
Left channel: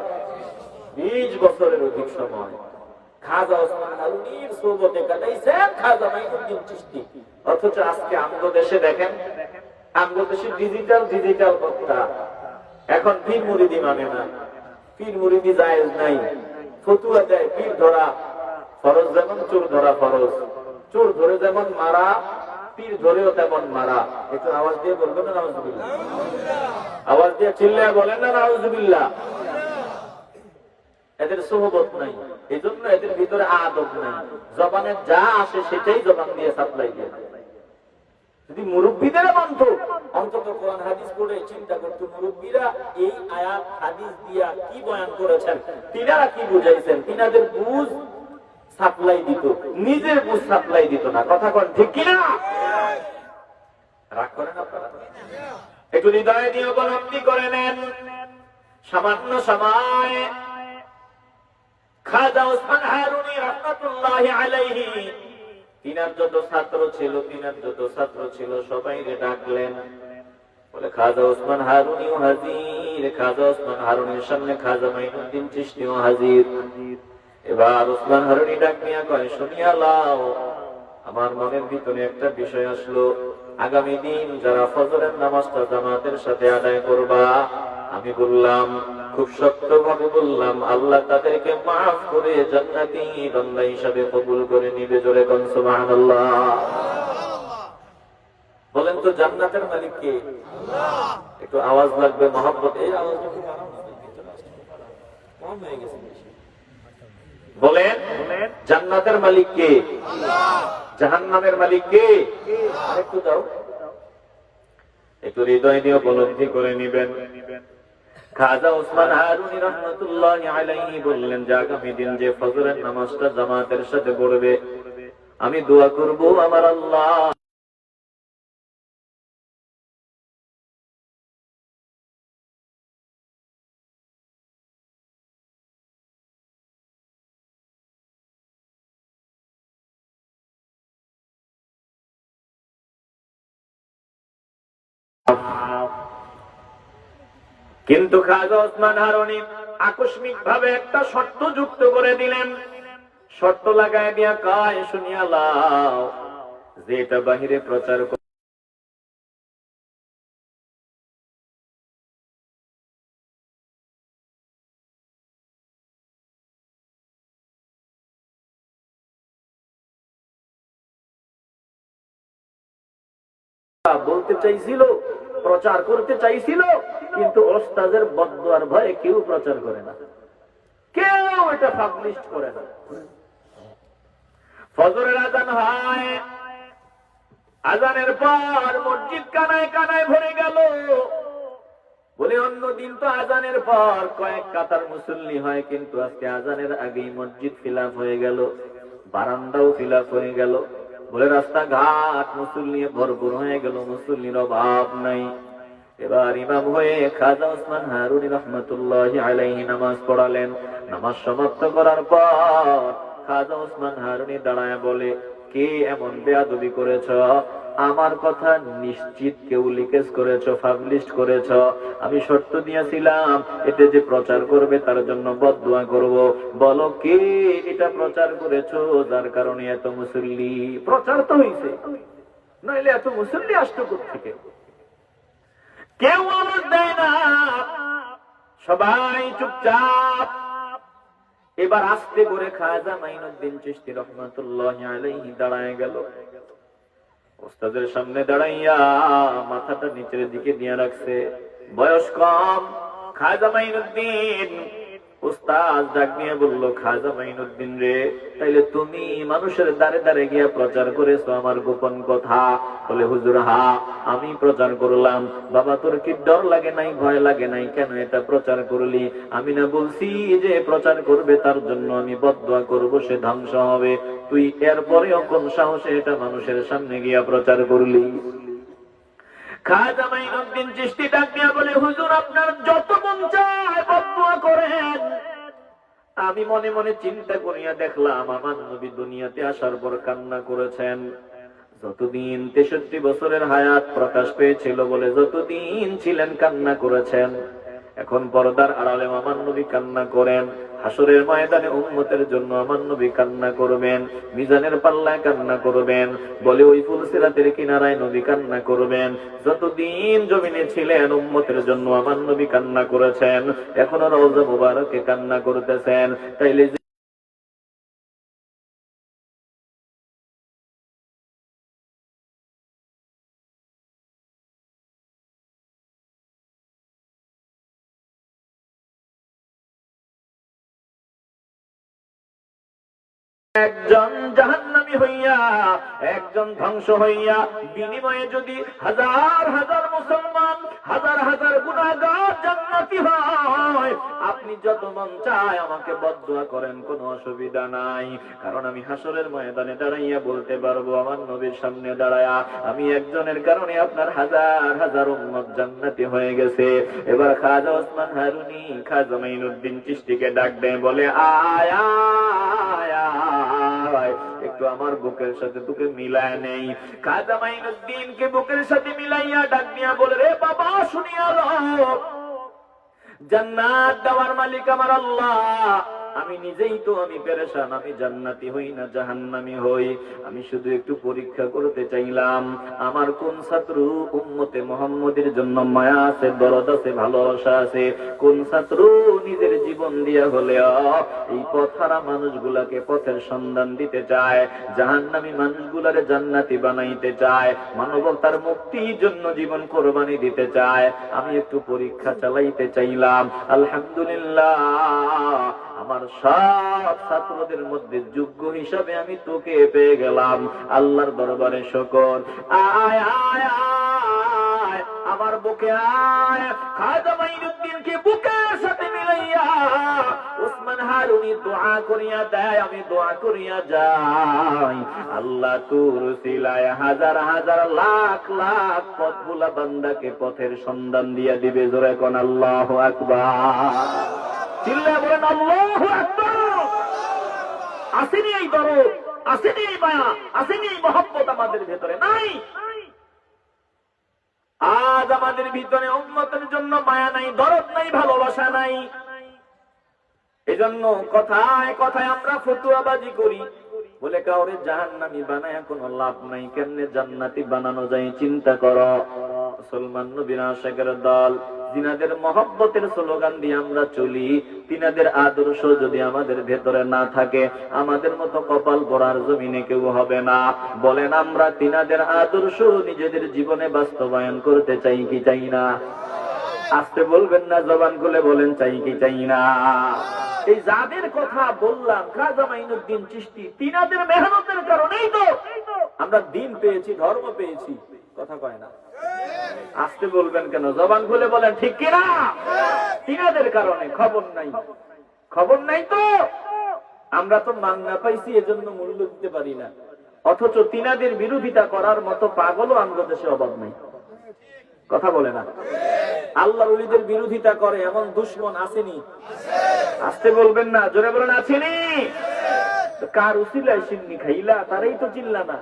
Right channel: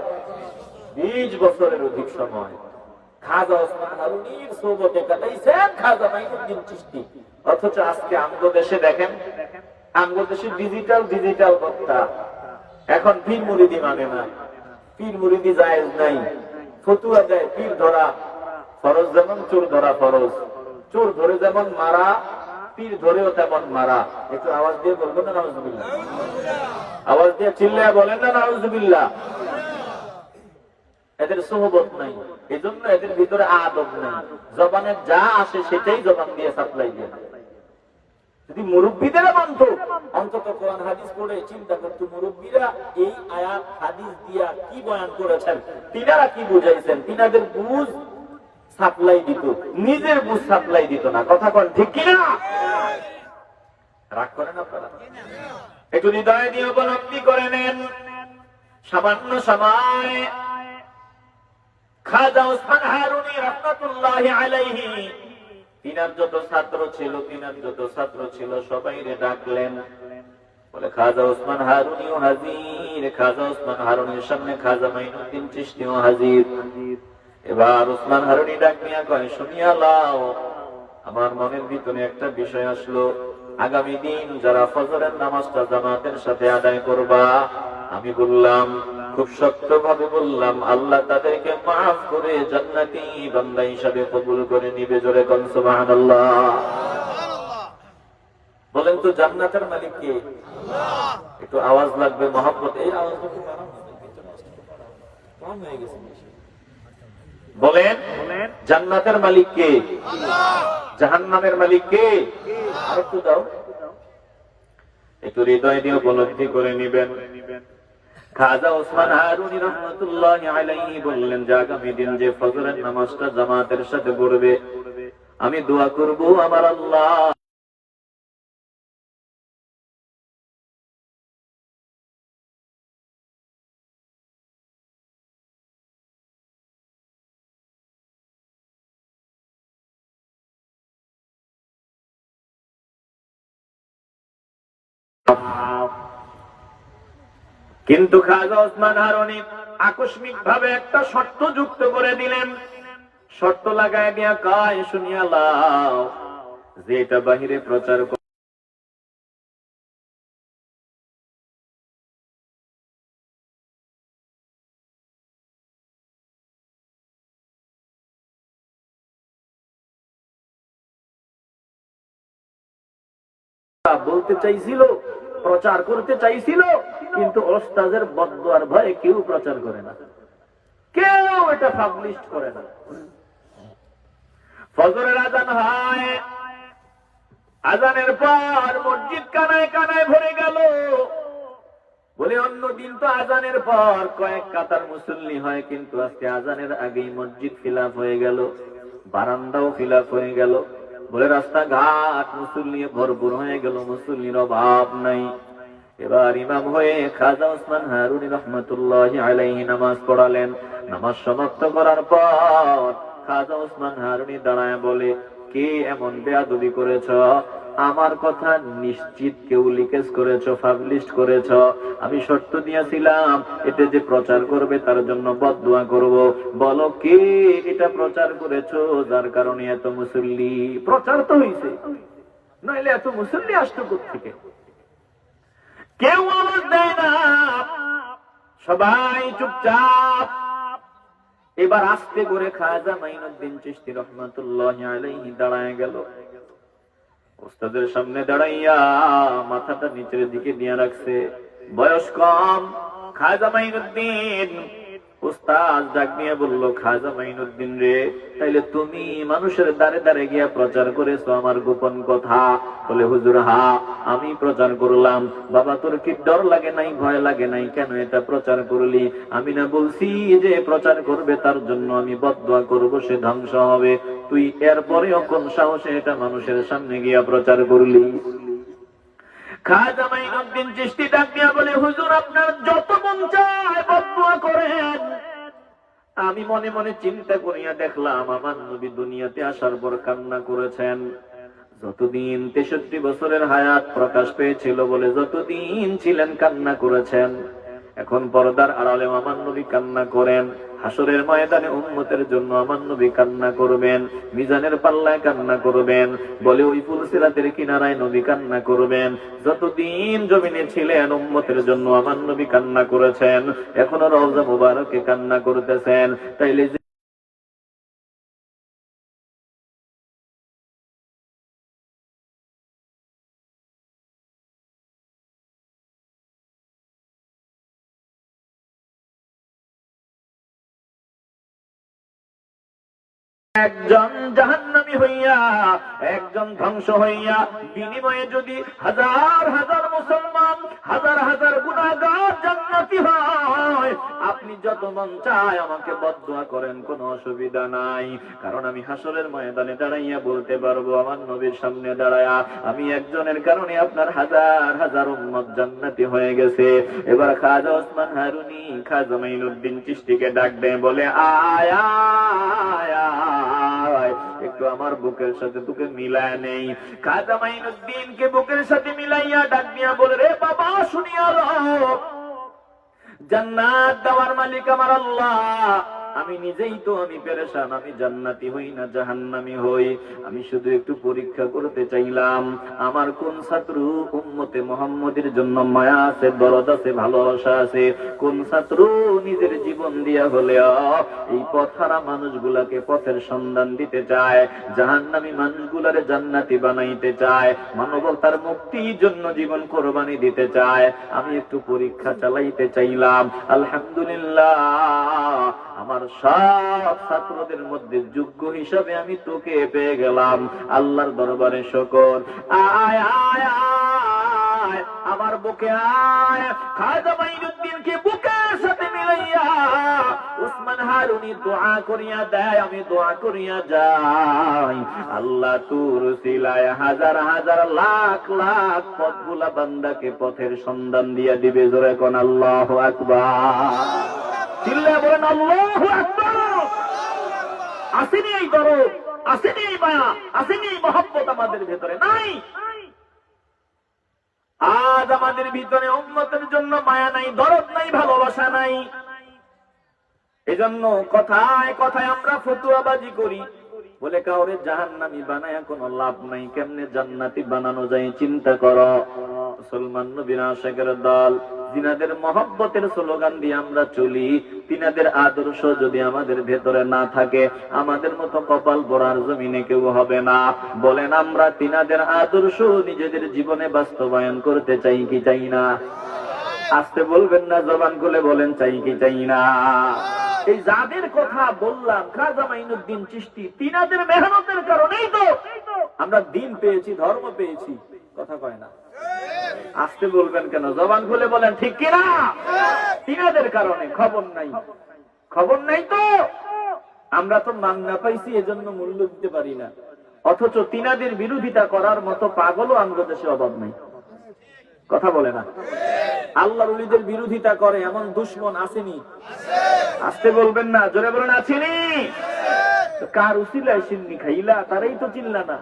20 বছরের অধিক সময় খাজা ওসমান হারুনির সোহবতে কাটাইছেন খাজা মাইনুদ্দিন চিশতি। অথচ আজকে আমাদের দেশে দেখেন, আমাদের দেশে ডিজিটাল বক্তা, এখন পীর মুরিদি মানে না, পীর মুরিদি জায়েজ নাই, ফতুয়া দেয় পীর ধরা ফরজ, যেমন চোর ধরা ফরজ, চোর ধরে যেমন মারা, পীর ধরেও তেমন মারা। একটু আওয়াজ দিয়ে বলবেন না নাউজুবিল্লাহ? আওয়াজ দিয়ে চিল্লায় বলেন না নাউজুবিল্লাহ? এদের সোহবত নাই, এই জন্য এদের ভিতরে আদব নাই, জবানে যা আসে সেটাই জবান দিয়ে সাপ্লাই দিয়ে। যদি মুরব্বীদেরা মানত, অন্তত কোরআন হাদিস পড়ে চিন্তা করত মুরব্বীরা এই আয়াত হাদিস দিয়া কি বয়ান করেছেন, তিনারা কি বুঝাইছেন, তিনাদের বুঝ সাপ্লাই দিত, নিজের বুঝ সাপ্লাই দিত না। কথা কন ঠিক কিনা? রাগ করেন আপনারা? একটু হৃদয় দিয়ে উপলব্ধি করে নেন। সামান্য সময় খাজা ওসমান হারুনি রাহমাতুল্লাহি আলাইহি, তিনার যত ছাত্র ছিল সবাই ডাকলেন। বলে খাজা ওসমান হারুনিও হাজির। খাজা ওসমান হারুনির সামনে খাজা মাইনুদ্দিন চিশতিও হাজির। এবার ওসমান হারুনি ডাক নিয়ে কয়, শুনিয়া লাও, আমার মনের ভিতরে একটা বিষয় আসলো। আগামী দিন যারা ফজরের নামাজটা জামাতের সাথে আদায় করবা, আমি বললাম, খুব সত্যভাবে বললাম, আল্লাহ তাদেরকে মাফ করে জান্নাতি বান্দা হিসাবে কবুল করে নিবে। জোরে কোন সুবহানাল্লাহ। বলেন তো জান্নাতের মালিক কে? আল্লাহ। একটু আওয়াজ লাগবে, মহব্বত। এই আওয়াজটা একটু বাড়াও না ভাই, ভিতরে আসছে কম হয়ে গেছে বেশি। বলেন জান্নাতের মালিক কে? আল্লাহ। জাহান্নামের মালিক কে? একটু দাও, একটু হৃদয় দিয়ে উপলব্ধি করে নিবেন। খাজা ওসমান হারুনি রহমতুল্লাহি আলাইহি বললেন যে আগামী দিন যে ফজরের নামাজটা জামাতের সাথে পড়বে, আমি দোয়া করব আমার আল্লাহ কিন্তু খাজা ওসমান হারুনি আকস্মিক ভাবে একটা শর্ত যুক্ত করে দিলেন। শর্ত লাগায় দিয়া কয়, শুনিয়া লাও, যেটা বাহিরে প্রচার বলতে চাইছিল, প্রচার করতে চাইছিল, কিন্তু ওস্তাদের বদদুয়ার ভয়ে কেউ প্রচার করে না, কেউ এটা পাবলিশ করে না। ফজরের আজান হয়, আজানের পর মসজিদ কানায় কানায় ভরে গেল। বলে অন্যদিন তো আজানের পর কয়েক কাতার মুসল্লি হয়, কিন্তু আজকে আজানের আগেই মসজিদ ফিলাপ হয়ে গেল, বারান্দাও ফিলাপ হয়ে গেল। বলে রাস্তাঘাট মুসল্লি ভরপুর হয়ে গেল, মুসল্লির অভাব নাই। এবার ইমাম হয়ে খাজা ওসমান হারুনি রহমতুল্লাহি আলাইহি নামাজ পড়ালেন। নামাজ সমাপ্ত করার পর খাজা ওসমান হারুনি দাঁড়ায় বলে, কে এমন বেয়াদবি করেছ? আমার কথা নিশ্চিত কেউ লিকেজ করেছ, পাবলিশ করেছ। আমি শর্ত দিয়েছিলাম এতে যে প্রচার করবে তার জন্য বদদুয়া করব। বলো কে এটা প্রচার করেছ, যার কারণে এত মুসল্লি? প্রচার তো হইছে, নইলে এত মুসল্লি আসতো কোত্থেকে? কেউ আওয়াজ দেয় না, সবাই চুপচাপ। এবার আস্তে করে খাজা মাইনুদ্দিন চিশতি রহমাতুল্লাহি আলাইহি দাঁড়ায় গেল। ওস্তাদের সামনে দাঁড়াইয়া মাথাটা নিচের দিকে দিয়ে রাখছে, বয়স কম। খাজা মাইনুদ্দিন ওস্তাদ ডাক নিয়ে বলল, খাজা মাইনুদ্দিন রে, তাইলে তুমি মানুষের দ্বারে দ্বারে গিয়া প্রচার করেছো আমার গোপন কথা? বলে, হুজুর হা, আমি প্রচার করলাম। বাবা, তোর কি ডর লাগে নাই, ভয় লাগে নাই? কেন এটা প্রচার করলি? আমি না বলছি যে প্রচার করবে তার জন্য আমি বদদুয়া করব, সে ধ্বংস হবে? তুই এরপরেও কোন সাহসে এটা মানুষের সামনে গিয়া প্রচার করলি? খাজা মাইনুদ্দিন চিশতি ডাক দিয়া বলে, হুজুর আপনার যত মন চায় বদদুয়া করেন। আমি মনে মনে চিন্তা করিয়া দেখলাম আমার নবী দুনিয়াতে আসার পর কান্না করেছেন। যতদিন 63 বছরের হায়াত প্রকাশ পেয়েছিল বলে যতদিন ছিলেন কান্না করেছেন। এখন পর্দার আড়ালে আমার নবী কান্না করেন, হাসরের ময়দানে উম্মতের জন্য আমার নবী কান্না করবেন, মিজানের পাল্লায় কান্না করবেন। বলে ওই ফুলসিরাতের কিনারায় নবী কান্না করবেন। যতদিন জমিনে ছিলেন উম্মতের জন্য আমার নবী কান্না করেছেন, এখনো রওজা মুবারকে কান্না করতেছেন। তাইলে একজন জাহান্নামী হইয়া, একজন ধ্বংস হইয়া, বিনিময়ে যদি হাজার হাজার মুসলমান, হাজার হাজার গুনাহগার জান্নাতি হয়, আপনি যত মন চায় আমাকে বদদুয়া করেন, কোনো অসুবিধা নাই। কারণ আমি হাসরের ময়দানে দাঁড়াইয়া বলতে পারবো, আমার নবীর সামনে দাঁড়ায়া আমি একজনের কারণে আপনার হাজার হাজার উম্মত জান্নাতি হয়ে গেছে। এবার খাজা ওসমান হারুনি খাজা মাইনুদ্দিন চিশতিকে ডাক দেয়, বলে, আয়া একটু আমার বুকের সাথে তোকে মিলায় নেই। খাজা মাইনুদ্দিনকে বুকের সাথে মিলাইয়া ডাক দিয়া বলে, রে বাবা, শুনিয়া লো, জান্নাত দেওয়ার মালিক আমার আল্লাহ। আমি নিজেই তো আমি পেরেশান, আমি জান্নাতি হই না জাহান্নামী হই। আমি শুধু একটু পরীক্ষা করতে চাইলাম আমার কোন ছাত্র উম্মতে মুহাম্মদের জন্য মায়া আছে, দরদ আছে, ভালোবাসা আছে। কোন ছাত্র নিজের জীবন দিয়া হলে এই পথহারা মানুষগুলাকে পথের সন্ধান দিতে চায়, জাহান্নামী মানুষগুলারে জান্নাতি বানাইতে চায়, মানবতার মুক্তির জন্য জীবন কোরবানি দিতে চায়। আমি একটু পরীক্ষা চালাইতে চাইলাম। আলহামদুলিল্লাহ, আমার সব ছাত্রদের মধ্যে যোগ্য হিসাবে আমি তোকে পেয়ে গেলাম। আল্লাহর দরবারে শুকর। আয় আয় আয় আমার বুকে আয়। খাজা মাইনুদ্দিনকে বুকের সাথে মিলাইয়া উসমান হারুনি দোয়া করিয়া দেয়, আমি দোয়া করিয়া যাই। আল্লাহ তোর উসিলায় হাজার হাজার লাখ লাখ পথভোলা বান্দাকে পথের সন্ধান দিয়া দিবে। জোরে কোন আল্লাহু আকবার। চিল্লা বলেন আল্লাহু আকবার। আসেনি এই দরদ, আসেনি এই মায়া, আসেনি এই মহব্বত আমাদের ভেতরে? নাই। আজ আমাদের ভিতরে উম্মতের জন্য মায়া নাই, দরদ নাই, ভালোবাসা নাই। এজন্য কথায় কথায় আমরা ফতুয়াবাজি করি, বলে কাউরে জাহান্নামী বানায় কোনো লাভ নাই। কেমনে জান্নাতি বানানো যায় চিন্তা করো। মুসলমান নবীর আশিকের দল, যিনাদের মহব্বতের স্লোগান দিয়ে আমরা চলি, তিনাদের আদর্শ যদি আমাদের ভেতরে না থাকে, আমাদের মতো কপাল পড়ার জমিনে কেউ হবে না। বলেন আমরা তিনাদের আদর্শ নিজেদের জীবনে বাস্তবায়ন করতে চাই কি চাই না? আসতে বলবেন না, জবান খুলে বলেন চাই কি চাই না? এই যাদের কথা বললাম, খাজা মাইনুদ্দিন চিশতি, তিনাদের মেহনতের কারণেই তো আমরা দিন পেয়েছি, ধর্ম পেয়েছি। কথা কয় না? আসতে বলবেন কেন? জবান খুলে বলেন ঠিক কিনা? তিনাদের কারণে। খবর নাই, খবর নাই তো আমরা তো মান্না পাইছি, এজন্য মূল্য দিতে পারি না। অথচ তিনাদের বিরোধিতা করার মতো পাগলও আমাদের দেশে অভাব নেই। কথা বলে না? আল্লাহর ওলিদের বিরোধিতা করে এমন দুশমন আসেনি? আসতে বলবেন না, জোরে বলেন আসেনি? কার উসিলায় সিন্নি খাইলা তারাই তো চিল্লা না।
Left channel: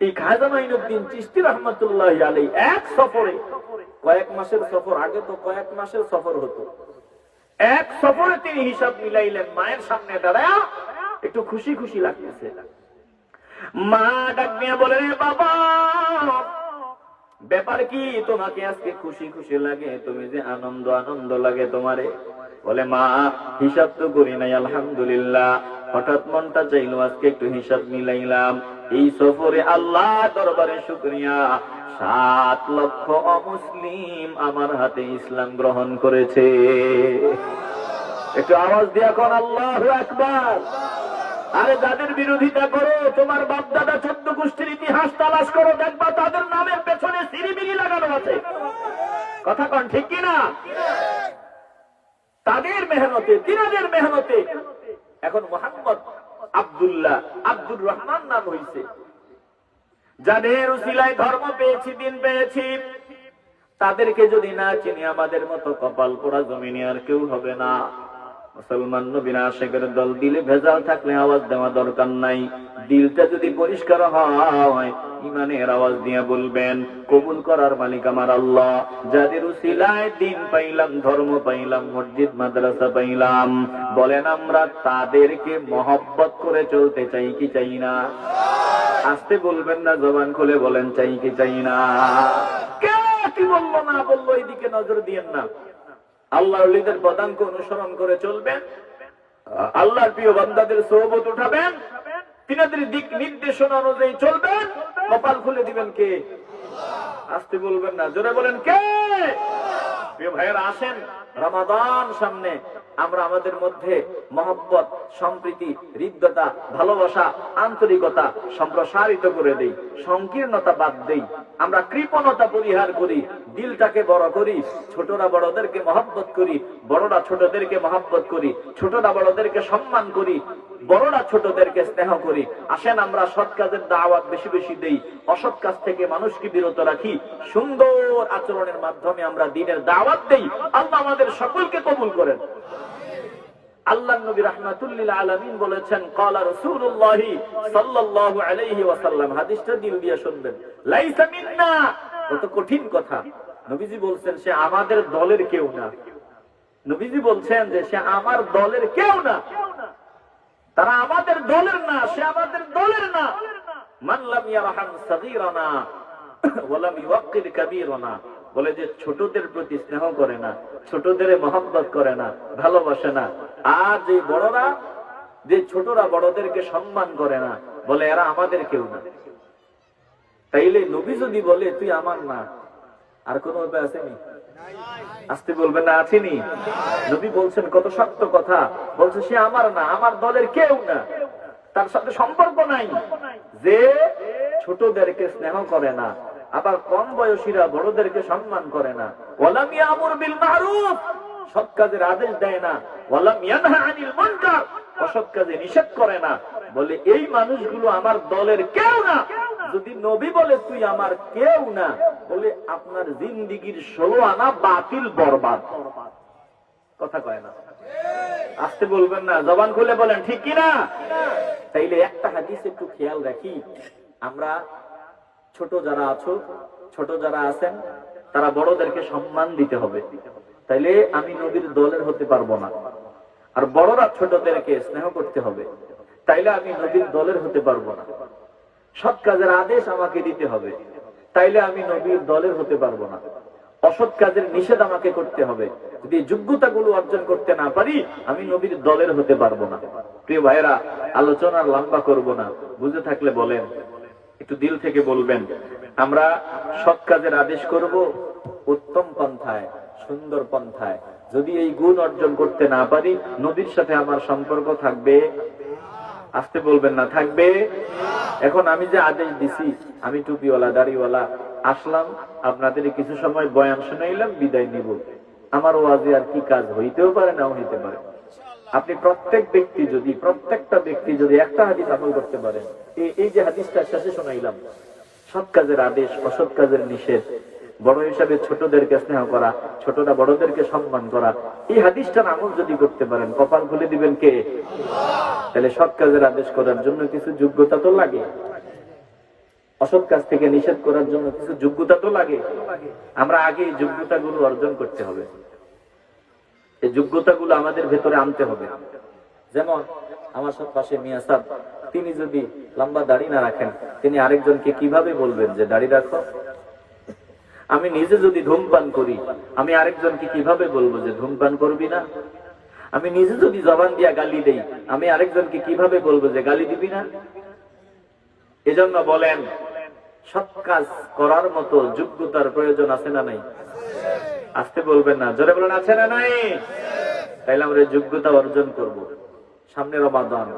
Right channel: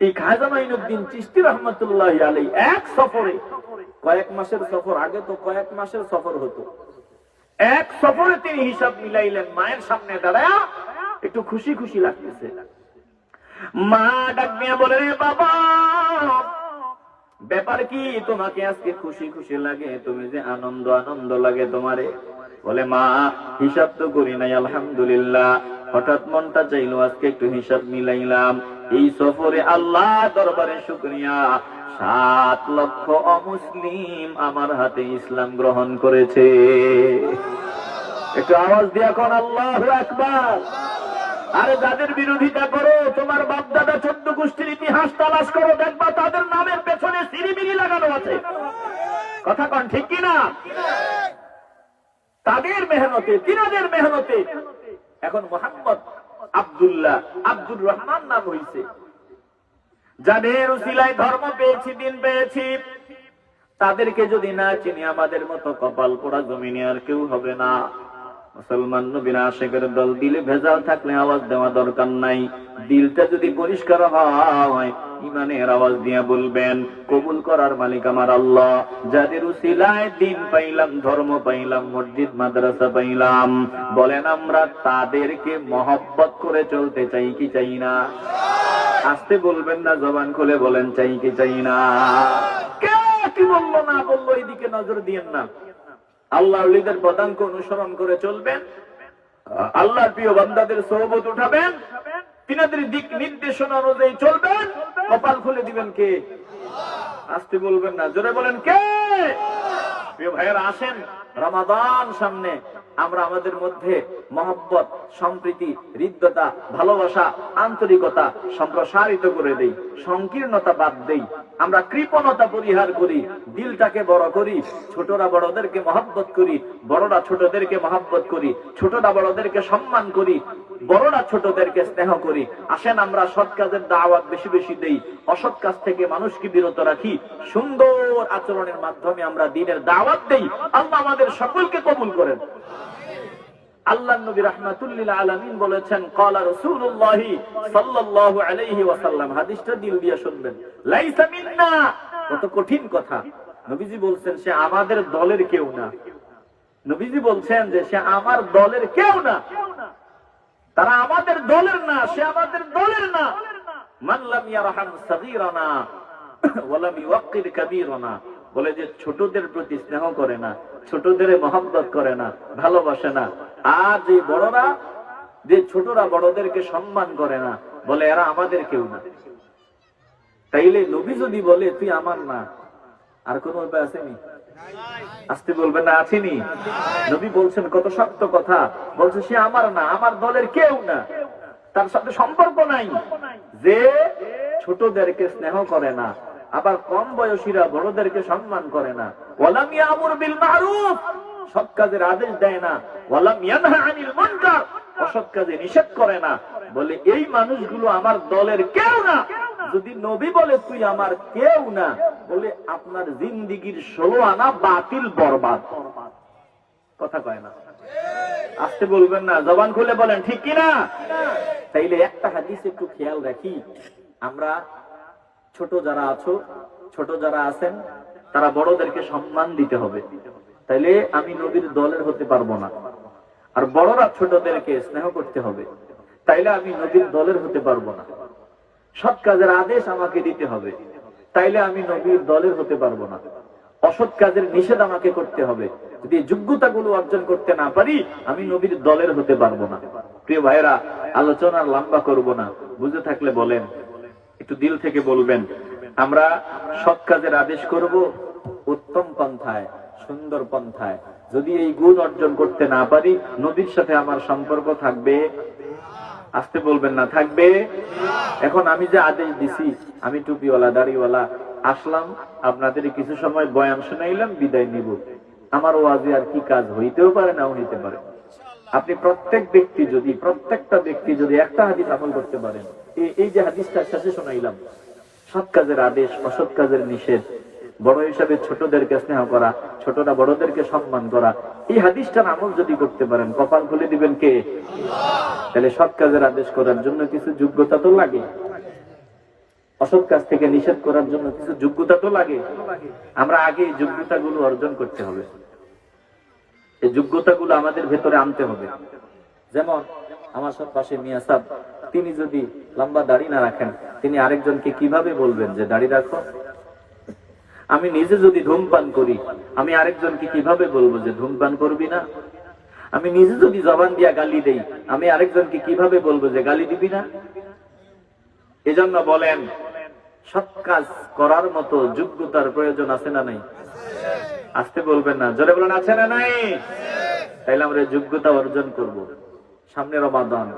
এই খাজা মাইনুদ্দিন চিশতি রহমতুল্লাহি আলাইহি এক সফরে, কয়েক মাসের সফর, আগে তো কয়েক মাসের সফর হতো, এক সফরে তিনি হিসাব মিলাইলেন। মায়ের সামনে দাঁড়ায় একটু খুশি খুশি লাগতেছে। মা ডাক দিয়া বলে, রে বাবা, ব্যাপার কি? তোমাকে আজকে খুশি খুশি লাগে, তুমি যে আনন্দ আনন্দ লাগে তোমারে? বলে, মা হিসাব তো করি নাই, আলহামদুলিল্লাহ, হঠাৎ মনটা চাইলো আজকে একটু হিসাব মিলাইলাম। এই সফরে আল্লাহ দরবারে শুকরিয়া, 7 লক্ষ অমুসলিম আমার হাতে ইসলাম গ্রহণ করেছে। একটু আওয়াজ দিয়া কোন আল্লাহু আকবার। আরে যাদের বিরোধিতা করো, তোমার বাপ দাদা 14 গোষ্ঠীর ইতিহাস তালাশ করো, দেখবা তাদের নামের পেছনে সিরিবিরি লাগানো আছে। কথা কোন ঠিক কিনা? তাদের মেহনতে, তিনাদের মেহনতে এখন মোহাম্মদ আব্দুল্লাহ, আব্দুর রহমান নাম হয়েছে। যাদের উসিলায় ধর্ম পেয়েছি, দিন পেয়েছি, তাদেরকে যদি না চিনি, আমাদের মতো কপাল পোড়া জমিনে আর কেউ হবে না। মুসলমান নবীর আশিকের দল, দিলে ভেজাল থাকলে আওয়াজ দেওয়া দরকার নাই। দিলটা যদি পরিষ্কার হয়, ইমানের আওয়াজ দিয়ে বলবেন, কবুল করার মালিক আমার আল্লাহ। যাদের উসিলায় দিন পাইলাম, ধর্ম পাইলাম, মসজিদ মাদ্রাসা পাইলাম, বলেন আমরা তাদেরকে মহব্বত করে চলতে চাই কি চাই না? আসতে বলবেন না, জবান খুলে বলেন চাই কি চাই না? কে কি বললো না বললো এদিকে নজর দিয়েন না। আল্লাহ ওলিদের পদাঙ্ক অনুসরণ করে চলবেন, আল্লাহর প্রিয় বান্দাদের সোহবত উঠাবেন, তিনাদের দিক নির্দেশনা অনুযায়ী চলবেন, কপাল খুলে দিবেন কে? আসতে বলবেন না, জোরে বলেন কে? প্রিয় ভাইয়েরা, আসেন রমাদান সামনে, আমরা আমাদের মধ্যে মহব্বত, সম্প্রীতি, হৃদ্যতা, ভালোবাসা, আন্তরিকতা সম্প্রসারিত করে দেই, সংকীর্ণতা বাদ দেই, আমরা কৃপণতা পরিহার করি, দিলটাকে বড় করি, ছোটরা বড়দেরকে মহব্বত করি, বড়রা ছোটদেরকে মহব্বত করি, ছোটরা বড়দেরকে সম্মান করি, বড়রা ছোটদেরকে স্নেহ করি। আসেন আমরা সৎ কাজের দাওয়াত বেশি বেশি দেই, অসৎ কাজ থেকে মানুষকে বিরত রাখি, সুন্দর আচরণের মাধ্যমে আমরা দ্বীনের দাওয়াত দেই। আল্লাহ আমাদের সকলকে কবুল করেন। আল্লাহ নবী রাহমাতুল লিল আলামিন বলেছেন, ক্বালা রাসূলুল্লাহ সাল্লাল্লাহু আলাইহি ওয়াসাল্লাম, হাদিসটা দিল দিয়ে শুনবেন, লাইসা মিন্না। কত কঠিন কথা। নবীজি বলছেন সে আমাদের দলের কেউ না। নবীজি বলছেন যে সে আমার দলের কেউ না, তারা আমাদের দলের না, সে আমাদের দলের না। মান লাম ইয়ারহাম সাগীরানা ওয়া লাম ইওয়াক্কির কাবীরানা, বলে যে ছোটদের প্রতি স্নেহ করে না, ছোটদের মহব্বত করে না, ভালোবাসে না। আর যে বড়রা, যে ছোটরা বড়দেরকে সম্মান করে না, বলে এরা আমাদের কেউ না। তাইলে নবী যদি বলে তুই আমার না, আর কোন উপায় আসেনি? আসতে বলবেন না, আসেনি? নবী বলছেন কত শক্ত কথা, বলছে সে আমার না, আমার দলের কেউ না, তার সাথে সম্পর্ক নাই, যে ছোটদেরকে স্নেহ করে না, আবার কম বয়সীরা বড়দেরকে সম্মান করে না, ওয়ালাম ইয়ামুর বিল মারুফ, সৎ কাজের আদেশ দেয় না, ওয়ালাম ইয়ানহা আনিল মুনকার, অসৎ কাজে নিষেধ করে না, বলে এই মানুষগুলো আমার দলের কেউ না। যদি নবী বলে তুই আমার কেউ না, বলে আপনার জিন্দিগির 16 আনা বাতিল, বরবাদ। কথা কয় না? আসতে বলবেন না, জবান খুলে বলেন ঠিক কিনা? তাইলে একটা হাদিস একটু খেয়াল রাখি, আমরা ছোট যারা আছো, ছোট যারা আছেন, তারা বড়দেরকে সম্মান দিতে হবে। তাইলে আমি নবীর দলের হতে পারবো না। আর বড়রা ছোটদেরকে স্নেহ করতে হবে, তাইলে আমি নবীর দলের হতে পারবো না। সৎ কাজের আদেশ আমাকে দিতে হবে, তাইলে আমি নবীর দলের হতে পারবো না। অসৎ কাজের নিষেধ আমাকে করতে হবে। যদি যোগ্যতাগুলো অর্জন করতে না পারি, আমি নবীর দলের হতে পারবো না। প্রিয় ভাইয়েরা, আলোচনা লম্বা করব না, বুঝে থাকলে বলেন, একটু দিল থেকে বলবেন। আমরা সৎ কাজের আদেশ করব উত্তম পন্থায়, সুন্দর পন্থায়। যদি এই গুণ অর্জন করতে না পারি, নবীর সাথে আমার সম্পর্ক থাকবে? আসতে বলবেন না, থাকবে? এখন আমি যে আদেশ দিছি, আমি টুপিওয়ালা দাড়িওয়ালা আসলাম, আপনাদের কিছু সময় বয়ান শুনাইলাম, বিদায় নিব। আমার ওয়াজে আর কি কাজ হইতেও পারে, না হইতে পারে। আপনি প্রত্যেকটা ব্যক্তি যদি একটা হাদিস আমল করতে পারেন, এই যে হাদিসটা শেষে শোনাইলাম, সৎ কাজের আদেশ, অসৎ কাজের নিষেধ, বড় হিসাবে ছোটদেরকে স্নেহ করা, ছোটরা বড়দেরকে সম্মান করা, এই হাদিসটার আমল যদি করতে পারেন, কপাল খুলে দিবেন কে? তাহলে সৎ কাজের আদেশ করার জন্য কিছু যোগ্যতা তো লাগে, অসৎ কাজ থেকে নিষেধ করার জন্য কিছু যোগ্যতা তো লাগে। আমরা আগে এই যোগ্যতাগুলো অর্জন করতে হবে, এই যোগ্যতাগুলো আমাদের ভেতরে আনতে হবে। যেমন আমার সব পাশে মিয়া সাহেব, তিনি যদি লম্বা দাড়ি না রাখেন, তিনি আরেকজনকে কিভাবে বলবেন যে দাড়ি রাখো? আমি নিজে যদি ধূমপান করি, আমি আরেকজনকে কিভাবে বলবো যে ধূমপান করবি না? আমি নিজে যদি জবান দিয়া গালি দেই, আমি আরেকজনকে কিভাবে বলবো যে গালি দিবি না? এজন্য বলেন, সৎ কাজ করার মতো যোগ্যতার প্রয়োজন আছে না নাই? আসতে বলবেন না, জোরে বলেন আছে না নাই? তাইলে আমরা এই যোগ্যতা অর্জন করব। সামনে রমাদান,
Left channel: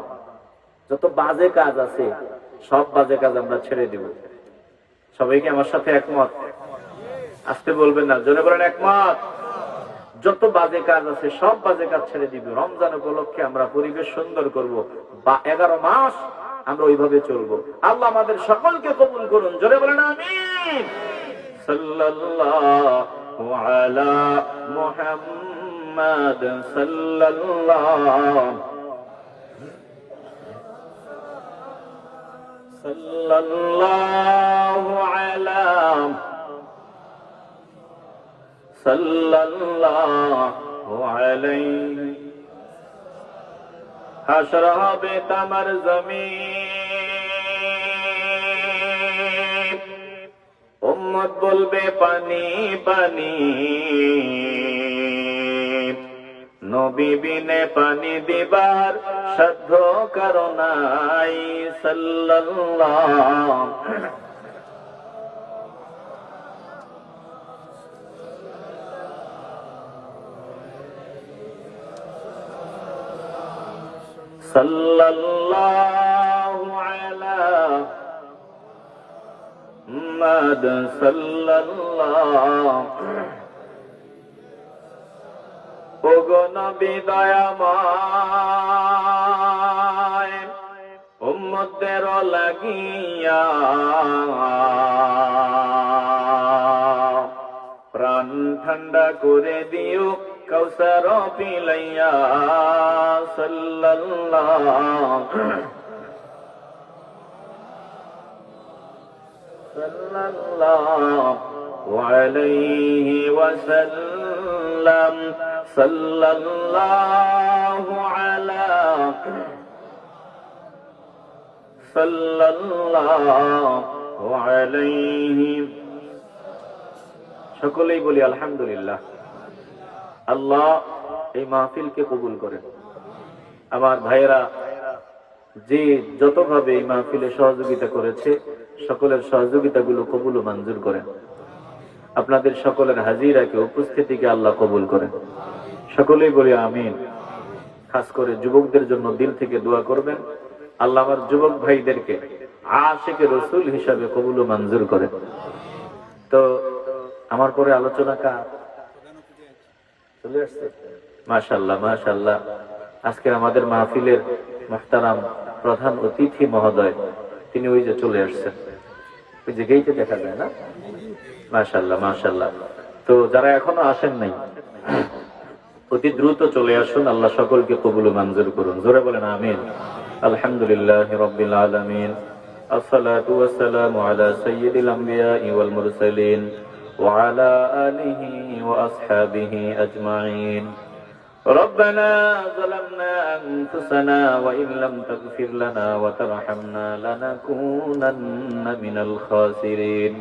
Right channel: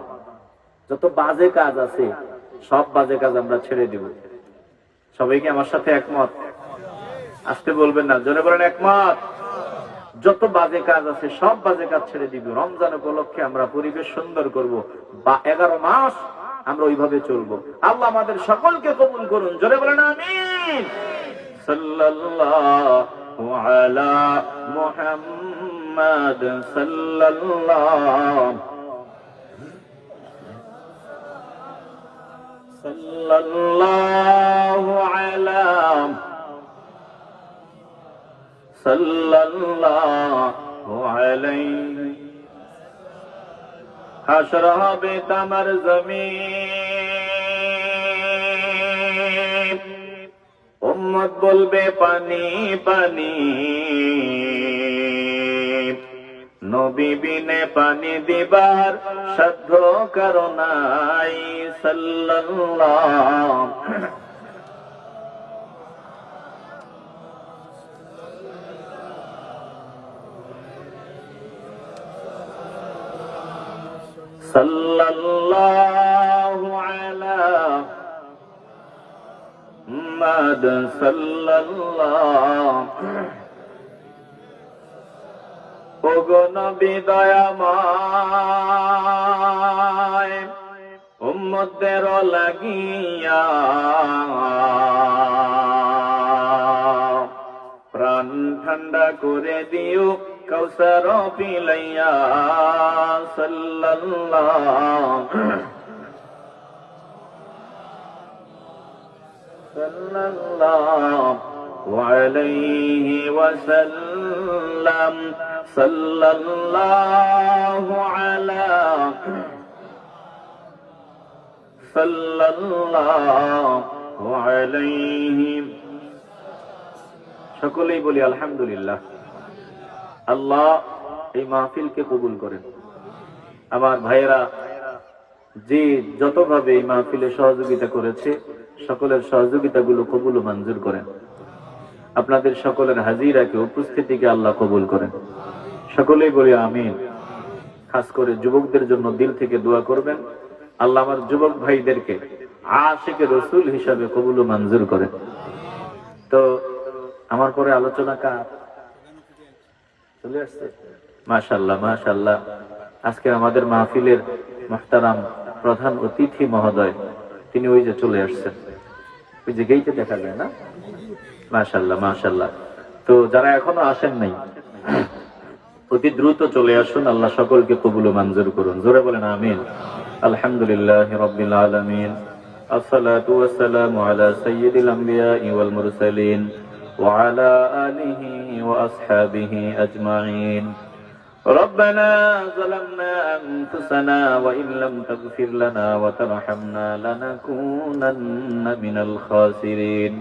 যত বাজে কাজ আছে সব বাজে কাজ আমরা ছেড়ে দেব। সবাইকে আমার সাথে একমত? আসতে বলবেন না, জোরে বলেন একমত। যত বাজে কাজ আছে সব বাজে কাজ ছেড়ে দিব। রমজান উপলক্ষে আমরা পরিবেশ সুন্দর করব, বা 11 মাস আমরা ওইভাবে চলবো। আল্লাহ আমাদের সকলকে কবুল করুন, জোরে বলেন আমিন। সাল্লাল্লাহু আলা মুহাম্মাদ সাল্লাল্লাহু আলা সাল্লাল্লাহু আলাইহি। হাসর হবে তামার জমিন, উম্মত বলবে পানি পানি, নবী বিনে পানি দিবার সাধ্য কারো নাই। সাল্লাল্লাহু সাল্লাল্লাহু আলা মুহাম্মাদ সাল্লাল্লাহু। ওগো নবী দয়াময়, উম্মতদের লাগিয়া প্রাণ ঠান্ডা করে দিও কাউসার পিলাইয়া। সাল্লাল্লাহু আলাইহি ওয়াসাল্লাম। সাল্লাল্লাহু আলা সাল্লাল্লাহু আলাইহি। সকলেই বলি আলহামদুলিল্লাহ। আল্লাহ এই মাহফিলকে কবুল করেন। আমার ভাইয়েরা যে যতভাবে এই মাহফিলে সহযোগিতা করেছে, সকলের সহযোগিতাগুলো কবুল ও মঞ্জুর করেন। আপনাদের সকলের হাজিরাকে, উপস্থিতিকে আল্লাহ কবুল করেন। সকলেই বলি আমিন। খাস করে যুবকদের জন্য দিল থেকে দোয়া করবেন, আল্লাহ আমার যুবক ভাইদেরকে আশিকে রসুল হিসাবে কবুল ও মঞ্জুর করেন। তো আমার পরে আলোচনা চলে আসছে। মাশাআল্লাহ মাশাআল্লাহ। আজকে আমাদের মাহফিলের মুহতারাম প্রধান অতিথি মহোদয়, তিনি ওই যে চলে আসছেন, ওই যে গেইটে দেখা যায় না। মাশাআল্লাহ মাশাআল্লাহ। তো যারা এখনো আসেন নাই, অতি দ্রুত চলে আসুন। আল্লাহ সকলকে কবুল ও মঞ্জুর করুন। জোরে বলেন আমিন। আলহামদুলিল্লাহি রাব্বিল আলামিন। আসসালাতু ওয়াসসালামু আলা সাইয়্যিদিল আমবিয়াই ওয়াল মুরসালিন ওয়া আলা আলিহি ওয়া আসহাবিহি আজমাইন। ربنا ظلمنا أنفسنا وإن لم تغفر لنا وترحمنا لنكونن من الخاسرين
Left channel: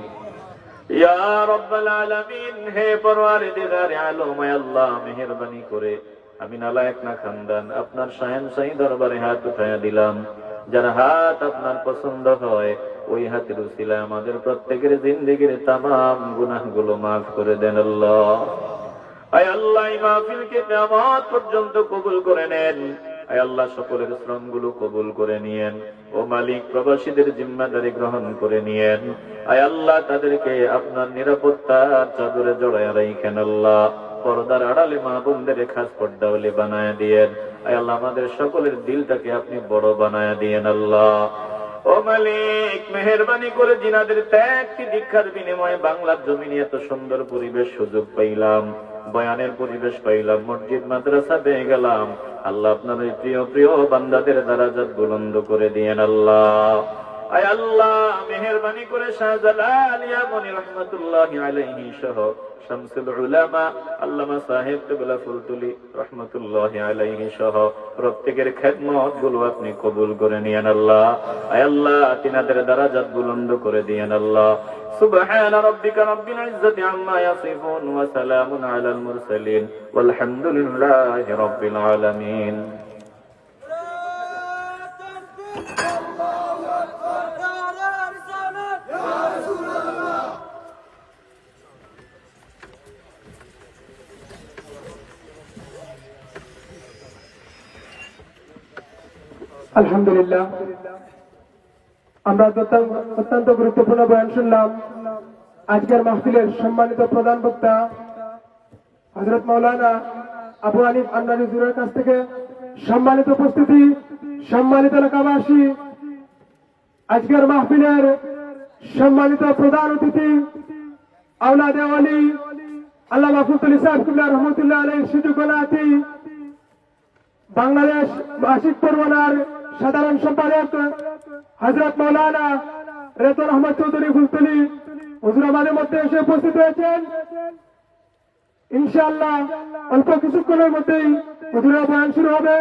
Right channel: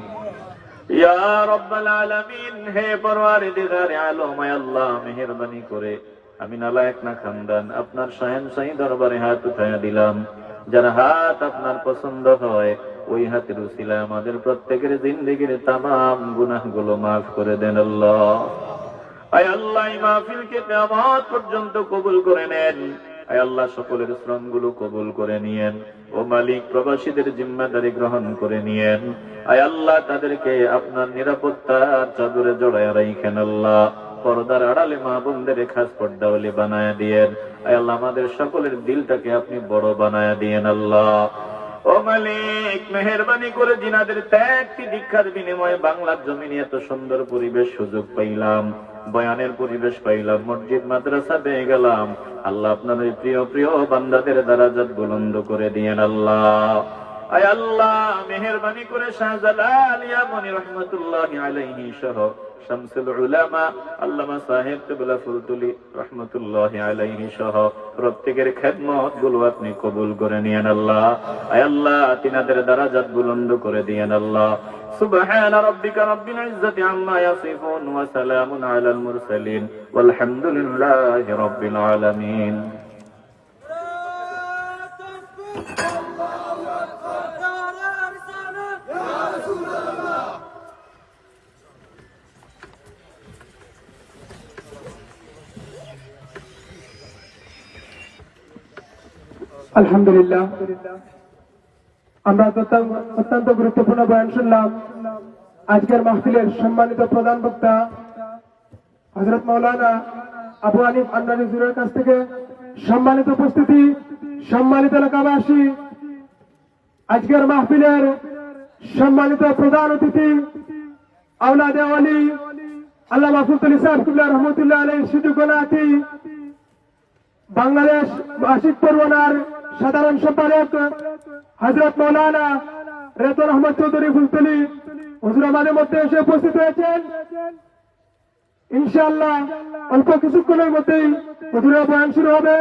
يا رب العالمين। হে পরওয়ারদিগার আলম, হে আল্লাহ মেহেরবানি করে আমি নালায়েক না খানদান আপনার শাহেনশাহী দরবারে হাত উঠাইয়া দিলাম। যার হাত আপনার পছন্দ হয় ওই হাতের উসিলায় আমাদের প্রত্যেকের জিন্দেগীর তামাম গুনাহগুলো মাফ করে দেন আল্লাহ। আয় আল্লাহ এই মাহফিলকে কিয়ামত পর্যন্ত কবুল করে নেন। আয় আল্লাহ সকলের শ্রমগুলো কবুল করে নিয়েন। ও মালিক, প্রবাসীদের জিম্মাদারি গ্রহণ করে নিয়েন। আয় আল্লাহ তাদেরকে আপনার নিরাপত্তার চাদরে জড়ায় রাখেন আল্লাহ। পর্দার আড়ালে মা বোনদের খাস পর্দাওয়ালি বানায় দিয়েন। আয় আল্লাহ আমাদের সকলের দিলটাকে আপনি বড় বানায় দিয়েন আল্লাহ। ও মালিক, মেহেরবানি করে জিনাদের ত্যাগ দীক্ষার বিনিময়ে বাংলার জমিনে এত সুন্দর পরিবেশ সুযোগ পাইলাম, বয়ানের পরিবেশ পাইলাম, মসজিদ মাদ্রাসা পেয়ে গেলাম। আল্লাহ আপনার প্রিয় প্রিয় বান্দাদের দারাজাত বুলন্দ করে দিয়েন আল্লাহ। আয় আল্লাহ মেহেরবানি করে শাহজালাল ইয়ামনি রহমাতুল্লাহি আলাইহি সহ শামসুল উলামা আল্লামা সাহেব কিবলা ফুলতুলি রহমাতুল্লাহি আলাইহি সহ প্রত্যেকের খেদমত গুলো আপনি কবুল করে নিয়েন আল্লাহ। আয় আল্লাহ তিনাদের দারাজাত বুলন্দ করে দিয়েন আল্লাহ। সুবহান রাব্বিকা রাব্বিল ইজ্জাতি আম্মা ইয়াসিফুন ওয়া সালামুন আলাল মুরসালিন ওয়ালহামদুলিল্লাহি রাব্বিল আলামিন। আলহামদুলিল্লাহ, আমরা অত্যন্ত গুরুত্বপূর্ণ বয়ান শুনলাম। আজকের মাহফিলের সম্মানিত প্রধান বক্তা হযরত মাওলানা আবু হানিফ আন্নারীর কাছ থেকে সম্মানিত উপস্থিতি, সম্মানিত এলাকাবাসী, আজকের মাহফিলের সম্মানিত প্রধান অতিথি আওলাদে ওয়ালি আল্লামা ফুলতুলি সাহেব কিবলা রহমাতুল্লাহ আলাইহি সুজুকলাতি, বাংলাদেশ আশিক পরগনার সাধারণ সম্পাদক হযরত মাওলানা রেজাউল আহমদ চৌধুরী ফুলতুলি হুজুর আমাদের মধ্যে এসে উপস্থিত হয়েছেন। ইনশাআল্লাহ অল্প কিছুক্ষণের মধ্যেই হুজুরের বয়ান শুরু হবে।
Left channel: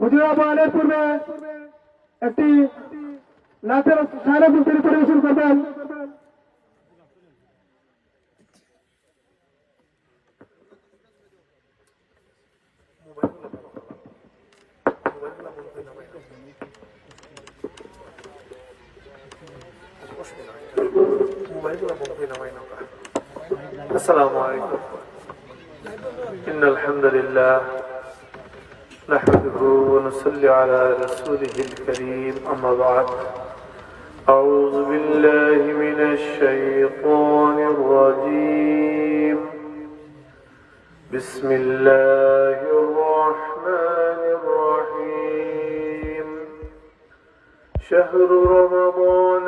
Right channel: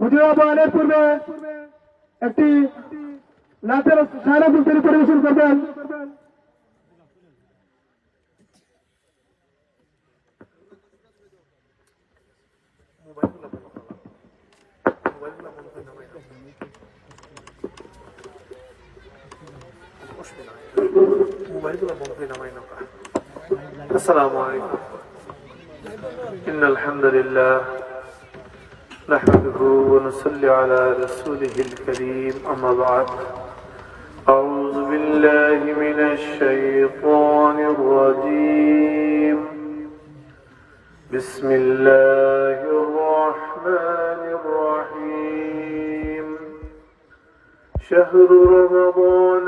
হুজুরের বয়ানের পূর্বে একটি নাচের সারা ফুলতুলি পরিবেশন করবেন। السلام عليكم. إن الحمد لله نحمده ونصلي على رسوله الكريم. أما بعد، أعوذ بالله من الشيطان الرجيم. بسم الله الرحمن الرحيم. شهر رمضان